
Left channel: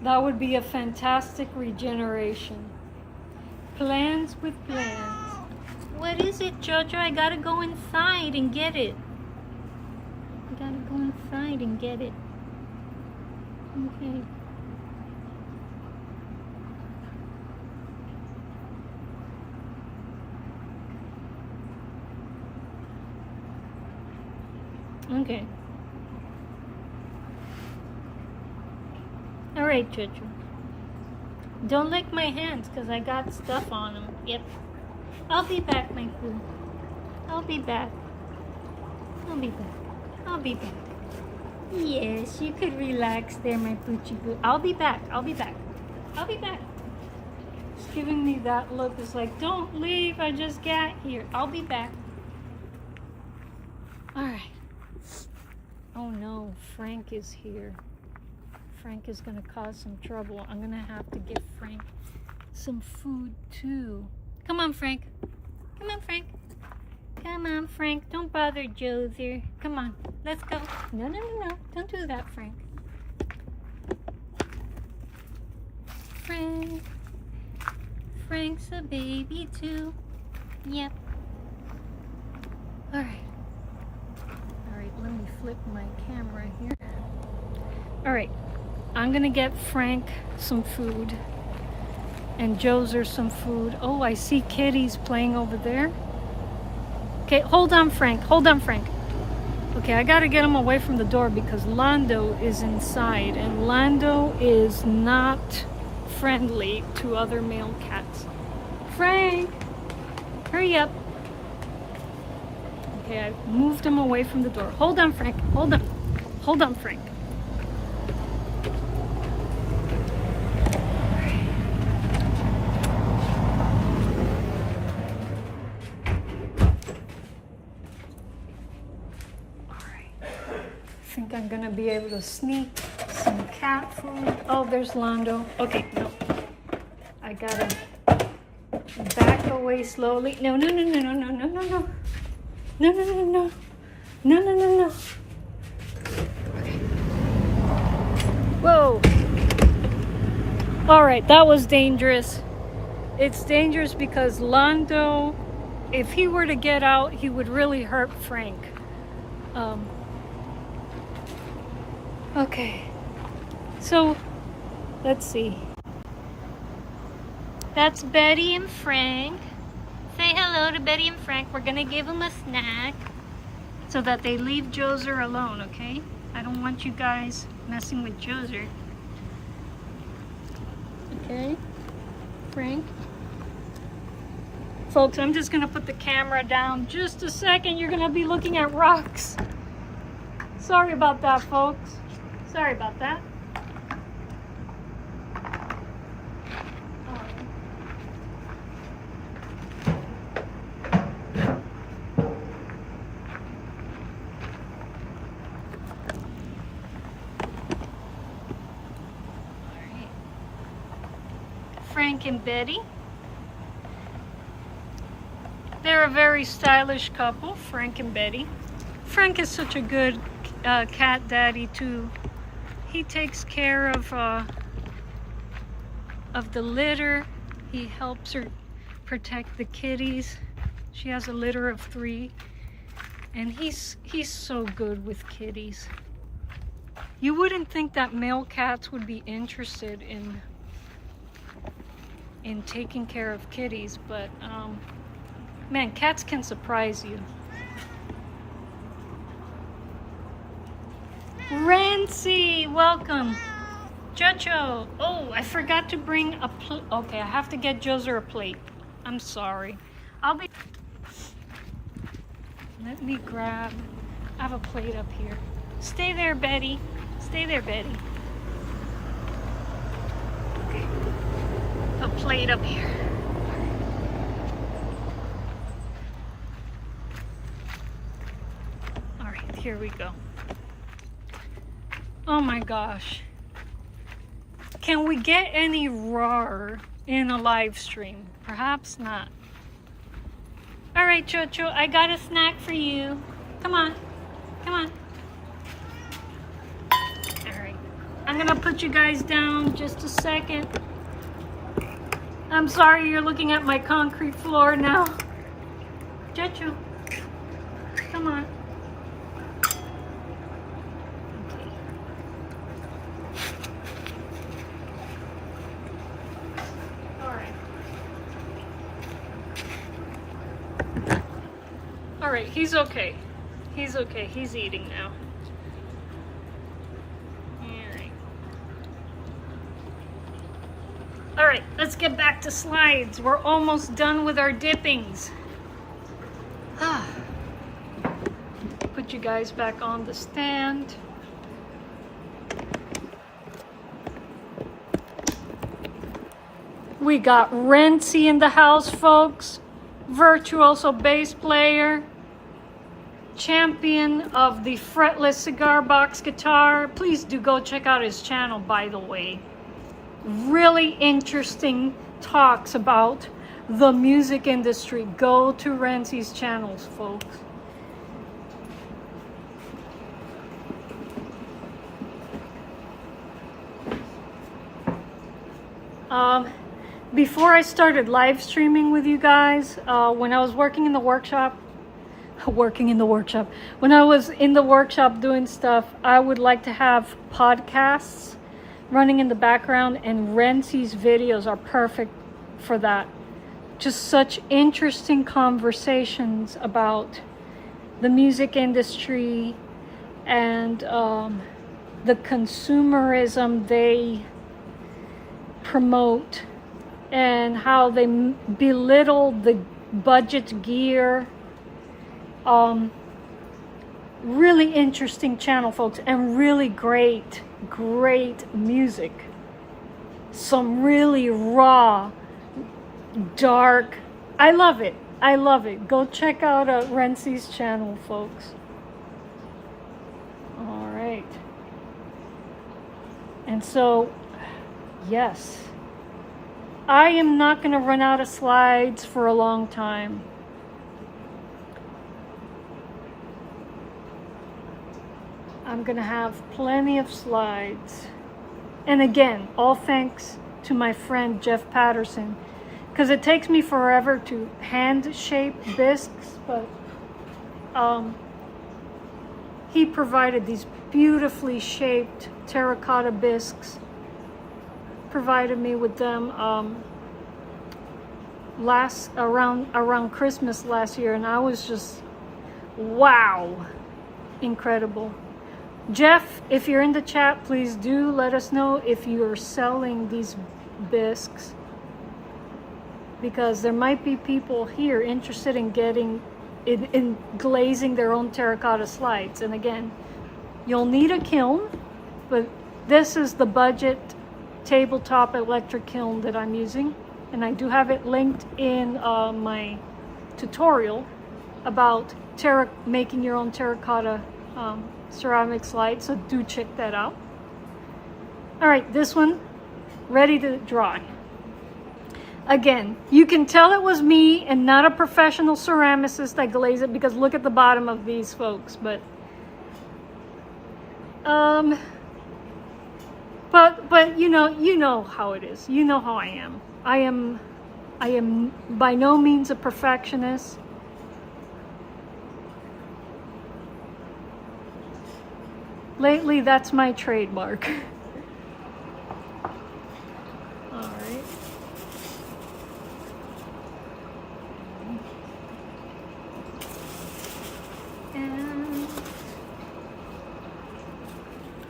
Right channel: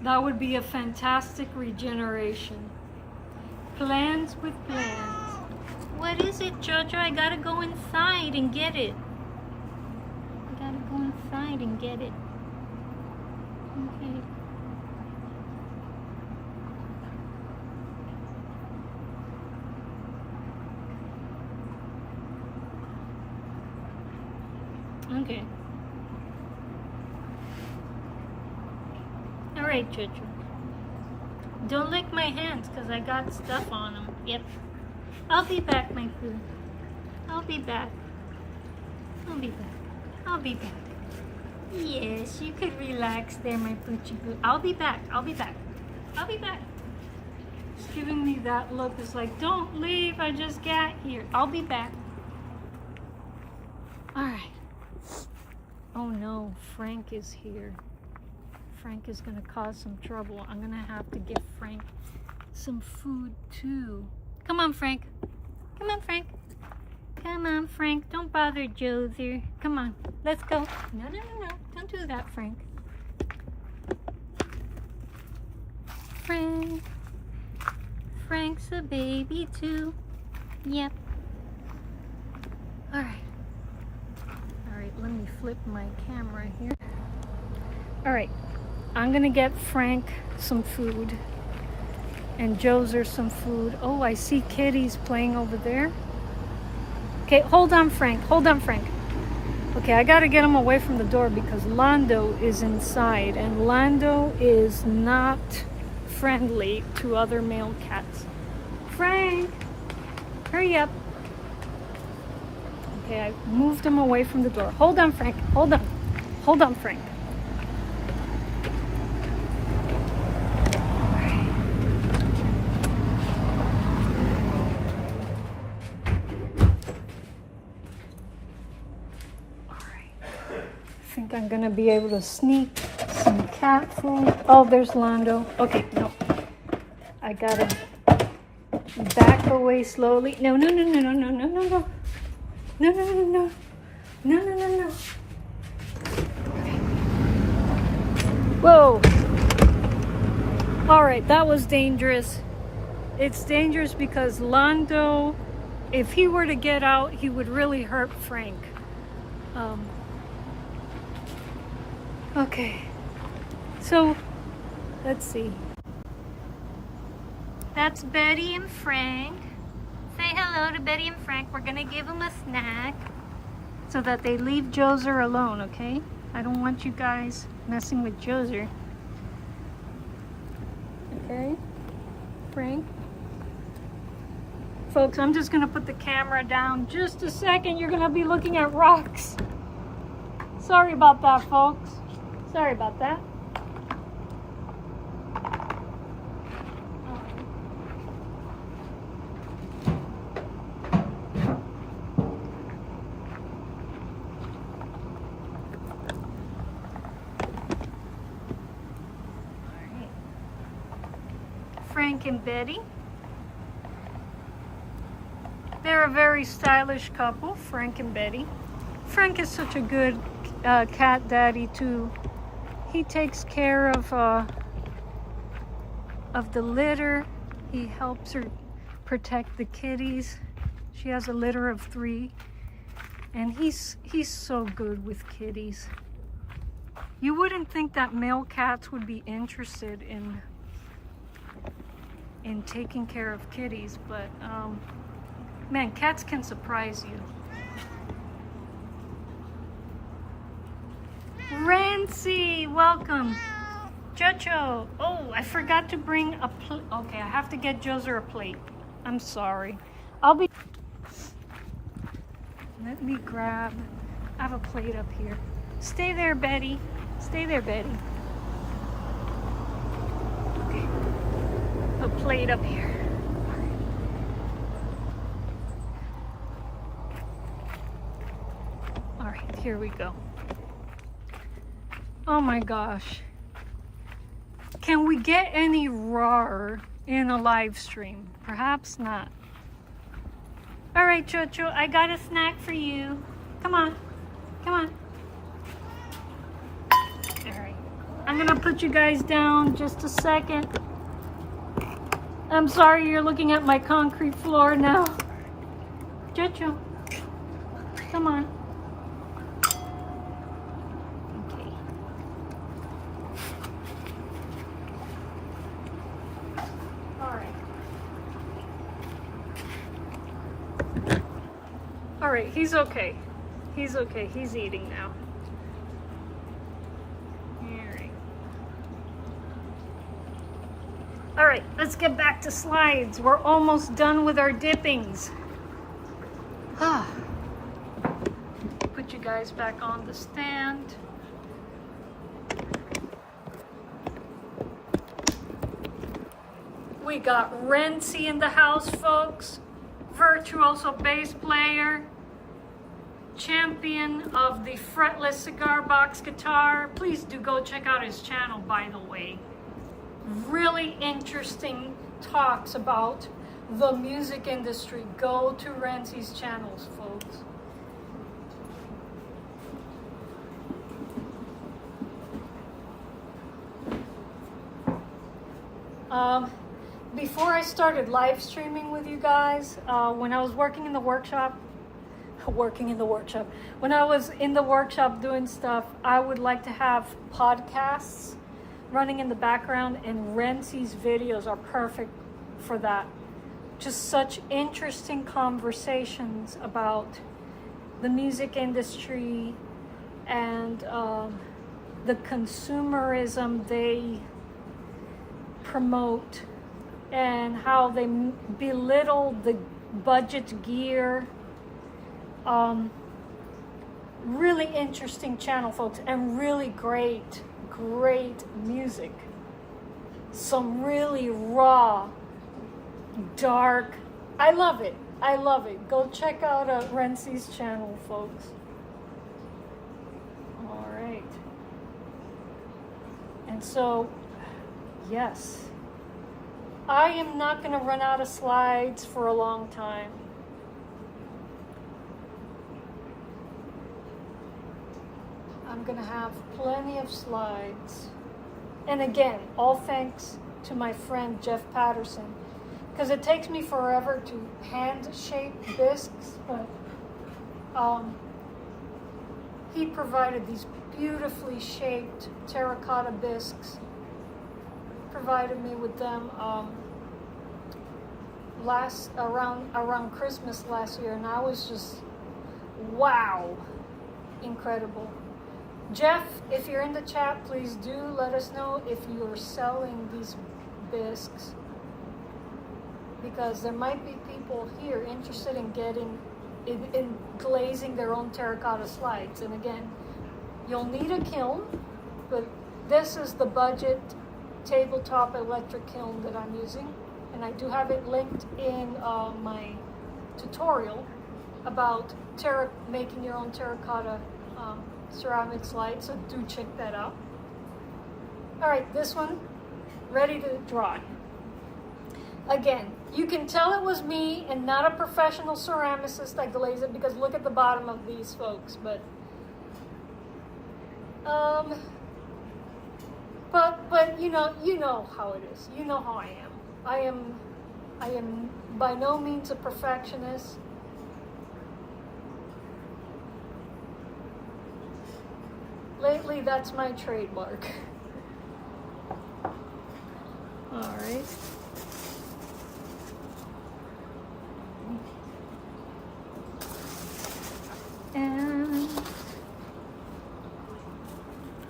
That would be a fantastic regeneration. Plans with plans. What is it, Jojo? I gotta go inside and get it. I gotta go inside and get it. Okay. Okay. Alright, Jojo. Don't lick my hands because I got stuff on them. Yep. I'll be back, my poo. I'll be back. I'll be back. I'll be back. Yes, you could relax there, my poochie poo. I'll be back. I'll be back. I'll be back. It's giving me that look. It's like, don't leave. I just got here. I'll be back. Alright. Oh no, Frank is here. Frank is going to cause some trouble. I'm going to have to give Frank some food too. Come on, Frank. Come on, Frank. Come on, Frank. Don't bother Joser. Come on. Let's go. No. Don't do that, Frank. Frank. Frank's a baby too. Yep. All right. Let me flip my camera here. All right. I'm going to get Frank some food. And Joser some food. Oh, I see kitties playing over there. Okay, hold on, Frank. Hold on, Frank. Okay, I gotta get him away from the door because Lando is inside. And Lando is not friendly to other male cats. Frank! Hurry up. Okay, I moved him away from the door. Hold on, Frank. Hold on. Hold on, Frank. I think I'm gonna be able to sneak some cat food. Oh, there's Lando. Okay, no. I gotta back away slowly. No. No, no, no, no. No, no, no, no. Whoa. All right, that was dangerous. It's dangerous because Lando, if he were to get out, he would really hurt Frank. Okay, so let's see. That's Betty and Frank. Say hello to Betty and Frank. We're gonna give them a snack so that they leave Joser alone, okay? I don't want you guys messing with Joser. Okay, Frank. Folks, I'm just gonna put the camera down just a second. You're gonna be looking at rocks. Sorry about that, folks. Sorry about that. Frank and Betty. They're a very stylish couple, Frank and Betty. Frank is such a good cat daddy too. He takes care of the litter. He helps her protect the kitties. She has a litter of 3, and he's so good with kitties. You wouldn't think that male cats would be interested in taking care of kitties, but man, cats can surprise you. Rancy, welcome. Jojo. Oh, I forgot to bring a plate. Okay, I have to get Joser a plate. I'm sorry. Let me grab. I have a plate up here. Stay there, Betty. Stay there, Betty. Okay. A plate up here. All right, here we go. Oh my gosh. Can we get any rawer in a live stream? Perhaps not. All right, Chocho, I got a snack for you. Come on, come on. All right, I'm gonna put you guys down just a second. I'm sorry you're looking at my concrete floor now. Chocho, come on. All right, he's okay. He's okay. He's eating now. All right, let's get back to slides. We're almost done with our dippings. Put you guys back on the stand. We got Rency in the house, folks. Virtuoso bass player, champion of the fretless cigar box guitar. Please do go check out his channel, by the way. Really interesting talks about the music industry. Go to Rency's channels, folks. Before I started live streaming with you guys, when I was working in the workshop, when I was in the workshop doing stuff, I would like to have podcasts running in the background, and Rency's videos are perfect for that. Just such interesting conversations about the music industry and the consumerism they promote, and how they belittle the budget gear. Really interesting channel, folks, and really great music. Some really raw, dark. I love it. I love it. Go check out Rency's channel, folks. All right. And so, yes. I am not going to run out of slides for a long time. gonna have plenty of slides. And again, all thanks to my friend Jeff Patterson, because it takes me forever to hand shape bisques, but he provided these beautifully shaped terracotta bisques, provided me with them around Christmas last year, and I was just, wow, incredible. Jeff, if you're in the chat, please do let us know if you're selling these bisques, because there might be people here interested in getting in glazing their own terracotta slides. And again, you'll need a kiln, but this is the budget tabletop electric kiln that I'm using, and I do have it linked in my tutorial about making your own terracotta ceramic slide, so do check that out. All right, this one ready to dry. Again, you can tell it was me and not a professional ceramicist that glazed it, because look at the bottom of these, folks. But you know how it is. You know how I am. I am by no means a perfectionist. Lately, that's my trademark. All right. And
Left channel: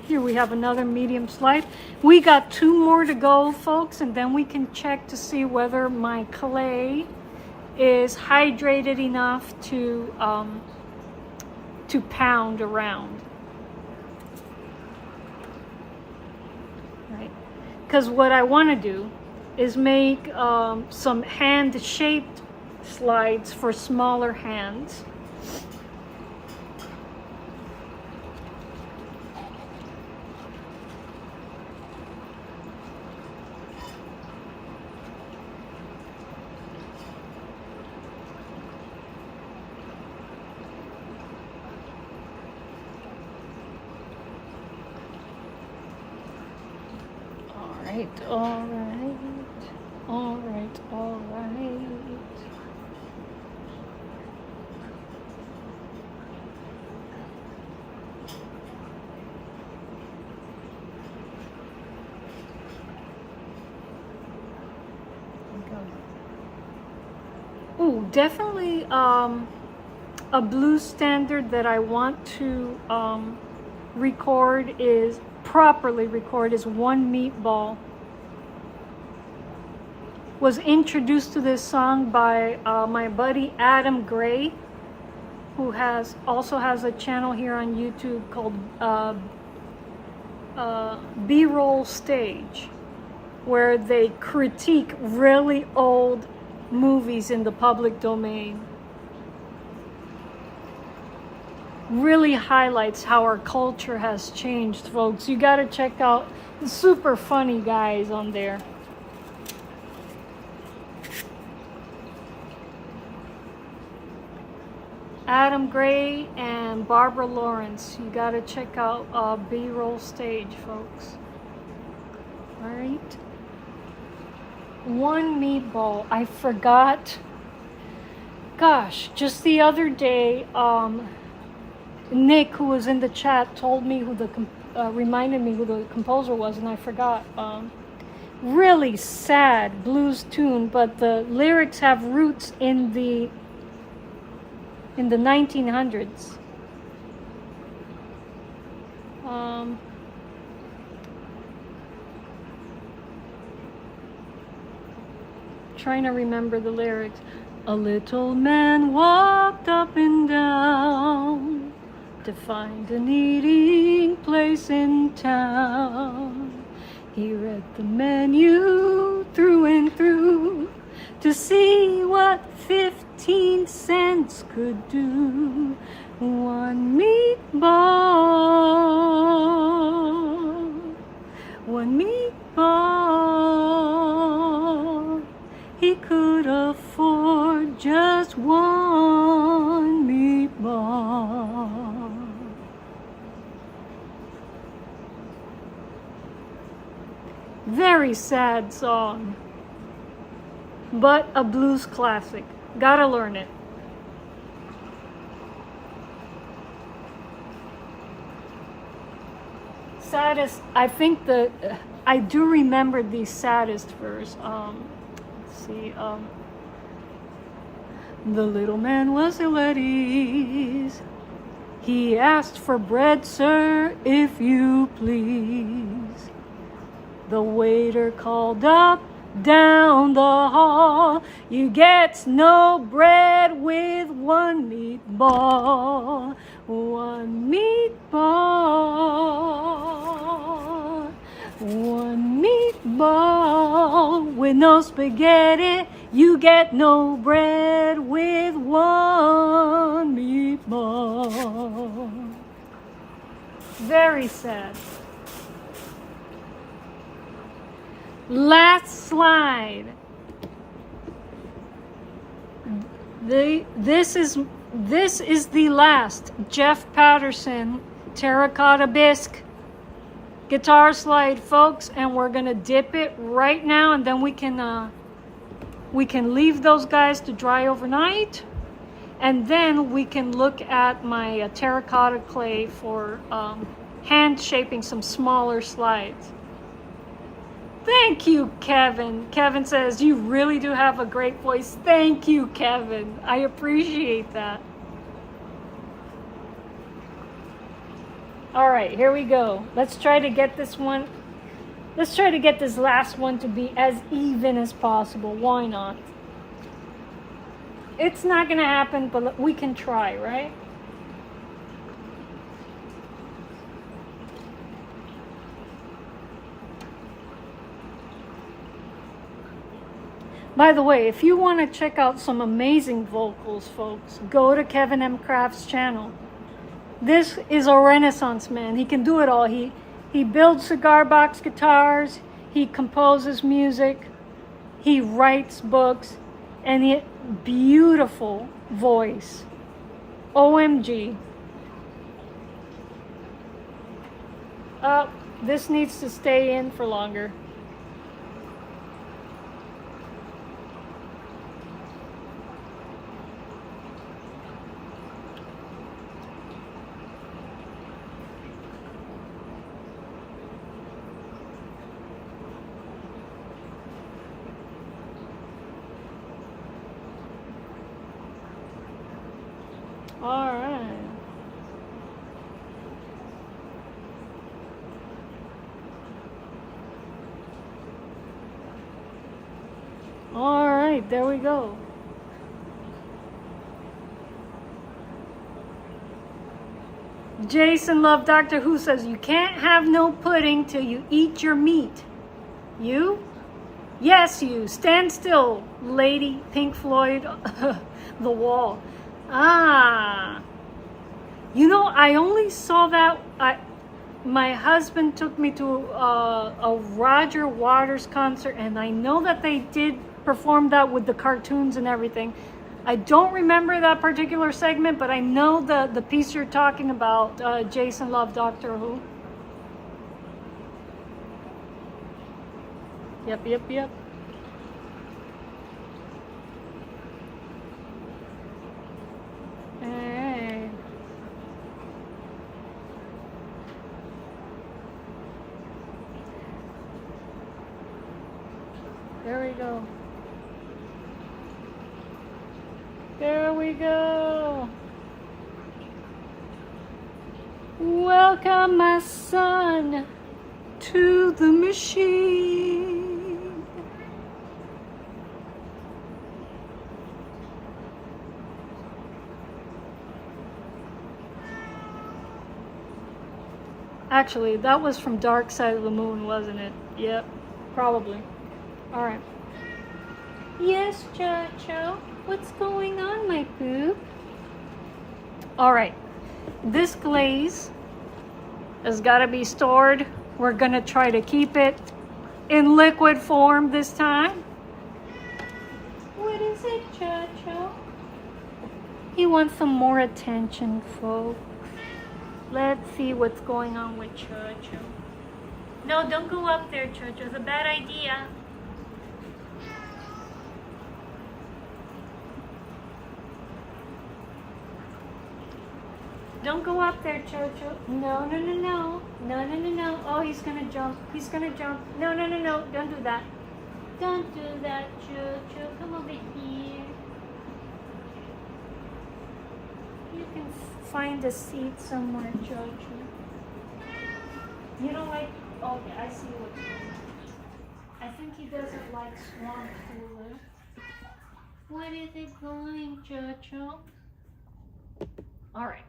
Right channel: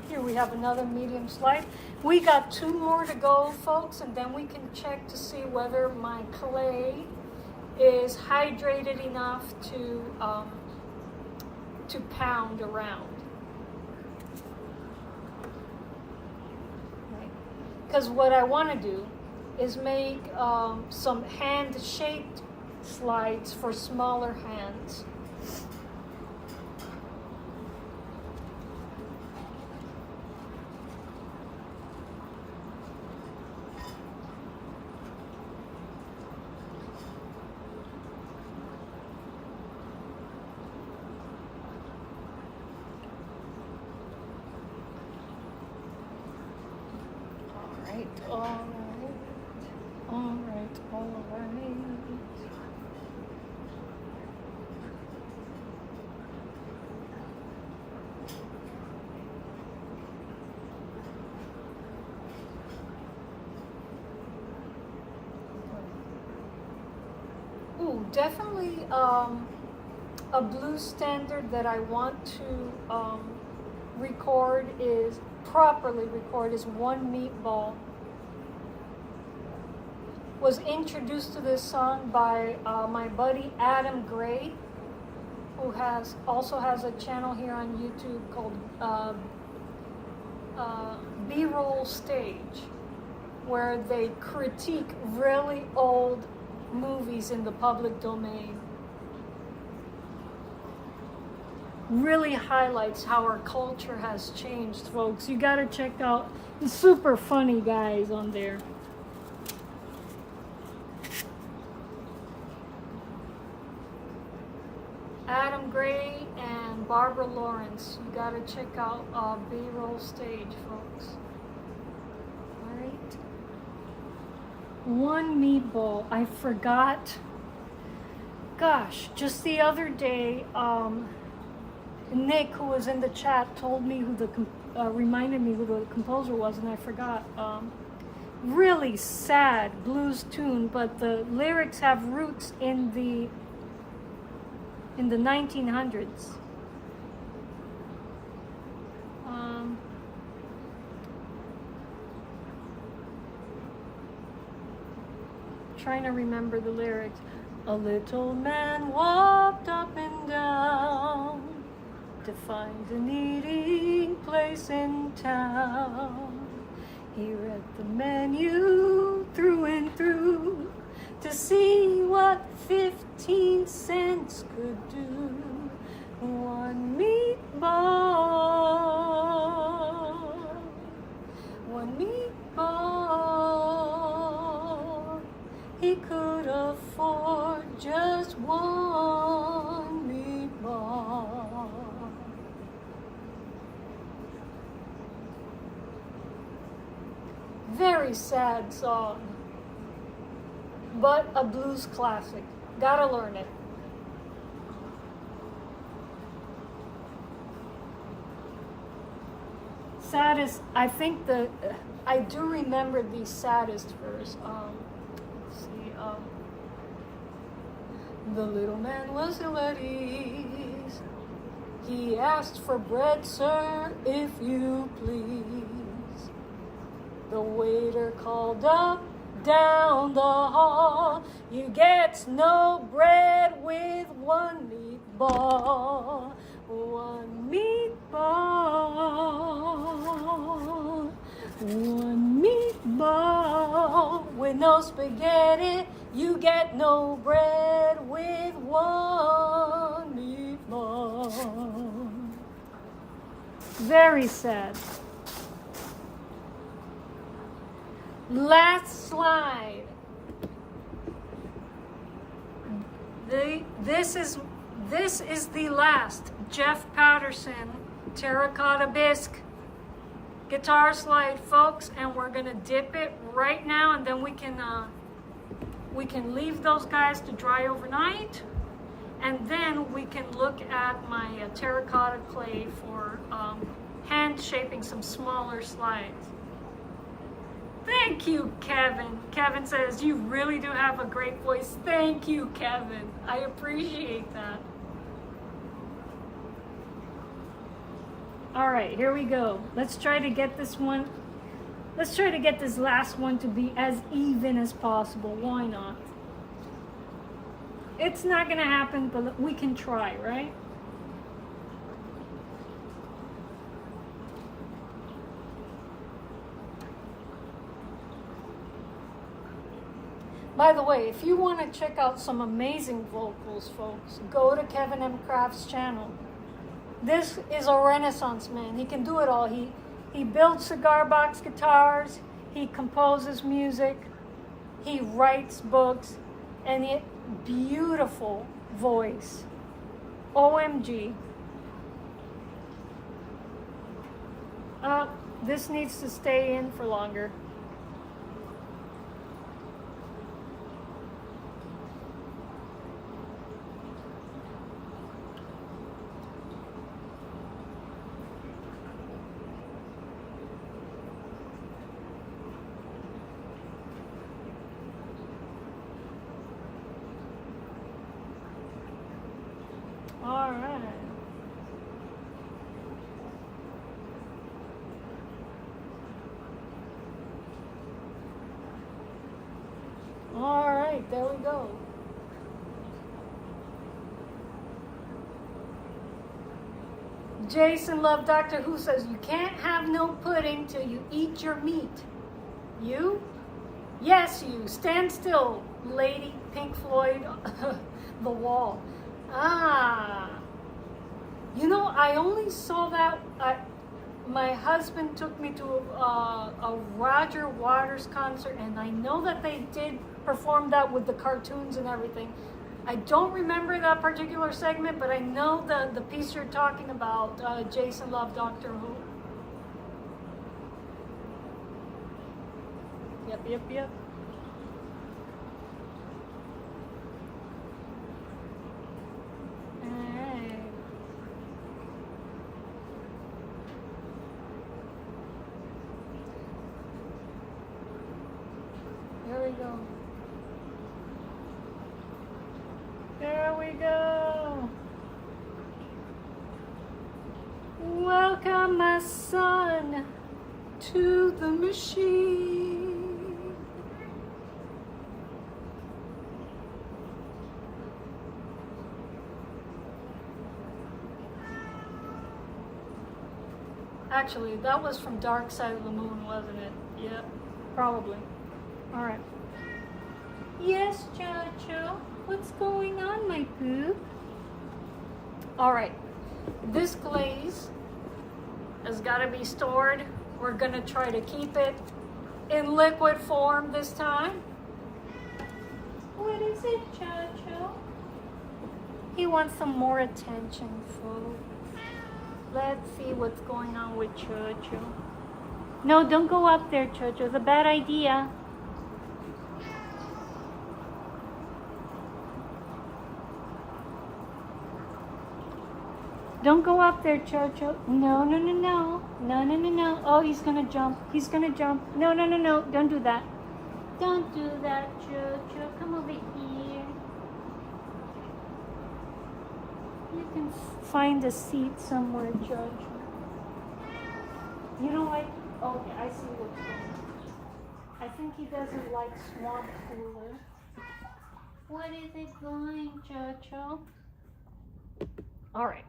here we have another medium slide. We got 2 more to go, folks, and then we can check to see whether my clay is hydrated enough to pound around. Because what I want to do is make some hand-shaped slides for smaller hands. All right. Ooh, definitely a blues standard that I want to properly record is One Meatball. Was introduced to this song by my buddy Adam Gray, who also has a channel here on YouTube called B-Roll Stage, where they critique really old movies in the public domain. Really highlights how our culture has changed, folks. You gotta check out the super funny guys on there. Adam Gray and Barbara Lawrence. You gotta check out B-Roll Stage, folks. All right. One Meatball. I forgot. Gosh, just the other day, Nick, who was in the chat, told me reminded me who the composer was, and I forgot. Really sad blues tune, but the lyrics have roots in the 1900s. Trying to remember the lyrics. A little man walked up and down to find an eating place in town. He read the menu through and through to see what 15 cents could do. One meatball, he could afford just one meatball. very sad song, but a blues classic. Gotta learn it. Saddest, I think I do remember the saddest verse. Let's see. The little man was ill at ease. He asked for bread, sir, if you please. The waiter called up down the hall, you get no bread with one meatball. One meatball. One meatball with no spaghetti. You get no bread with one meatball. Very sad. Last slide. This is the last Jeff Patterson terracotta bisque guitar slide, folks, and we're gonna dip it right now, and then we can leave those guys to dry overnight, and then we can look at my terracotta clay for hand shaping some smaller slides. Thank you, Kevin. Kevin says, you really do have a great voice. Thank you, Kevin. I appreciate that. All right, here we go. Let's try to get this one. Let's try to get this last one to be as even as possible. Why not? It's not gonna happen, but we can try, right? By the way, if you want to check out some amazing vocals, folks, go to Kevin M. Craft's channel. This is a renaissance man. He can do it all. He builds cigar box guitars, he composes music, he writes books, and he beautiful voice. OMG. This needs to stay in for longer. There we go. Jason Love Doctor Who says, you can't have no pudding till you eat your meat. You? Yes, you. Stand still, lady. Pink Floyd, The Wall. Ah. You know, I only saw that. My husband took me to a Roger Waters concert, and I know that they did perform that with the cartoons and everything. I don't remember that particular segment, but I know the piece you're talking about, Jason Love Doctor Who. Yep. Hey. There we go. There we go. Welcome, my son, to the machine. Actually, that was from Dark Side of the Moon, wasn't it? Yep, probably. All right. Yes, Chacho. What's going on, my poop? All right, this glaze has got to be stored. We're gonna try to keep it in liquid form this time. What is it, Chacho? He wants some more attention, folks. Let's see what's going on with Chacho. No, don't go up there, Jojo. It's a bad idea. Don't go up there, Jojo. No, no, no, no. No, no, no, no. Oh, he's gonna jump. He's gonna jump. No, no, no, no. Don't do that. Don't do that, Jojo. Come over here. You can find a seat somewhere, Jojo. You don't like... Oh, yeah, I see what's going on. I think he doesn't like swamp cooler. What is it going, Jojo? All right.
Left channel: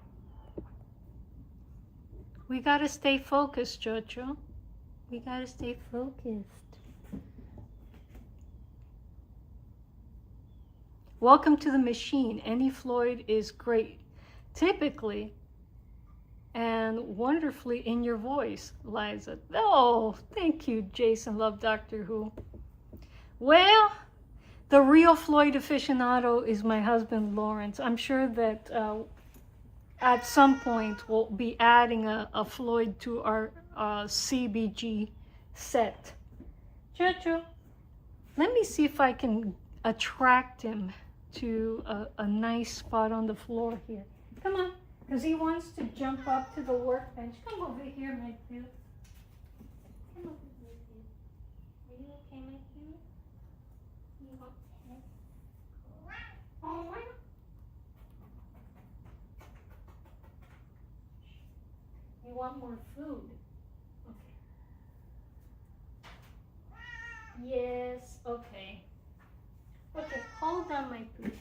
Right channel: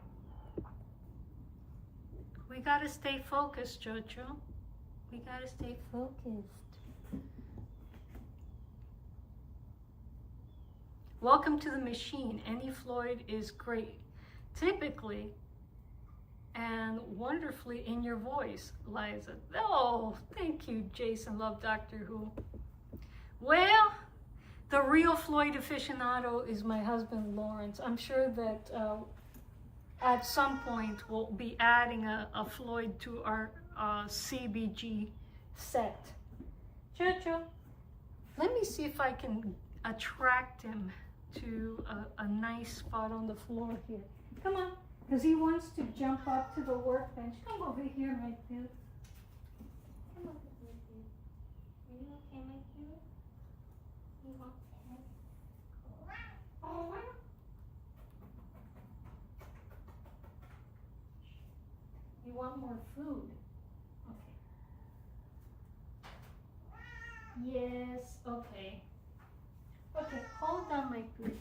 We gotta stay focused, Jojo. We gotta stay focused. Welcome to the machine. Any Floyd is great, typically, and wonderfully in your voice, Liza. Oh, thank you, Jason. Love Doctor Who. Well, the real Floyd aficionado is my husband, Lawrence. I'm sure that at some point we'll be adding a Floyd to our CBG set. Jojo, let me see if I can attract him to a nice spot on the floor here. Come on, because he wants to jump up to the workbench. Come over here, my dude. Come over here, dude. Are you okay, my dude? You okay? Oh, you want more food? Okay. Yes, okay. Okay, hold on, my food.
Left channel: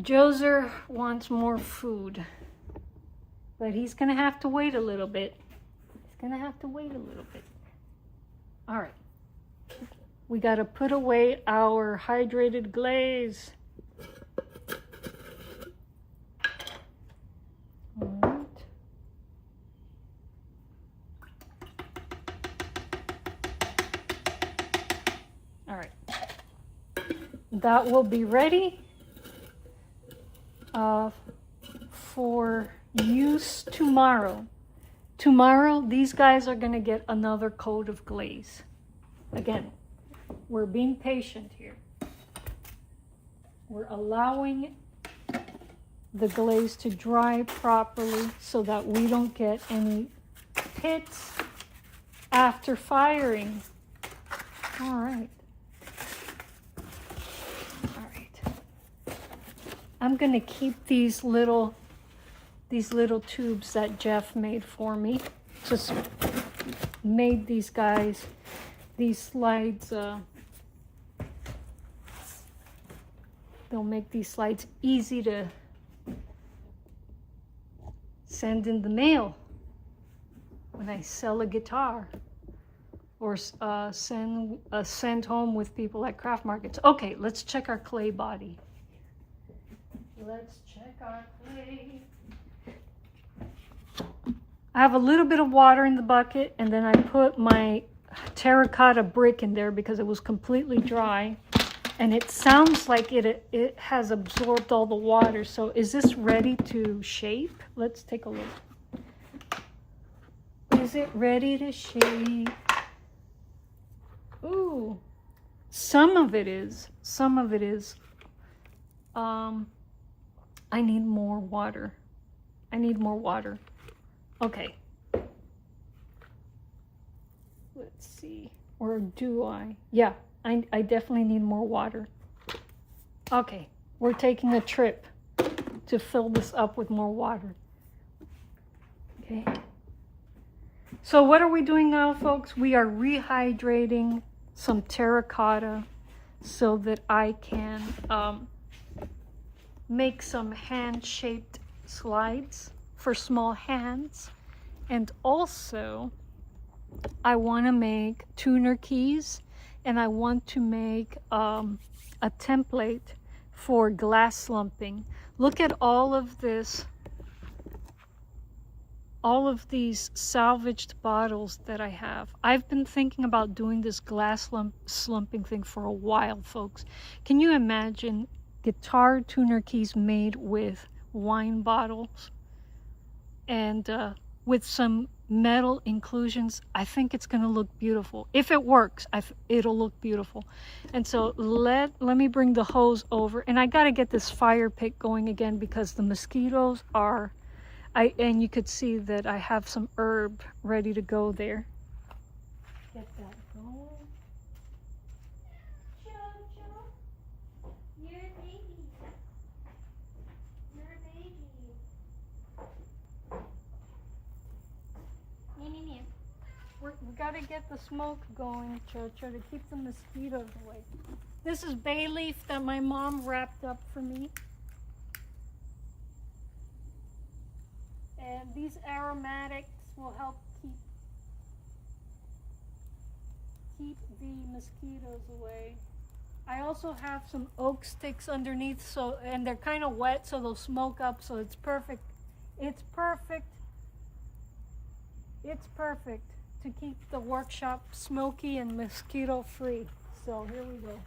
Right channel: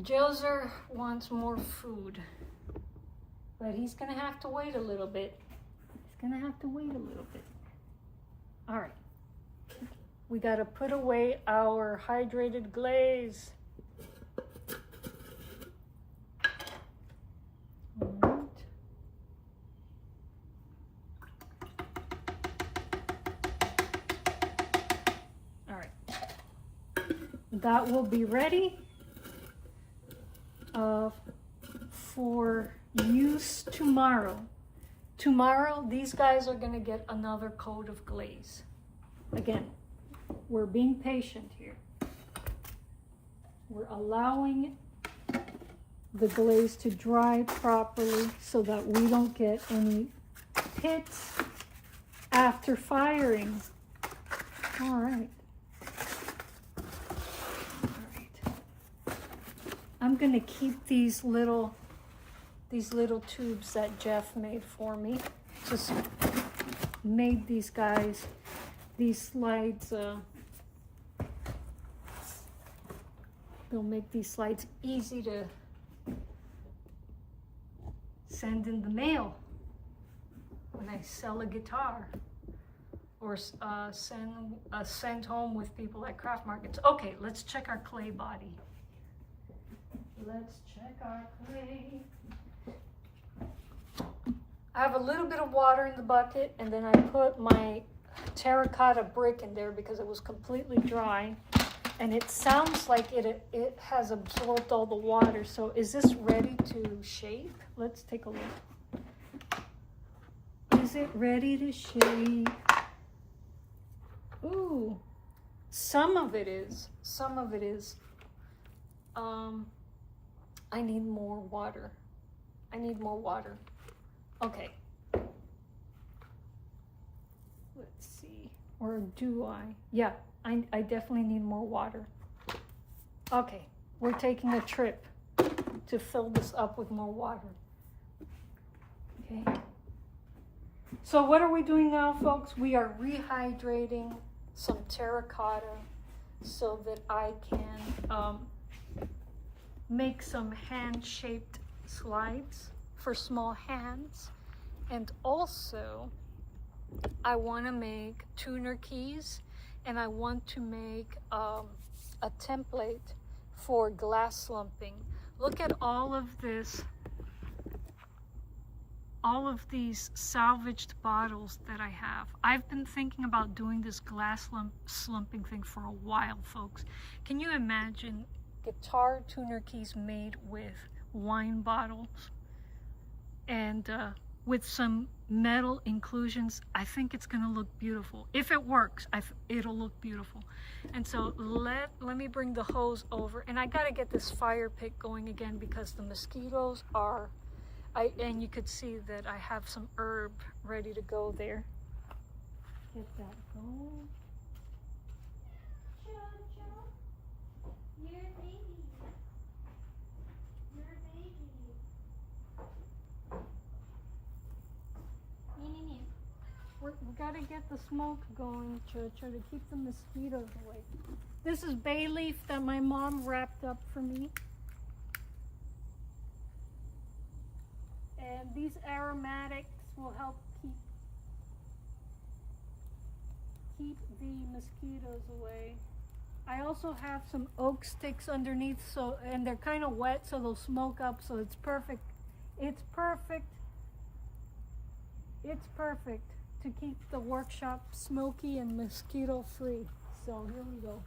Joser wants more food, but he's gonna have to wait a little bit. He's gonna have to wait a little bit. All right. We gotta put away our hydrated glaze. That will be ready for use tomorrow. Tomorrow, these guys are going to get another coat of glaze. Again, we're being patient here. We're allowing the glaze to dry properly so that we don't get any pits after firing. All right. I'm gonna keep these little tubes that Jeff made for me. Just made these guys, these slides, they'll make these slides easy to send in the mail when I sell a guitar or send home with people at craft markets. Okay, let's check our clay body. Let's check our clay. I have a little bit of water in the bucket, and then I put my terracotta brick in there because it was completely dry, and it sounds like it has absorbed all the water. So is this ready to shape? Let's take a look. Is it ready to shape? Ooh, some of it is. Some of it is. I need more water. I need more water. Okay. Let's see. Or do I? Yeah, I definitely need more water. Okay, we're taking a trip to fill this up with more water. Okay. So what are we doing now, folks? We are rehydrating some terracotta so that I can make some hand-shaped slides for small hands. And also I want to make tuner keys, and I want to make a template for glass slumping. Look at all of this, all of these salvaged bottles that I have. I've been thinking about doing this glass slumping thing for a while, folks. Can you imagine guitar tuner keys made with wine bottles and with some metal inclusions, I think it's going to look beautiful. If it works, it'll look beautiful. And so let me bring the hose over, and I got to get this fire pit going again because the mosquitoes are, and you could see that I have some herb ready to go there. Get that going. We gotta get the smoke going, Chocho, to keep the mosquitoes away. This is bay leaf that my mom wrapped up for me. And these aromatics will help keep the mosquitoes away. I also have some oak sticks underneath, so, and they're kind of wet, so they'll smoke up, so it's perfect. It's perfect. It's perfect to keep the workshop smoky and mosquito free. So here we go.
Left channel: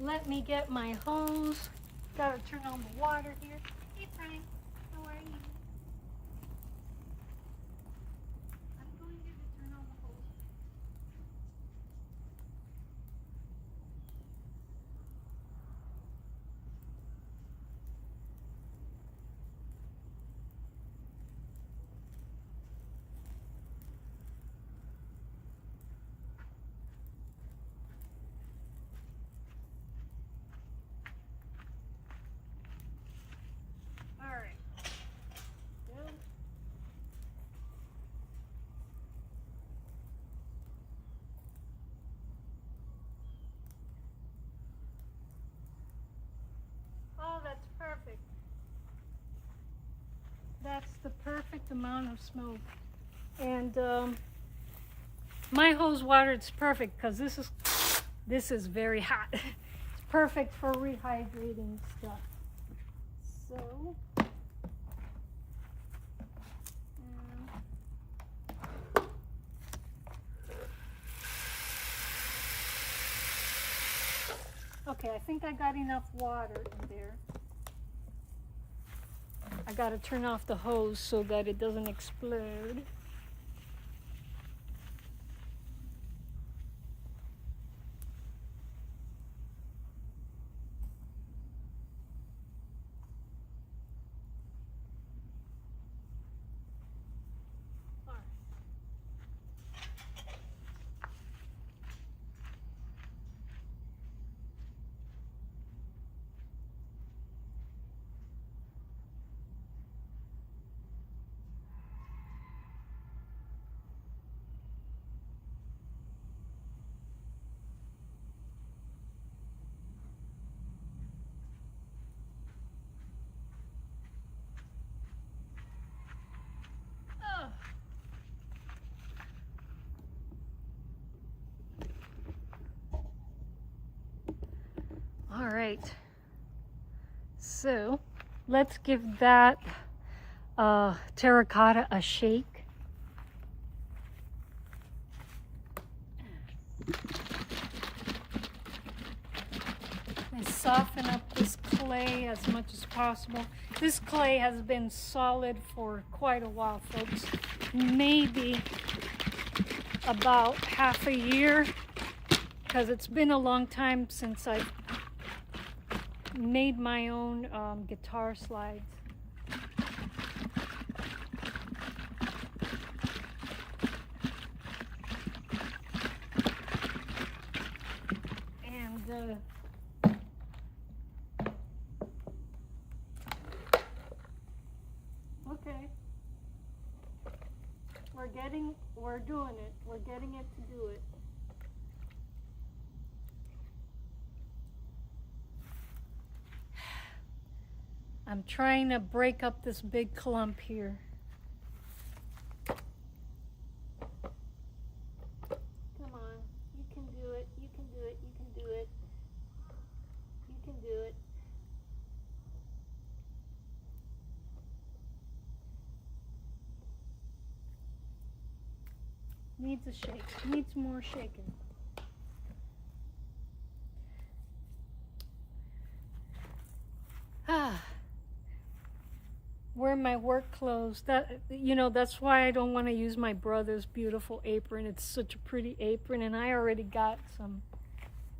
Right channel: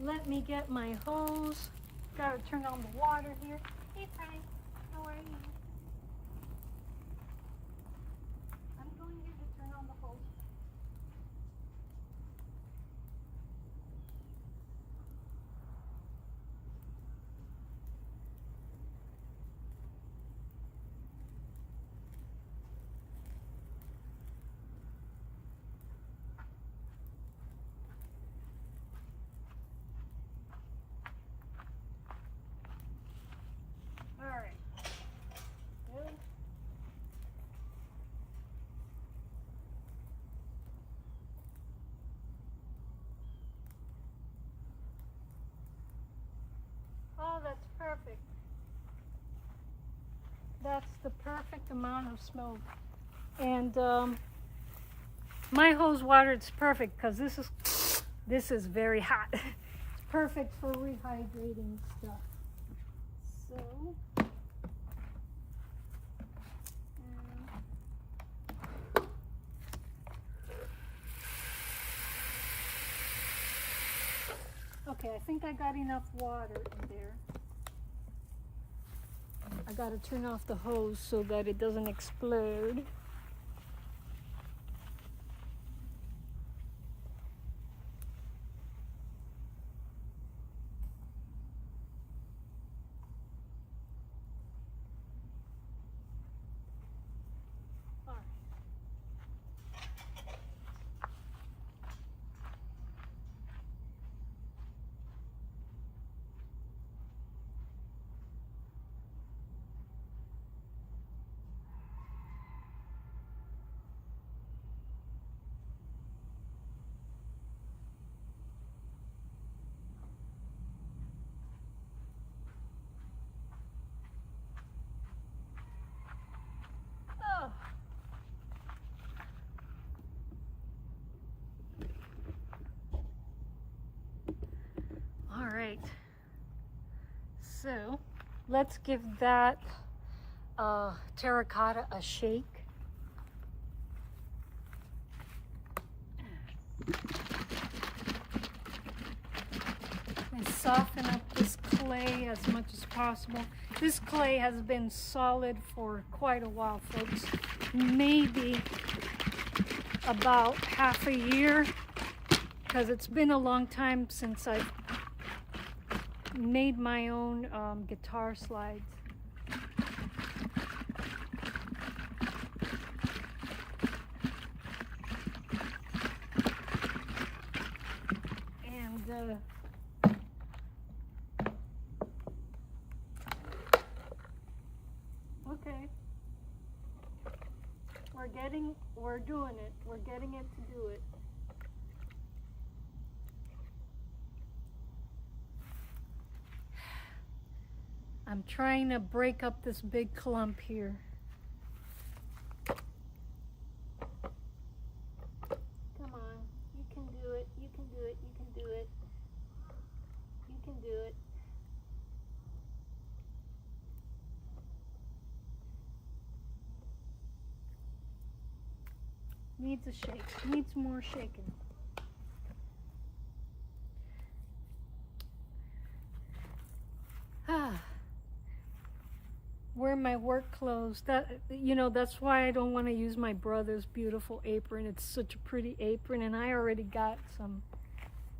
Let me get my hose. Gotta turn on the water here. Hey Frank, how are you? I'm going here to turn on the hose. Oh, that's perfect. That's the perfect amount of smoke. And my hose water, it's perfect because this is very hot. It's perfect for rehydrating stuff. So okay, I think I got enough water in there. I gotta turn off the hose so that it doesn't explode. All right, so let's give that terracotta a shake. And soften up this clay as much as possible. This clay has been solid for quite a while, folks. Maybe about half a year, because it's been a long time since I've made my own guitar slides. And okay, we're doing it. We're getting it to do it. I'm trying to break up this big clump here. Come on, you can do it, you can do it, you can do it. You can do it. Needs a shake. Needs more shaking. Wear my work clothes. That, you know, that's why I don't want to use my brother's beautiful apron. It's such a pretty apron, and I already got some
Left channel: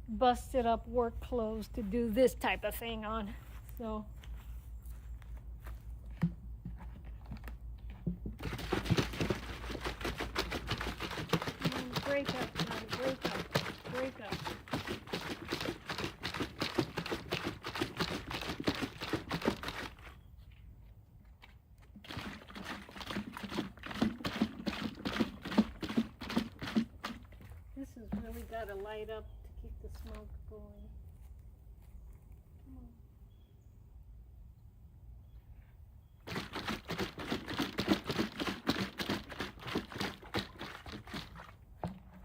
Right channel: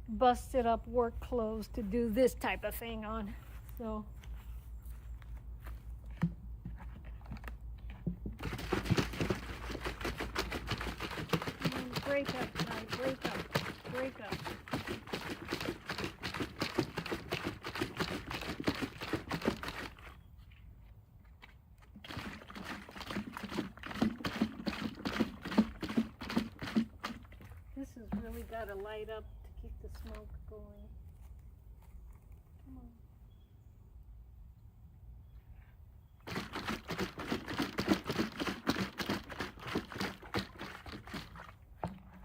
busted up work clothes to do this type of thing on. So break up, honey, break up, break up. This has really got to light up to keep the smoke going. Come on.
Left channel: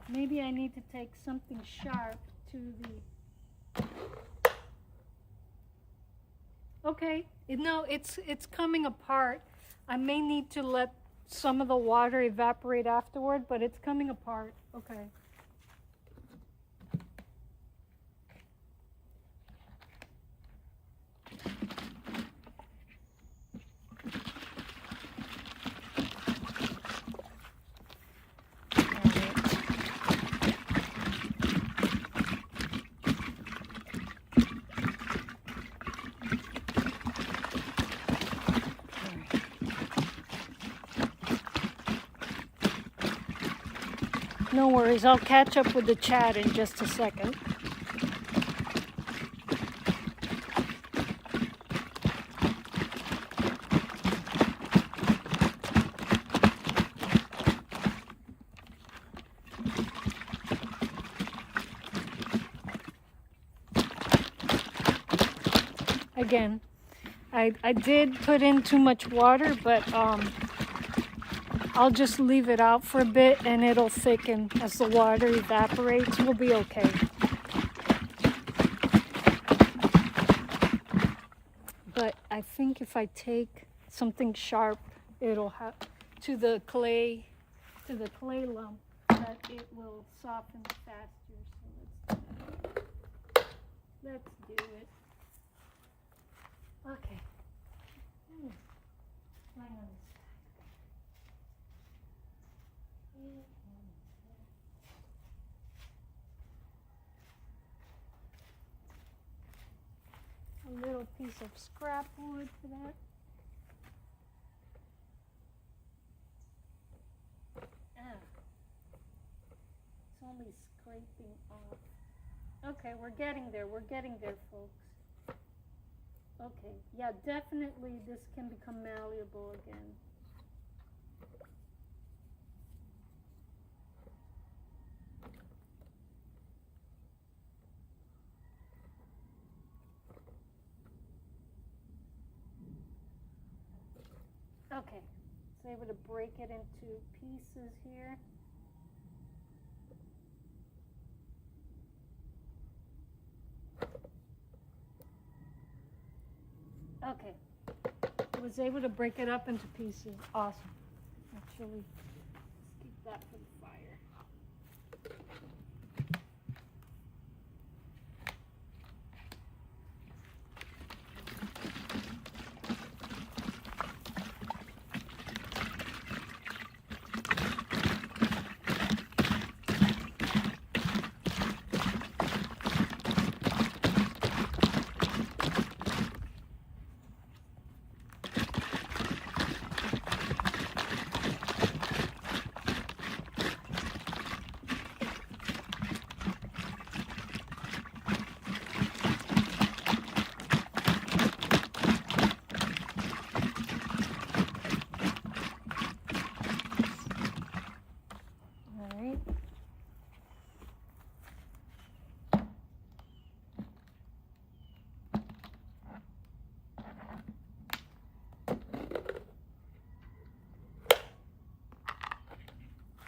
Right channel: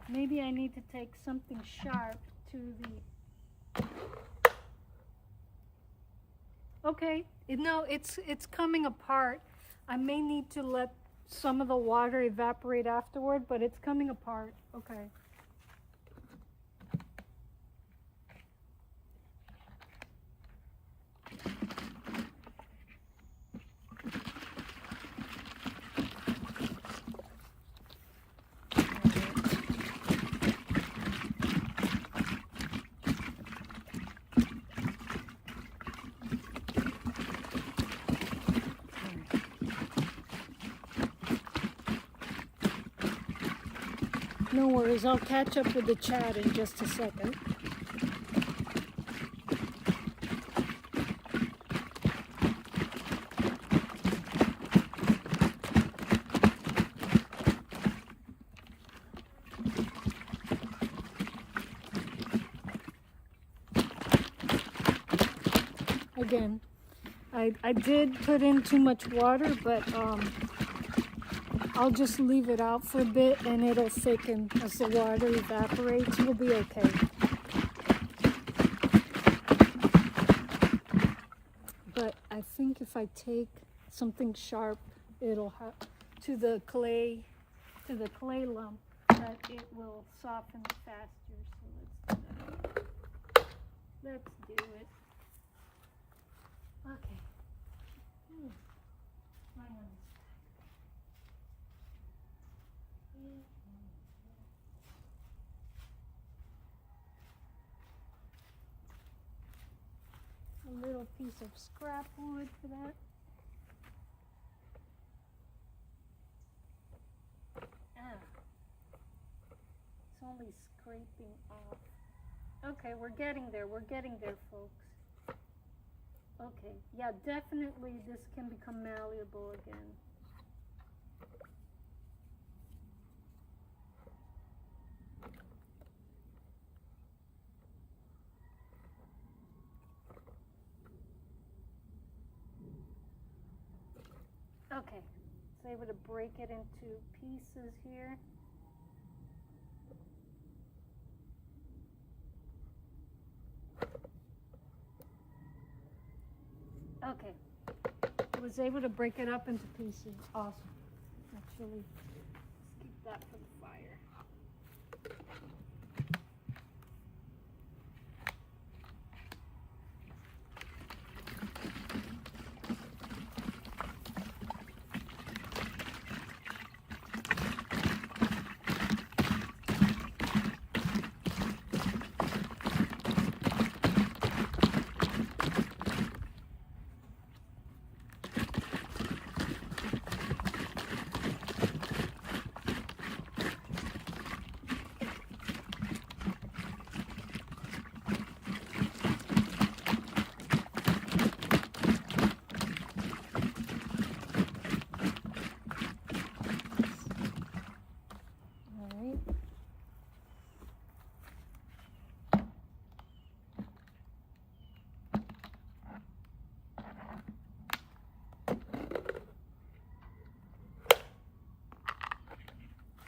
Maybe I need to take something sharp to the... Okay, no, it's coming apart. I may need to let some of the water evaporate afterward, but it's coming apart. Okay. No worries, I'll catch up with the chat in just a second. Again, I did put in too much water, but I'll just leave it out for a bit and it'll thicken as the water evaporates. We'll be okay. But I think if I take something sharp, it'll have to the clay lump, that it will soften faster. So let's do that. Let's do it. Okay. A little piece of scrap wood for that. It's only scraping off. Okay, we're getting there, folks. Okay, yeah, definitely this can become malleable again. Okay, so able to break it into pieces here. Okay, I was able to break it up into pieces. Awesome. Actually, let's keep that for the fire.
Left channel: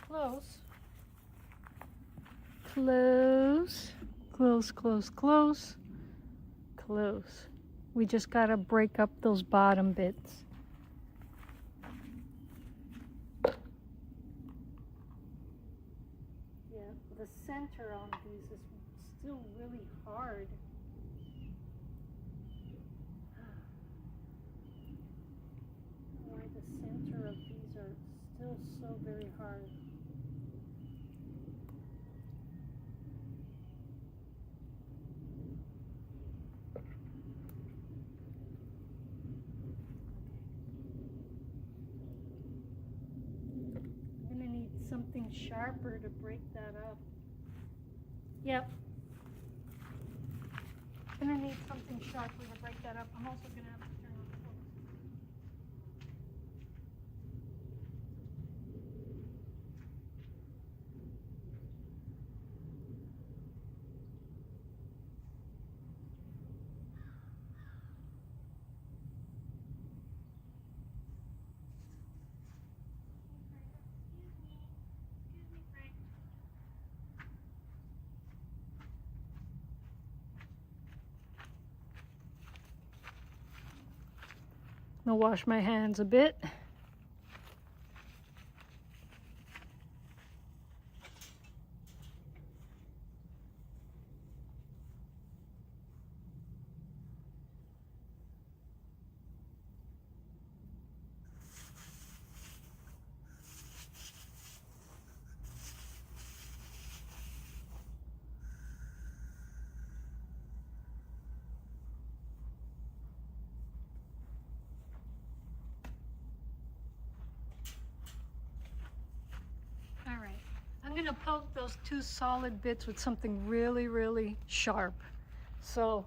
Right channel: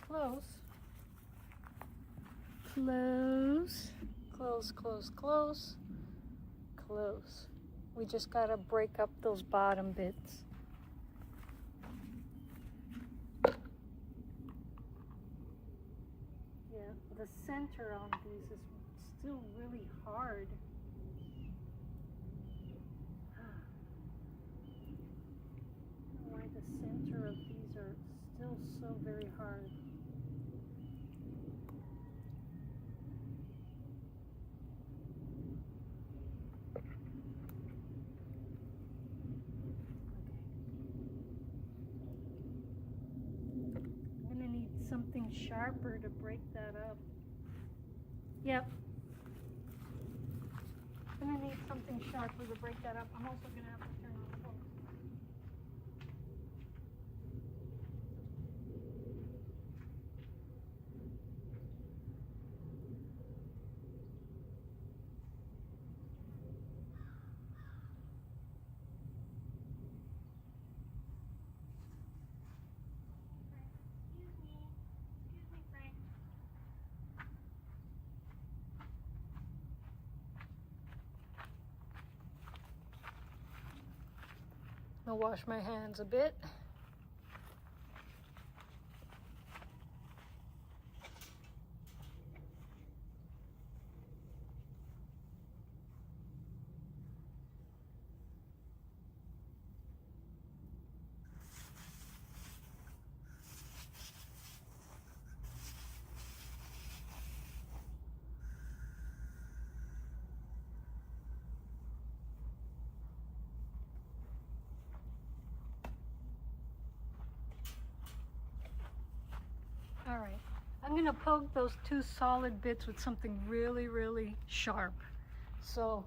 Close. Close. Close, close, close. Close. We just gotta break up those bottom bits. the center on these is still really hard. I don't know why the center of these are still so very hard. Something sharper to break that up. Yep. I'm gonna need something sharper to break that up. I'm also gonna have to turn on the hose. I'll wash my hands a bit. All right, I'm gonna poke those two solid bits with something really, really sharp. So,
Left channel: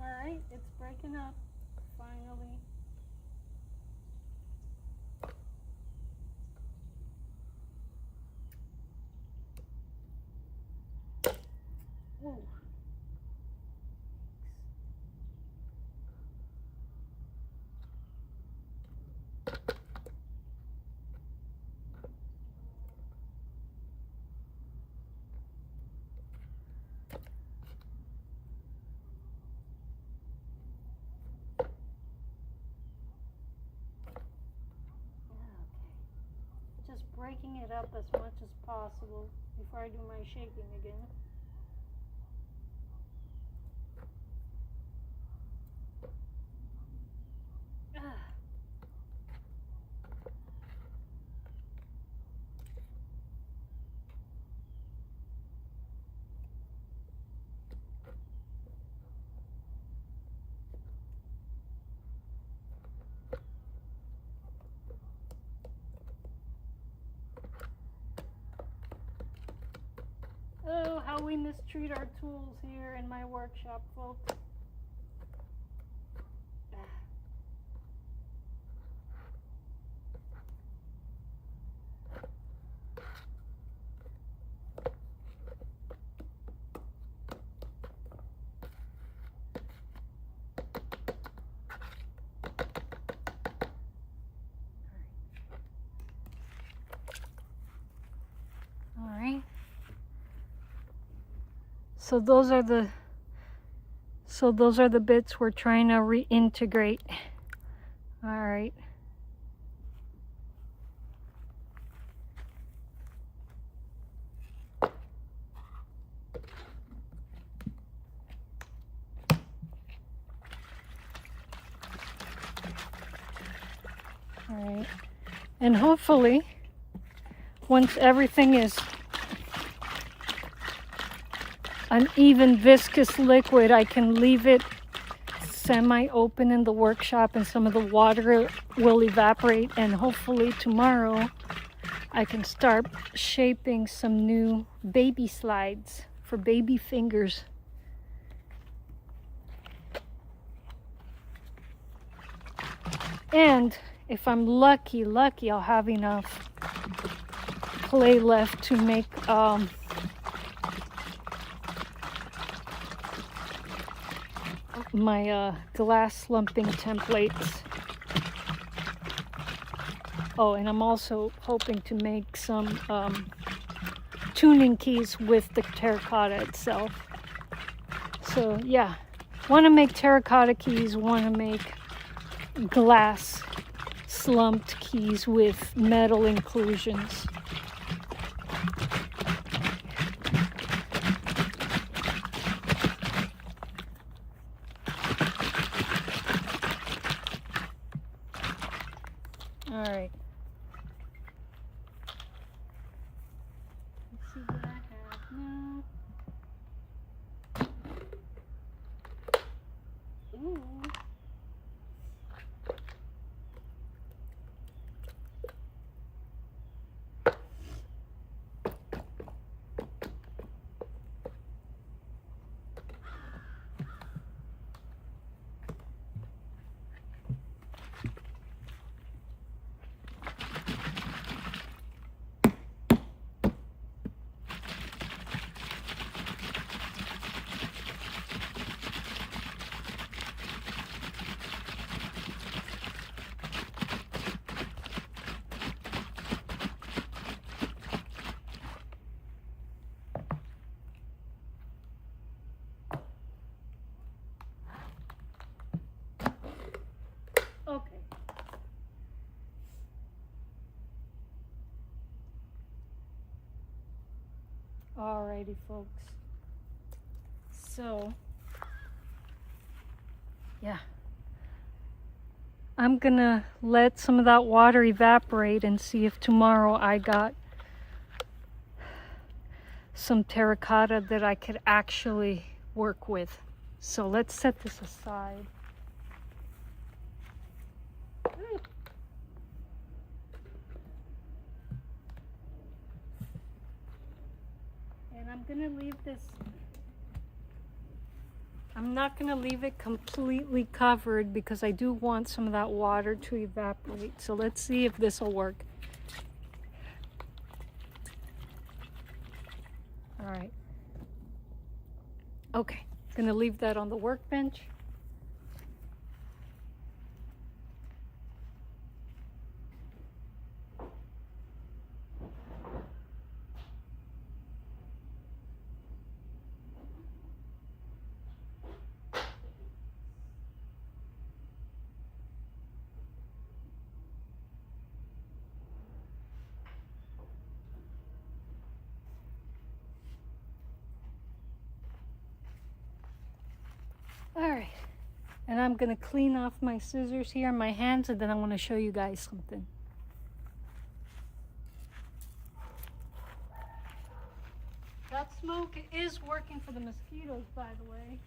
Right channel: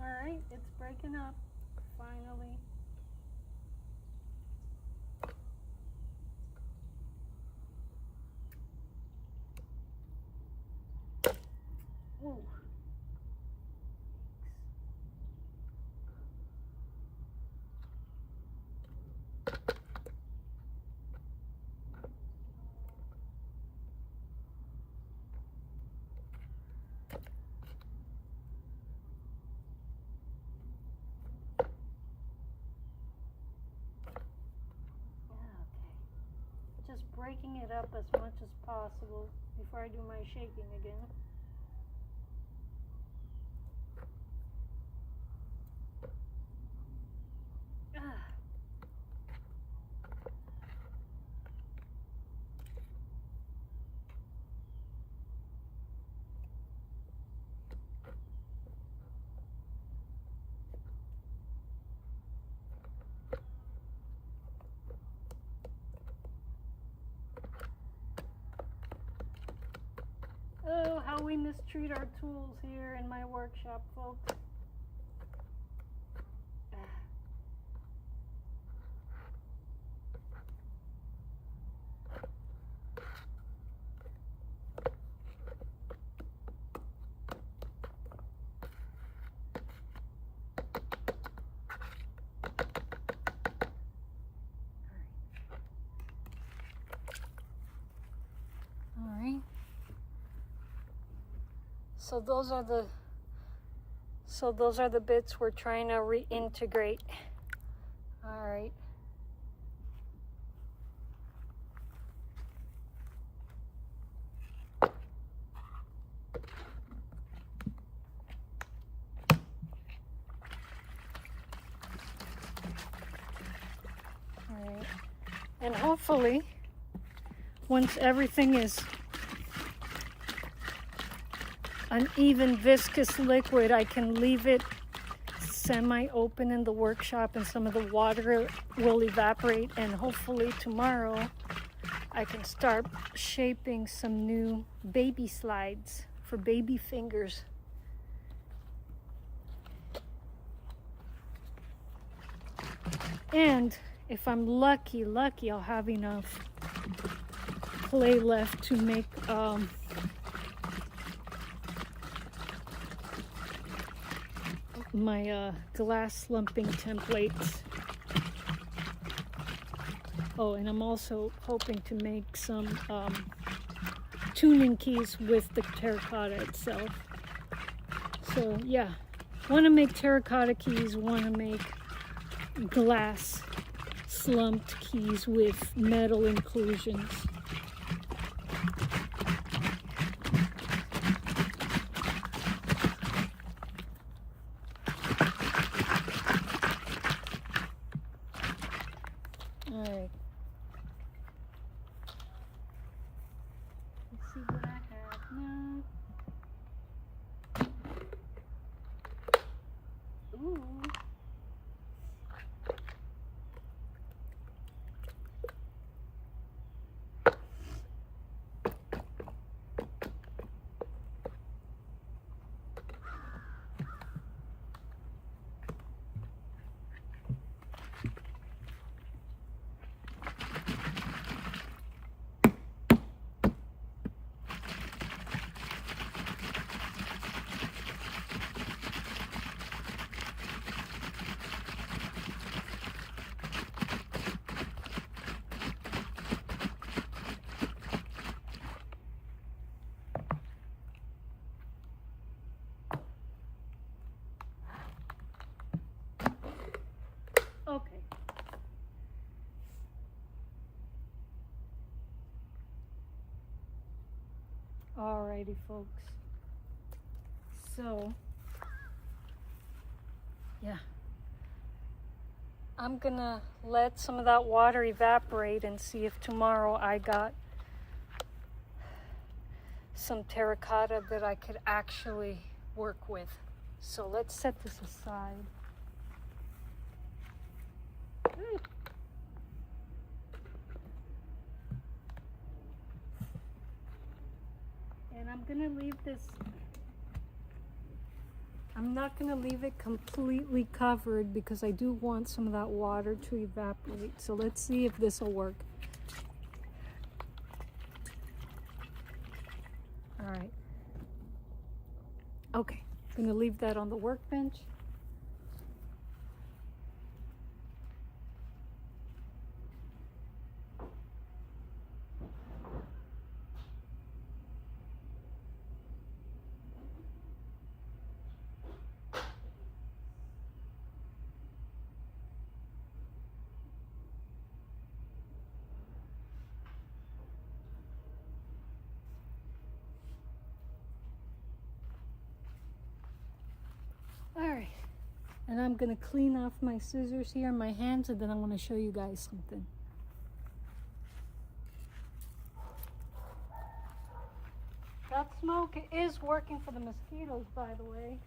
all right, it's breaking up, finally. Ooh. Just breaking it up as much as possible before I do my shaking again. Oh, how we mistreat our tools here in my workshop, folks. All right. So those are the bits we're trying to reintegrate. All right. All right. And hopefully, once everything is an even viscous liquid, I can leave it semi-open in the workshop and some of the water will evaporate, and hopefully tomorrow I can start shaping some new baby slides for baby fingers. And if I'm lucky, I'll have enough clay left to make my glass slumping templates. Oh, and I'm also hoping to make some tuning keys with the terracotta itself. So yeah, want to make terracotta keys, want to make glass slumped keys with metal inclusions. All right. Let's see what I have now. Ooh. Okay. Alrighty, folks. So, yeah. I'm gonna let some of that water evaporate and see if tomorrow I got some terracotta that I could actually work with. So let's set this aside. And I'm gonna leave this, I'm not gonna leave it completely covered because I do want some of that water to evaporate. So let's see if this will work. All right. Okay, gonna leave that on the workbench. All right, and I'm gonna clean off my scissors here and my hands, and then I want to show you guys something. That smoke is working for the mosquitoes, by the way.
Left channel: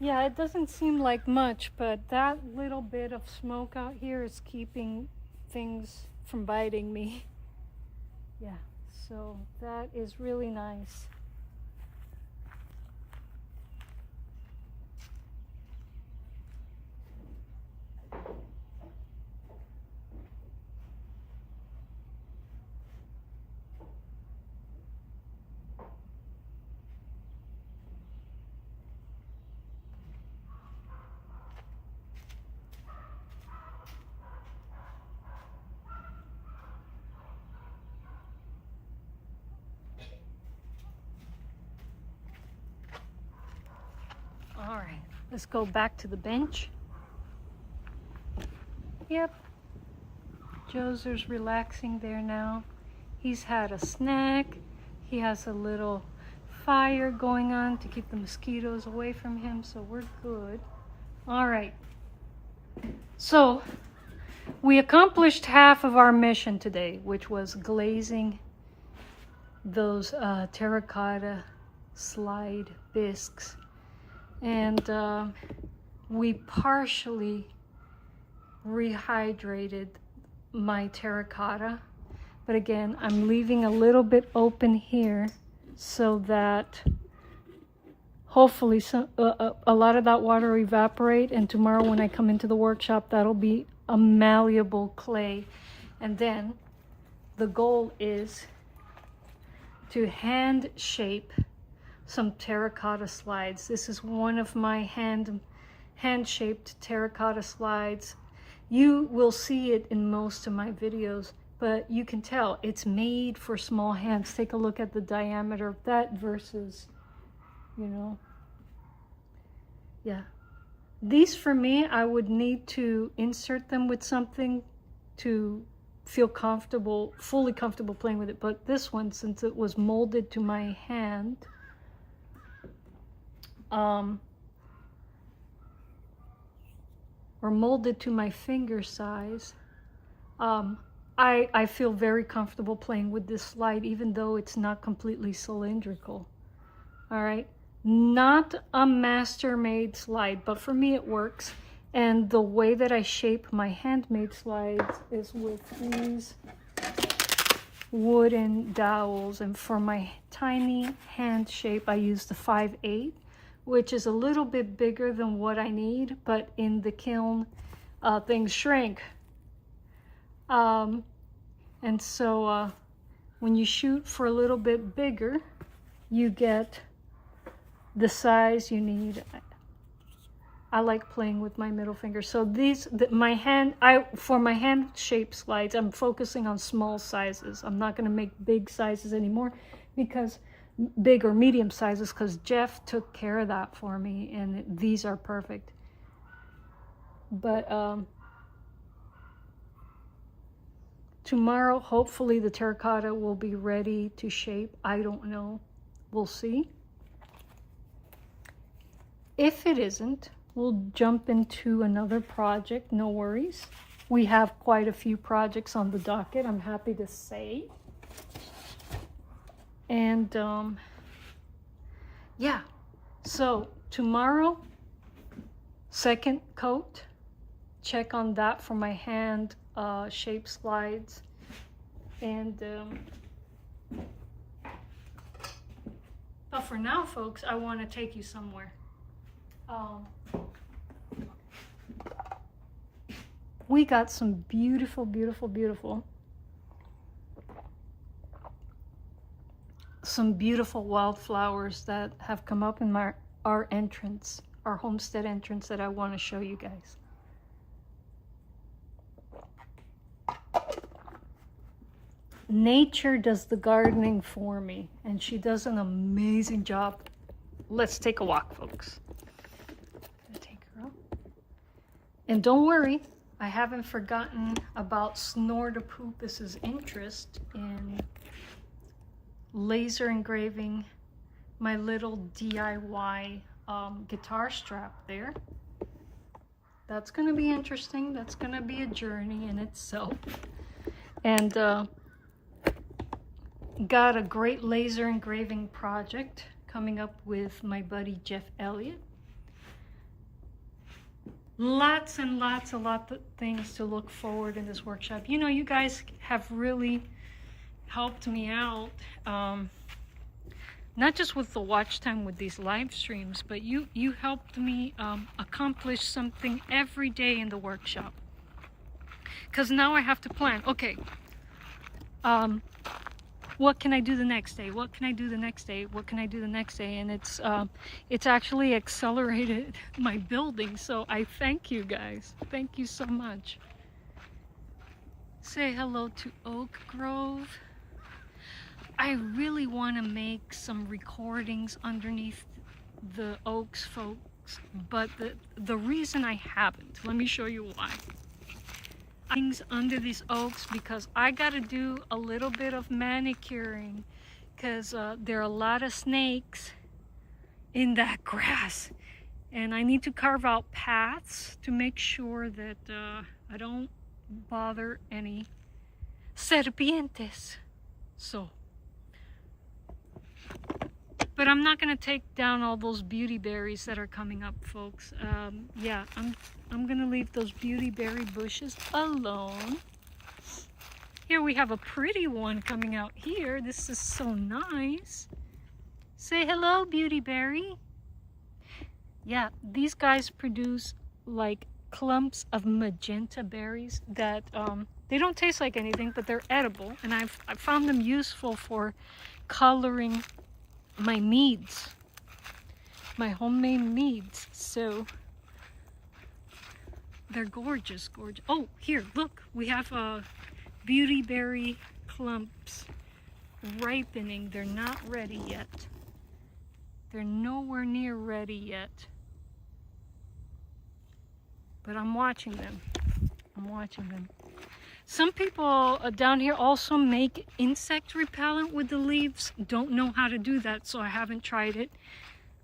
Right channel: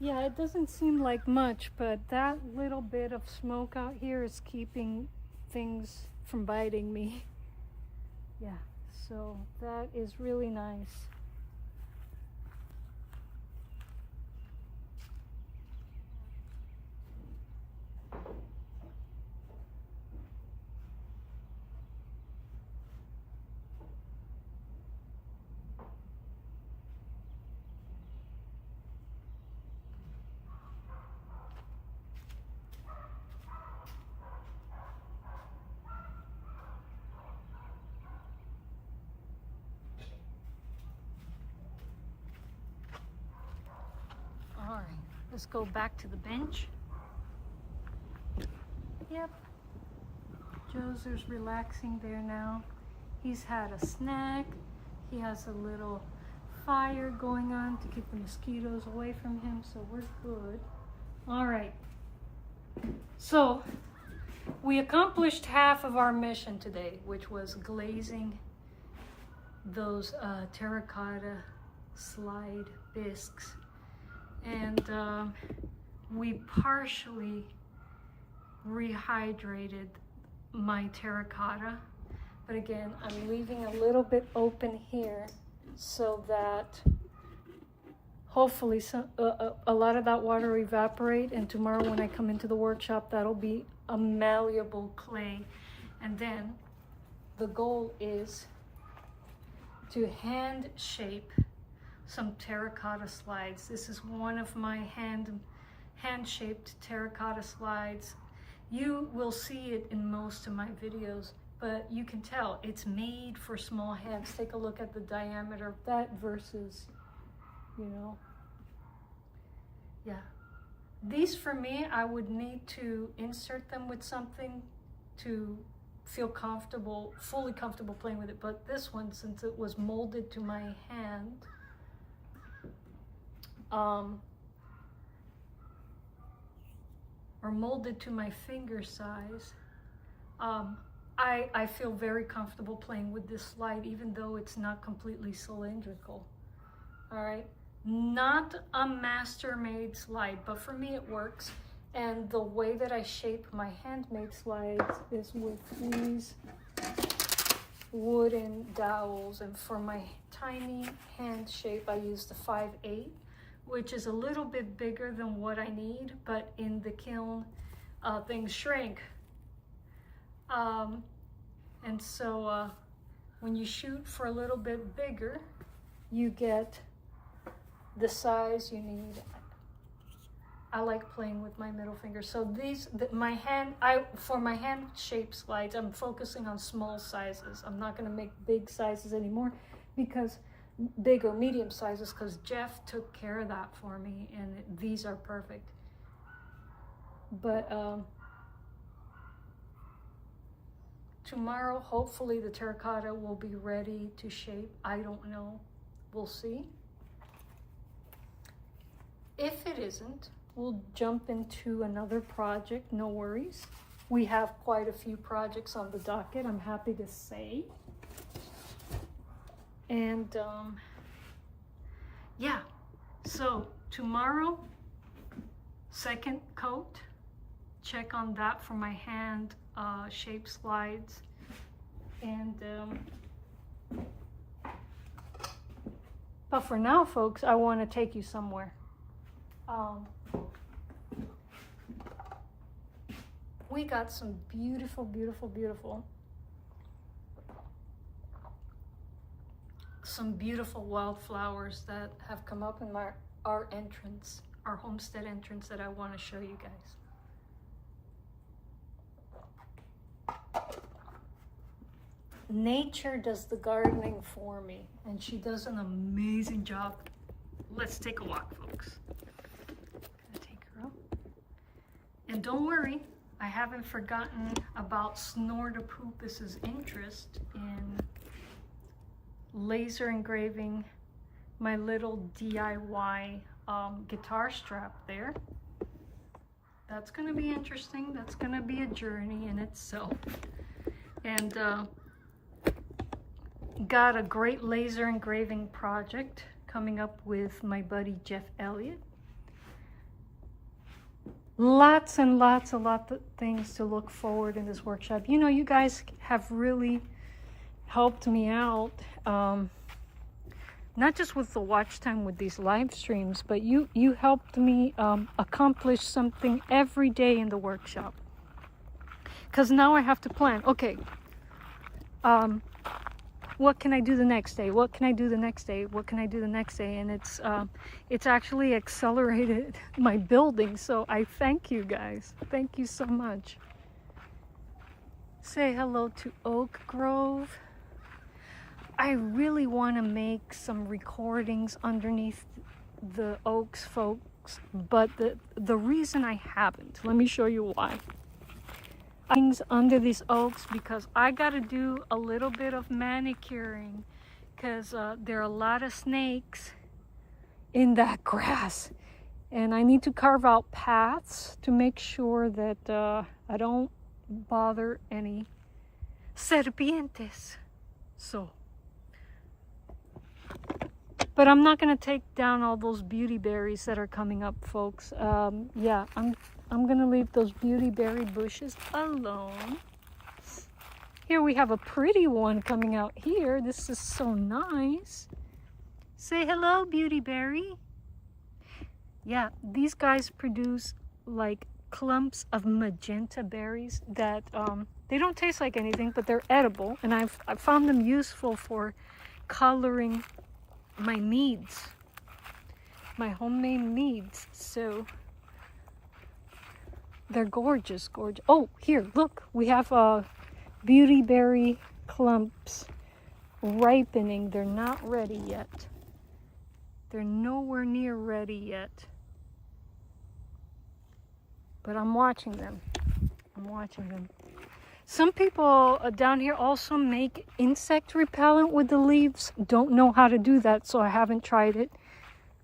Yeah, it doesn't seem like much, but that little bit of smoke out here is keeping things from biting me. Yeah, so that is really nice. Let's go back to the bench. Yep, Joser's relaxing there now. He's had a snack. He has a little fire going on to keep the mosquitoes away from him, so we're good. All right, so we accomplished half of our mission today, which was glazing those terracotta slide bisques, and we partially rehydrated my terracotta, but again, I'm leaving a little bit open here so that hopefully a lot of that water will evaporate, and tomorrow when I come into the workshop, that'll be a malleable clay. And then the goal is to hand shape some terracotta slides. This is one of my hand shaped terracotta slides. You will see it in most of my videos, but you can tell it's made for small hands. Take a look at the diameter of that versus, you know, yeah. These, for me, I would need to insert them with something to feel comfortable, fully comfortable playing with it. But this one, since it was molded to my hand, or molded to my finger size, I feel very comfortable playing with this slide, even though it's not completely cylindrical. All right, not a master-made slide, but for me it works. And the way that I shape my handmade slides is with these wooden dowels, and for my tiny hand shape I use the 5/8, which is a little bit bigger than what I need, but in the kiln things shrink. And so when you shoot for a little bit bigger, you get the size you need. I like playing with my middle finger. So these, for my hand shaped slides, I'm focusing on small sizes. I'm not gonna make big sizes anymore, because big or medium sizes, because Jeff took care of that for me, and these are perfect. But tomorrow, hopefully the terracotta will be ready to shape. I don't know, we'll see. If it isn't, we'll jump into another project, no worries. We have quite a few projects on the docket, I'm happy to say. And yeah, so tomorrow, second coat, check on that for my hand shape slides. And but for now, folks, I want to take you somewhere. We got some beautiful, beautiful, beautiful, some beautiful wildflowers that have come up in our entrance, our homestead entrance, that I want to show you guys. Nature does the gardening for me, and she does an amazing job. Let's take a walk, folks. Gonna take her up. And don't worry, I haven't forgotten about Snortopupus's interest in laser engraving my little DIY guitar strap there. That's gonna be interesting. That's gonna be a journey in itself. And got a great laser engraving project coming up with my buddy Jeff Elliott. Lots and lots of things to look forward in this workshop. You know, you guys have really helped me out, not just with the watch time with these live streams, but you helped me accomplish something every day in the workshop. Because now I have to plan, okay, what can I do the next day? What can I do the next day? What can I do the next day? And it's actually accelerated my building. So I thank you guys. Thank you so much. Say hello to Oak Grove. I really want to make some recordings underneath the oaks, folks. folks, but the reason I haven't, let me show you why. Things under these oaks because I got to do a little bit of manicuring because there are a lot of snakes in that grass, and I need to carve out paths to make sure that I don't bother any serpientes. So, but I'm not gonna take down all those beauty berries that are coming up, folks. Yeah, I'm gonna leave those beauty berry bushes alone. Here we have a pretty one coming out here. This is so nice. Say hello, beauty berry. Yeah, these guys produce like clumps of magenta berries that they don't taste like anything, but they're edible, and I've found them useful for coloring my meads, my homemade meads. So they're gorgeous, gorgeous. Oh, here, look, we have beauty berry clumps ripening. They're not ready yet. They're nowhere near ready yet. But I'm watching them. I'm watching them. Some people down here also make insect repellent with the leaves. Don't know how to do that, so I haven't tried it.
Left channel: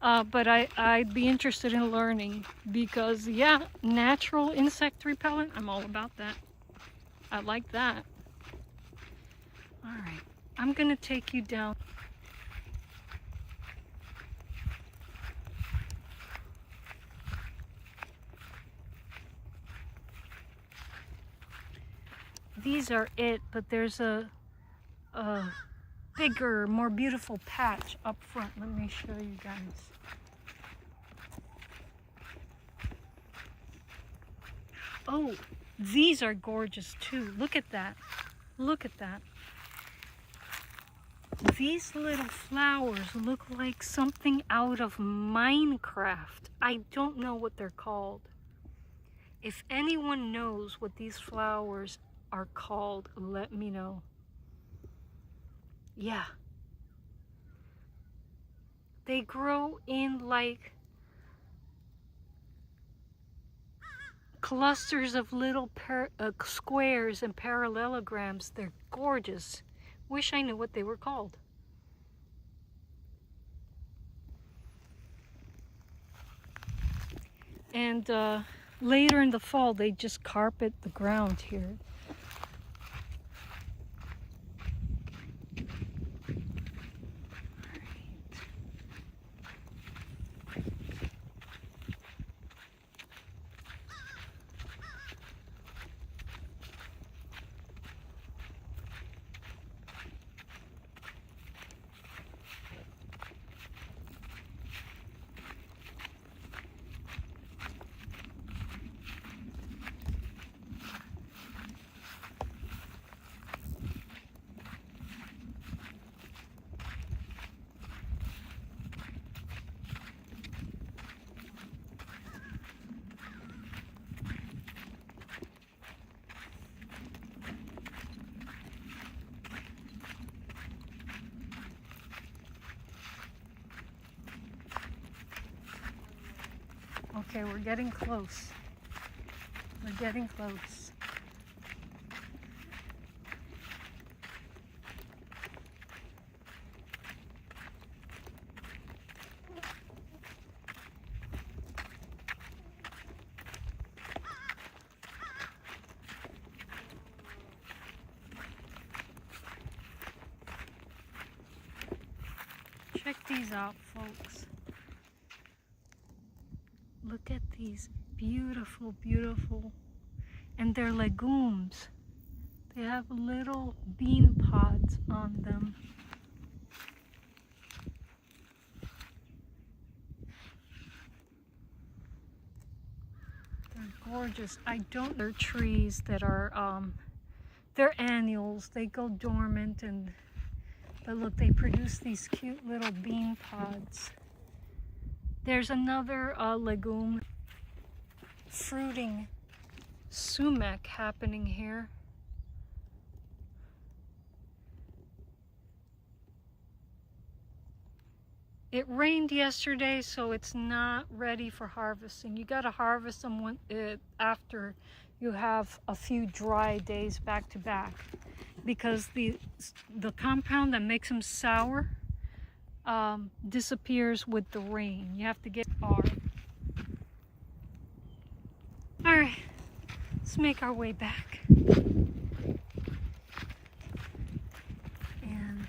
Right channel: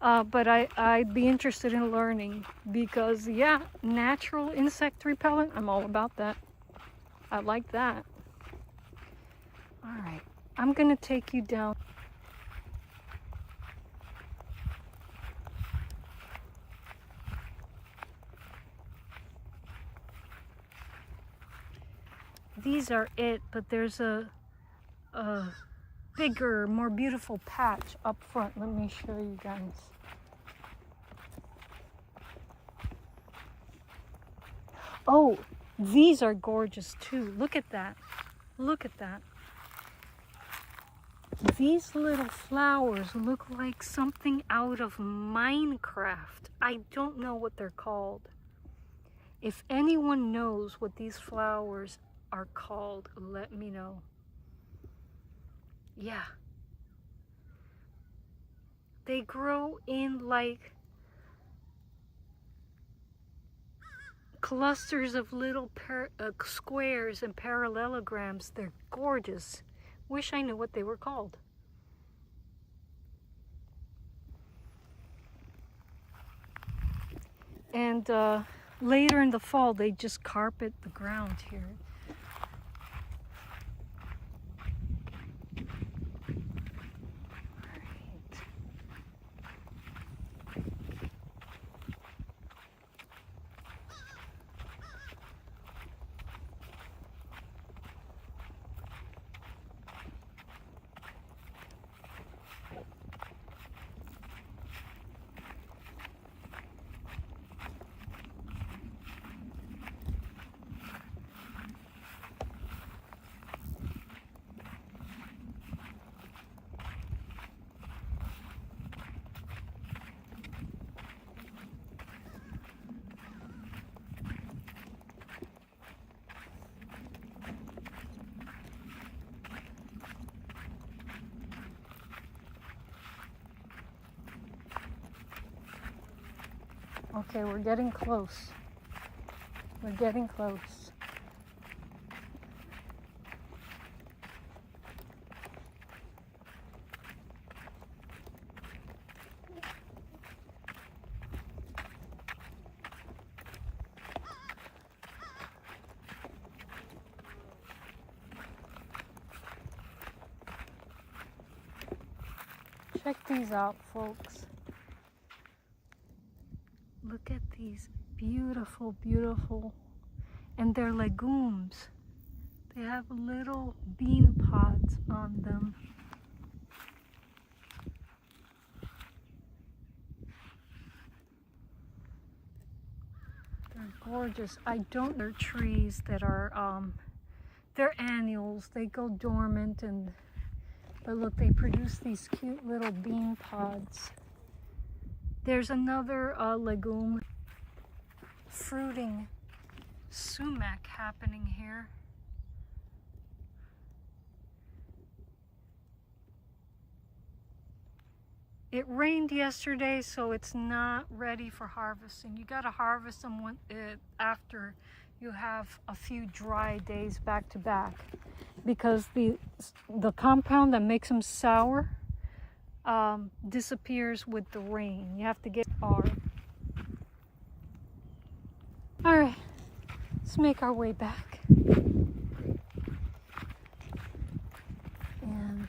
But I'd be interested in learning because, yeah, natural insect repellent, I'm all about that. I like that. All right, I'm gonna take you down. These are it, but there's a bigger, more beautiful patch up front. Let me show you guys. Oh, these are gorgeous too. Look at that. Look at that. These little flowers look like something out of Minecraft. I don't know what they're called. If anyone knows what these flowers are called, let me know. Yeah. They grow in like clusters of little squares and parallelograms. They're gorgeous. Wish I knew what they were called. And later in the fall, they just carpet the ground here. Okay, we're getting close. We're getting close. Check these out, folks. Look at these beautiful, beautiful, and they're legumes. They have little bean pods on them. They're gorgeous. They're trees that are, they're annuals. They go dormant, but look, they produce these cute little bean pods. There's another legume, fruiting sumac happening here. It rained yesterday, so it's not ready for harvesting. You got to harvest them after you have a few dry days back to back, because the compound that makes them sour disappears with the rain. You have to get hard. All right, let's make our way back. And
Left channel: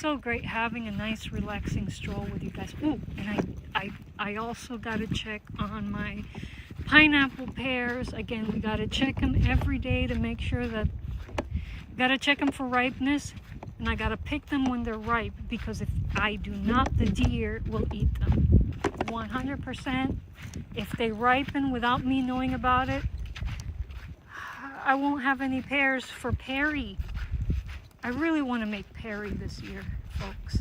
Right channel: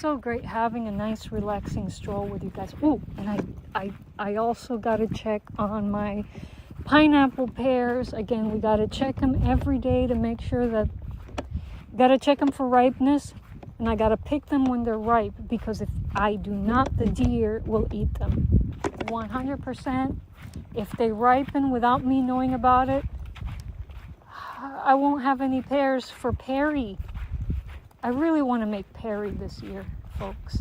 so great having a nice relaxing stroll with you guys. Oh, and I also got to check on my pineapple pears. Again, we got to check them every day to make sure that, got to check them for ripeness, and I got to pick them when they're ripe, because if I do not, the deer will eat them 100%. If they ripen without me knowing about it, I won't have any pears for Perry. I really want to make Perry this year, folks.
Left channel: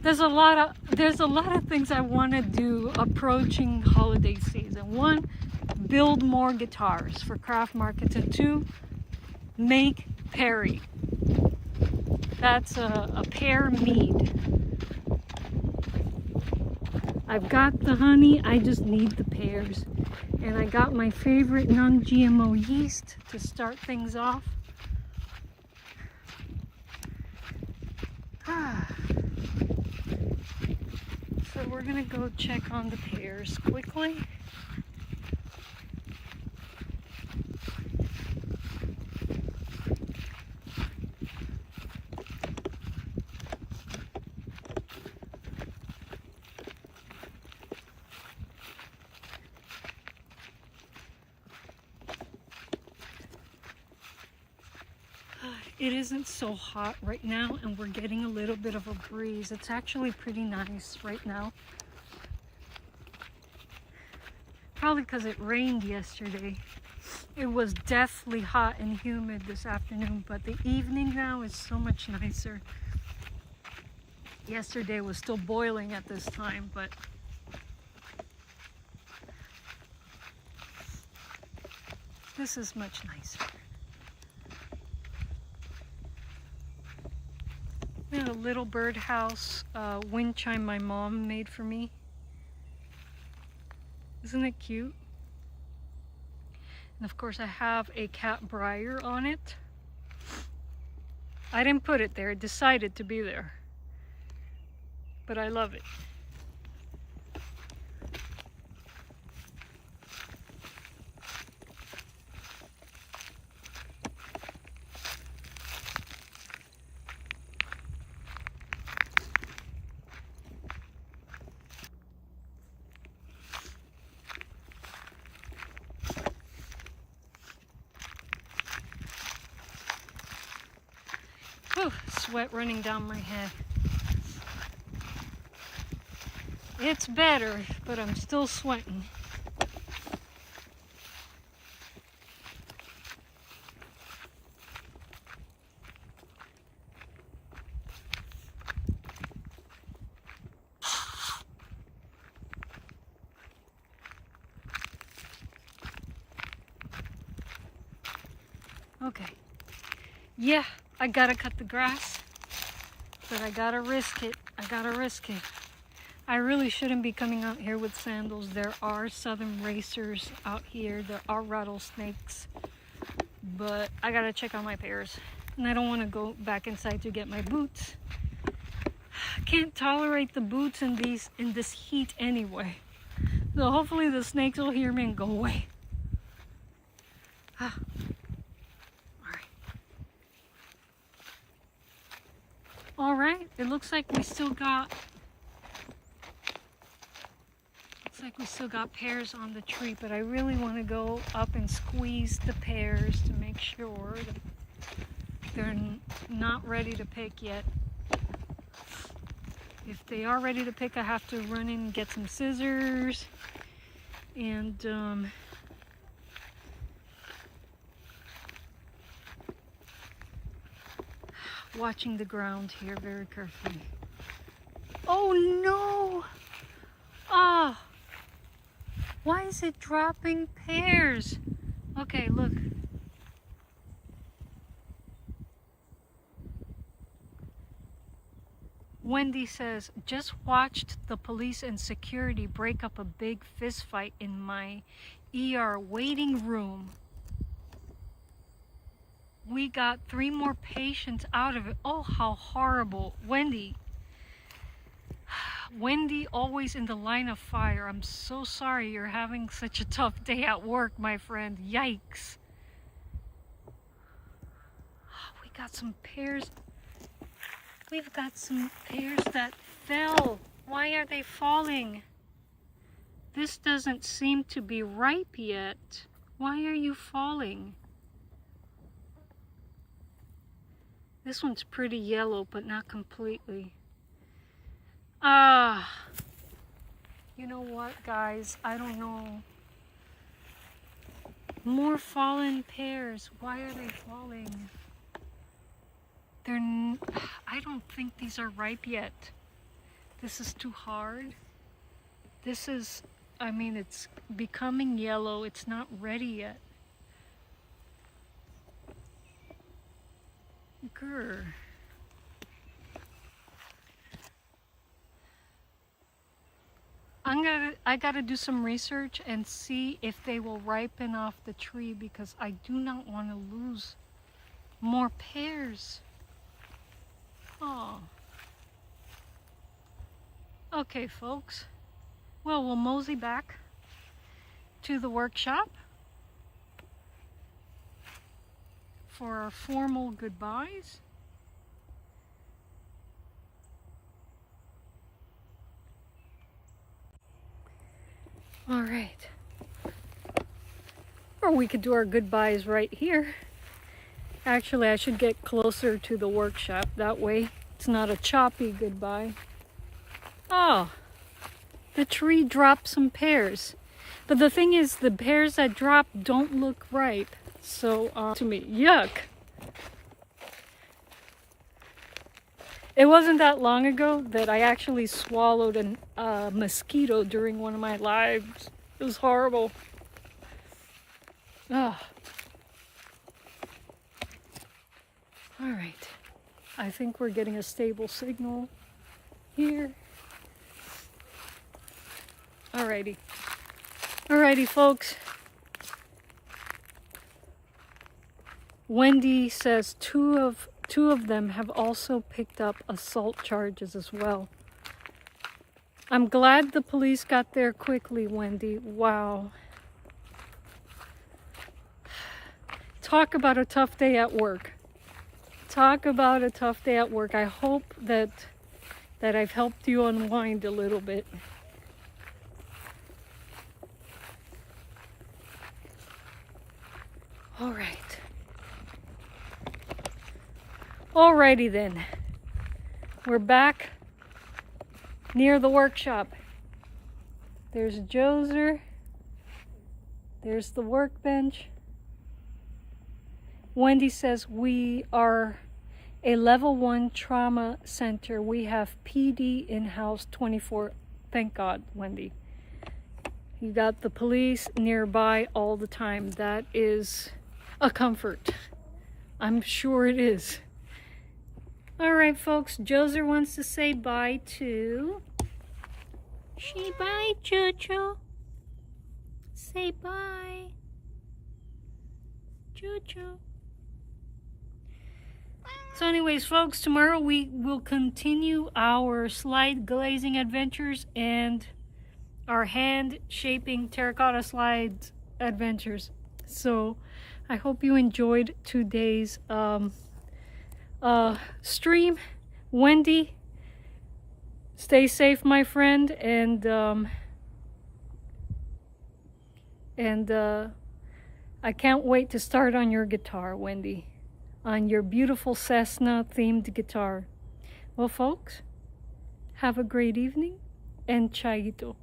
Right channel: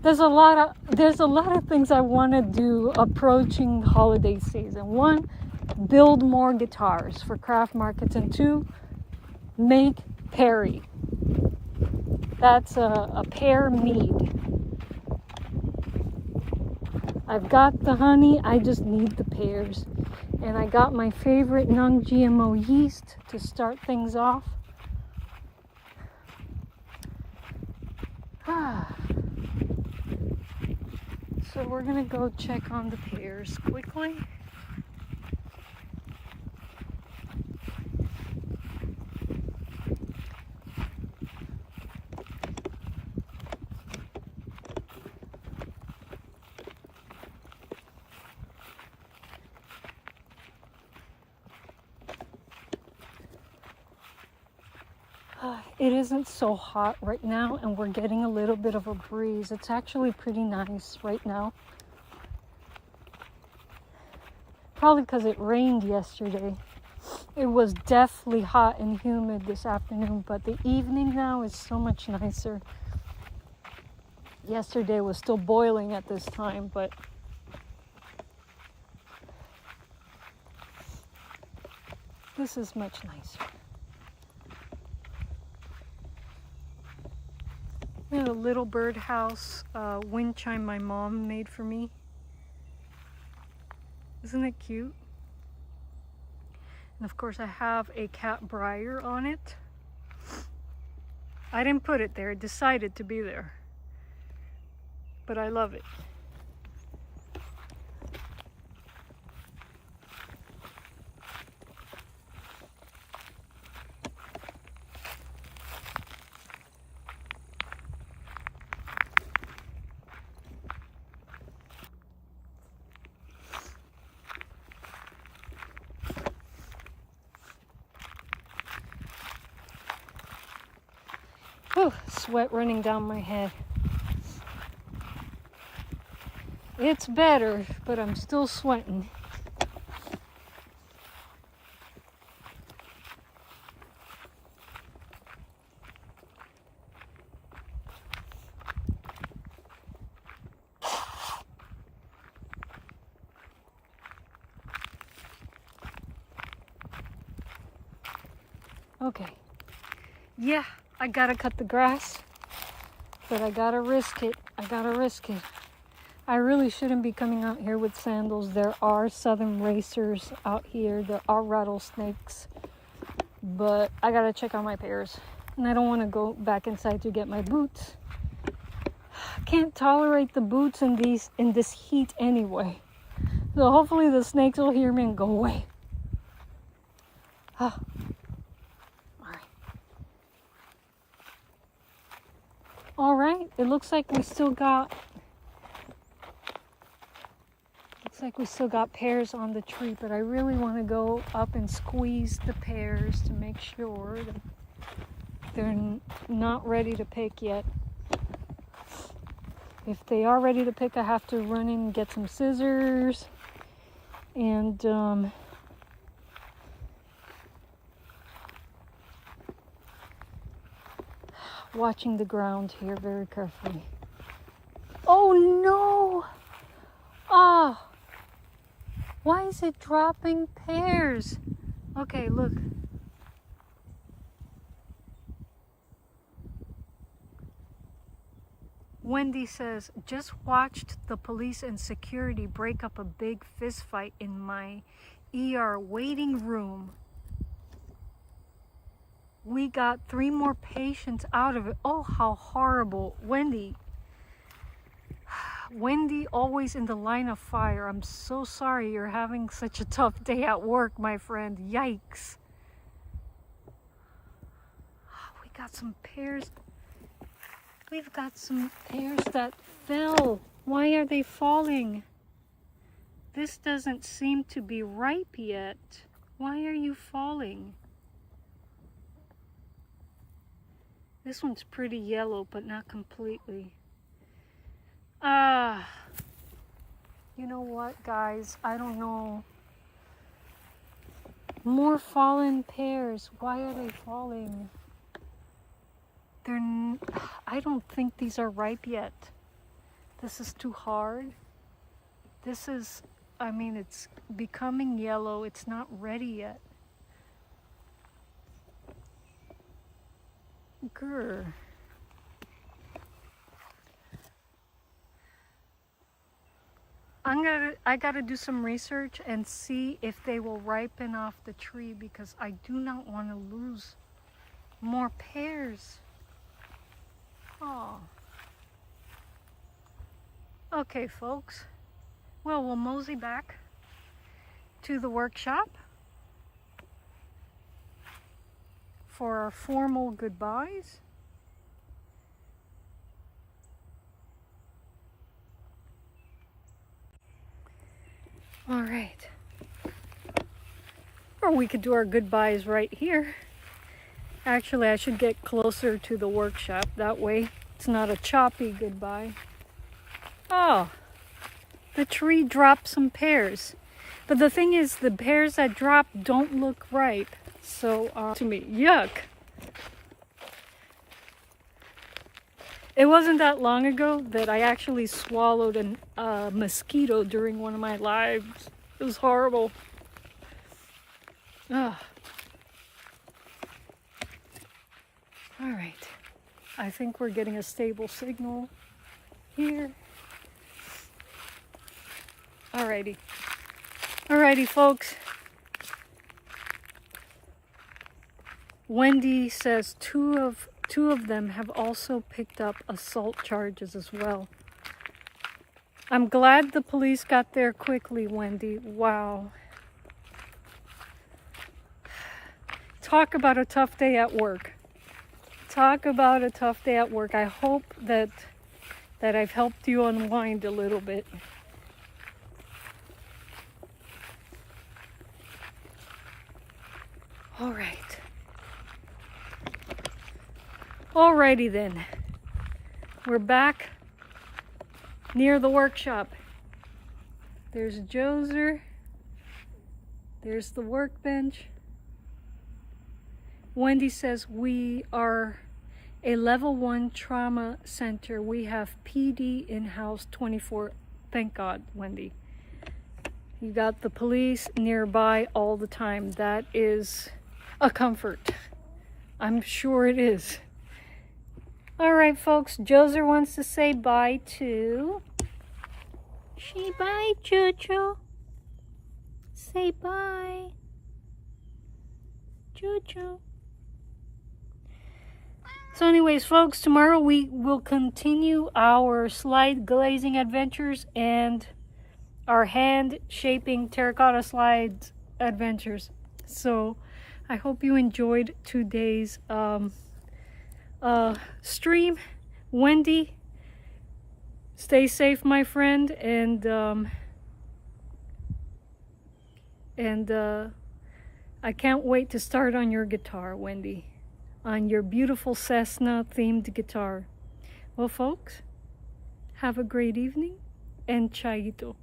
There's a lot of things I want to do approaching holiday season. One, build more guitars for craft markets, and two, make Perry. That's a pear mead. I've got the honey, I just need the pears. And I got my favorite non-GMO yeast to start things off. So we're gonna go check on the pears quickly. It isn't so hot right now, and we're getting a little bit of a breeze. It's actually pretty nice right now. Probably because it rained yesterday. It was definitely hot and humid this afternoon, but the evening now is so much nicer. Yesterday was still boiling at this time, but this is much nicer. We have a little birdhouse wind chime my mom made for me. Isn't it cute? And of course I have a cat briar on it. I didn't put it there, it decided to be there. But I love it. Whew, sweat running down my head. It's better, but I'm still sweating. Okay. Yeah, I gotta cut the grass, but I gotta risk it. I really shouldn't be coming out here with sandals. There are southern racers out here. There are rattlesnakes, but I gotta check on my pears. And I don't want to go back inside to get my boots. I can't tolerate the boots in this heat anyway. So hopefully the snakes will hear me and go away. All right, it looks like we still got pears on the tree, but I really want to go up and squeeze the pears to make sure that they're not ready to pick yet. If they are ready to pick, I have to run in and get some scissors and watching the ground here very carefully. Oh no! Ah! Why is it dropping pears? Okay, look. Wendy says, just watched the police and security break up a big fist fight in my ER waiting room. We got 3 more patients out of it. Oh, how horrible. Wendy, always in the line of fire. I'm so sorry you're having such a tough day at work, my friend. Yikes. We got some pears. We've got some pears that fell. Why are they falling? This doesn't seem to be ripe yet. Why are you falling? This one's pretty yellow, but not completely. You know what, guys? I don't know. More fallen pears. Why are they falling? I don't think these are ripe yet. This is too hard. This is, I mean, it's becoming yellow. It's not ready yet. Grr. I gotta do some research and see if they will ripen off the tree, because I do not want to lose more pears. Oh. Okay, folks. Well, we'll mosey back to the workshop for our formal goodbyes. All right. Or we could do our goodbyes right here. Actually, I should get closer to the workshop. That way it's not a choppy goodbye. Oh, the tree dropped some pears. But the thing is, the pears that drop don't look ripe. So, to me, yuck. It wasn't that long ago that I actually swallowed a mosquito during one of my lives. It was horrible. Ugh. All right. I think we're getting a stable signal here. Alrighty. Alrighty, folks. Wendy says two of them have also picked up assault charges as well. I'm glad the police got there quickly, Wendy. Wow. Talk about a tough day at work. Talk about a tough day at work. I hope that I've helped you unwind a little bit. All right. Alrighty then. We're back near the workshop. There's Joser. There's the workbench. Wendy says we are a level 1 trauma center. We have PD in-house 24. Thank God, Wendy. You got the police nearby all the time. That is a comfort. I'm sure it is. All right, folks. Joser wants to say bye to... Say bye, Jojo. Say bye. Jojo. So anyways, folks, tomorrow we will continue our slide glazing adventures and our hand shaping terracotta slides adventures. So I hope you enjoyed today's stream. Wendy, stay safe, my friend, and I can't wait to start on your guitar, Wendy, on your beautiful Cessna themed guitar. Well, folks, have a great evening and chaito.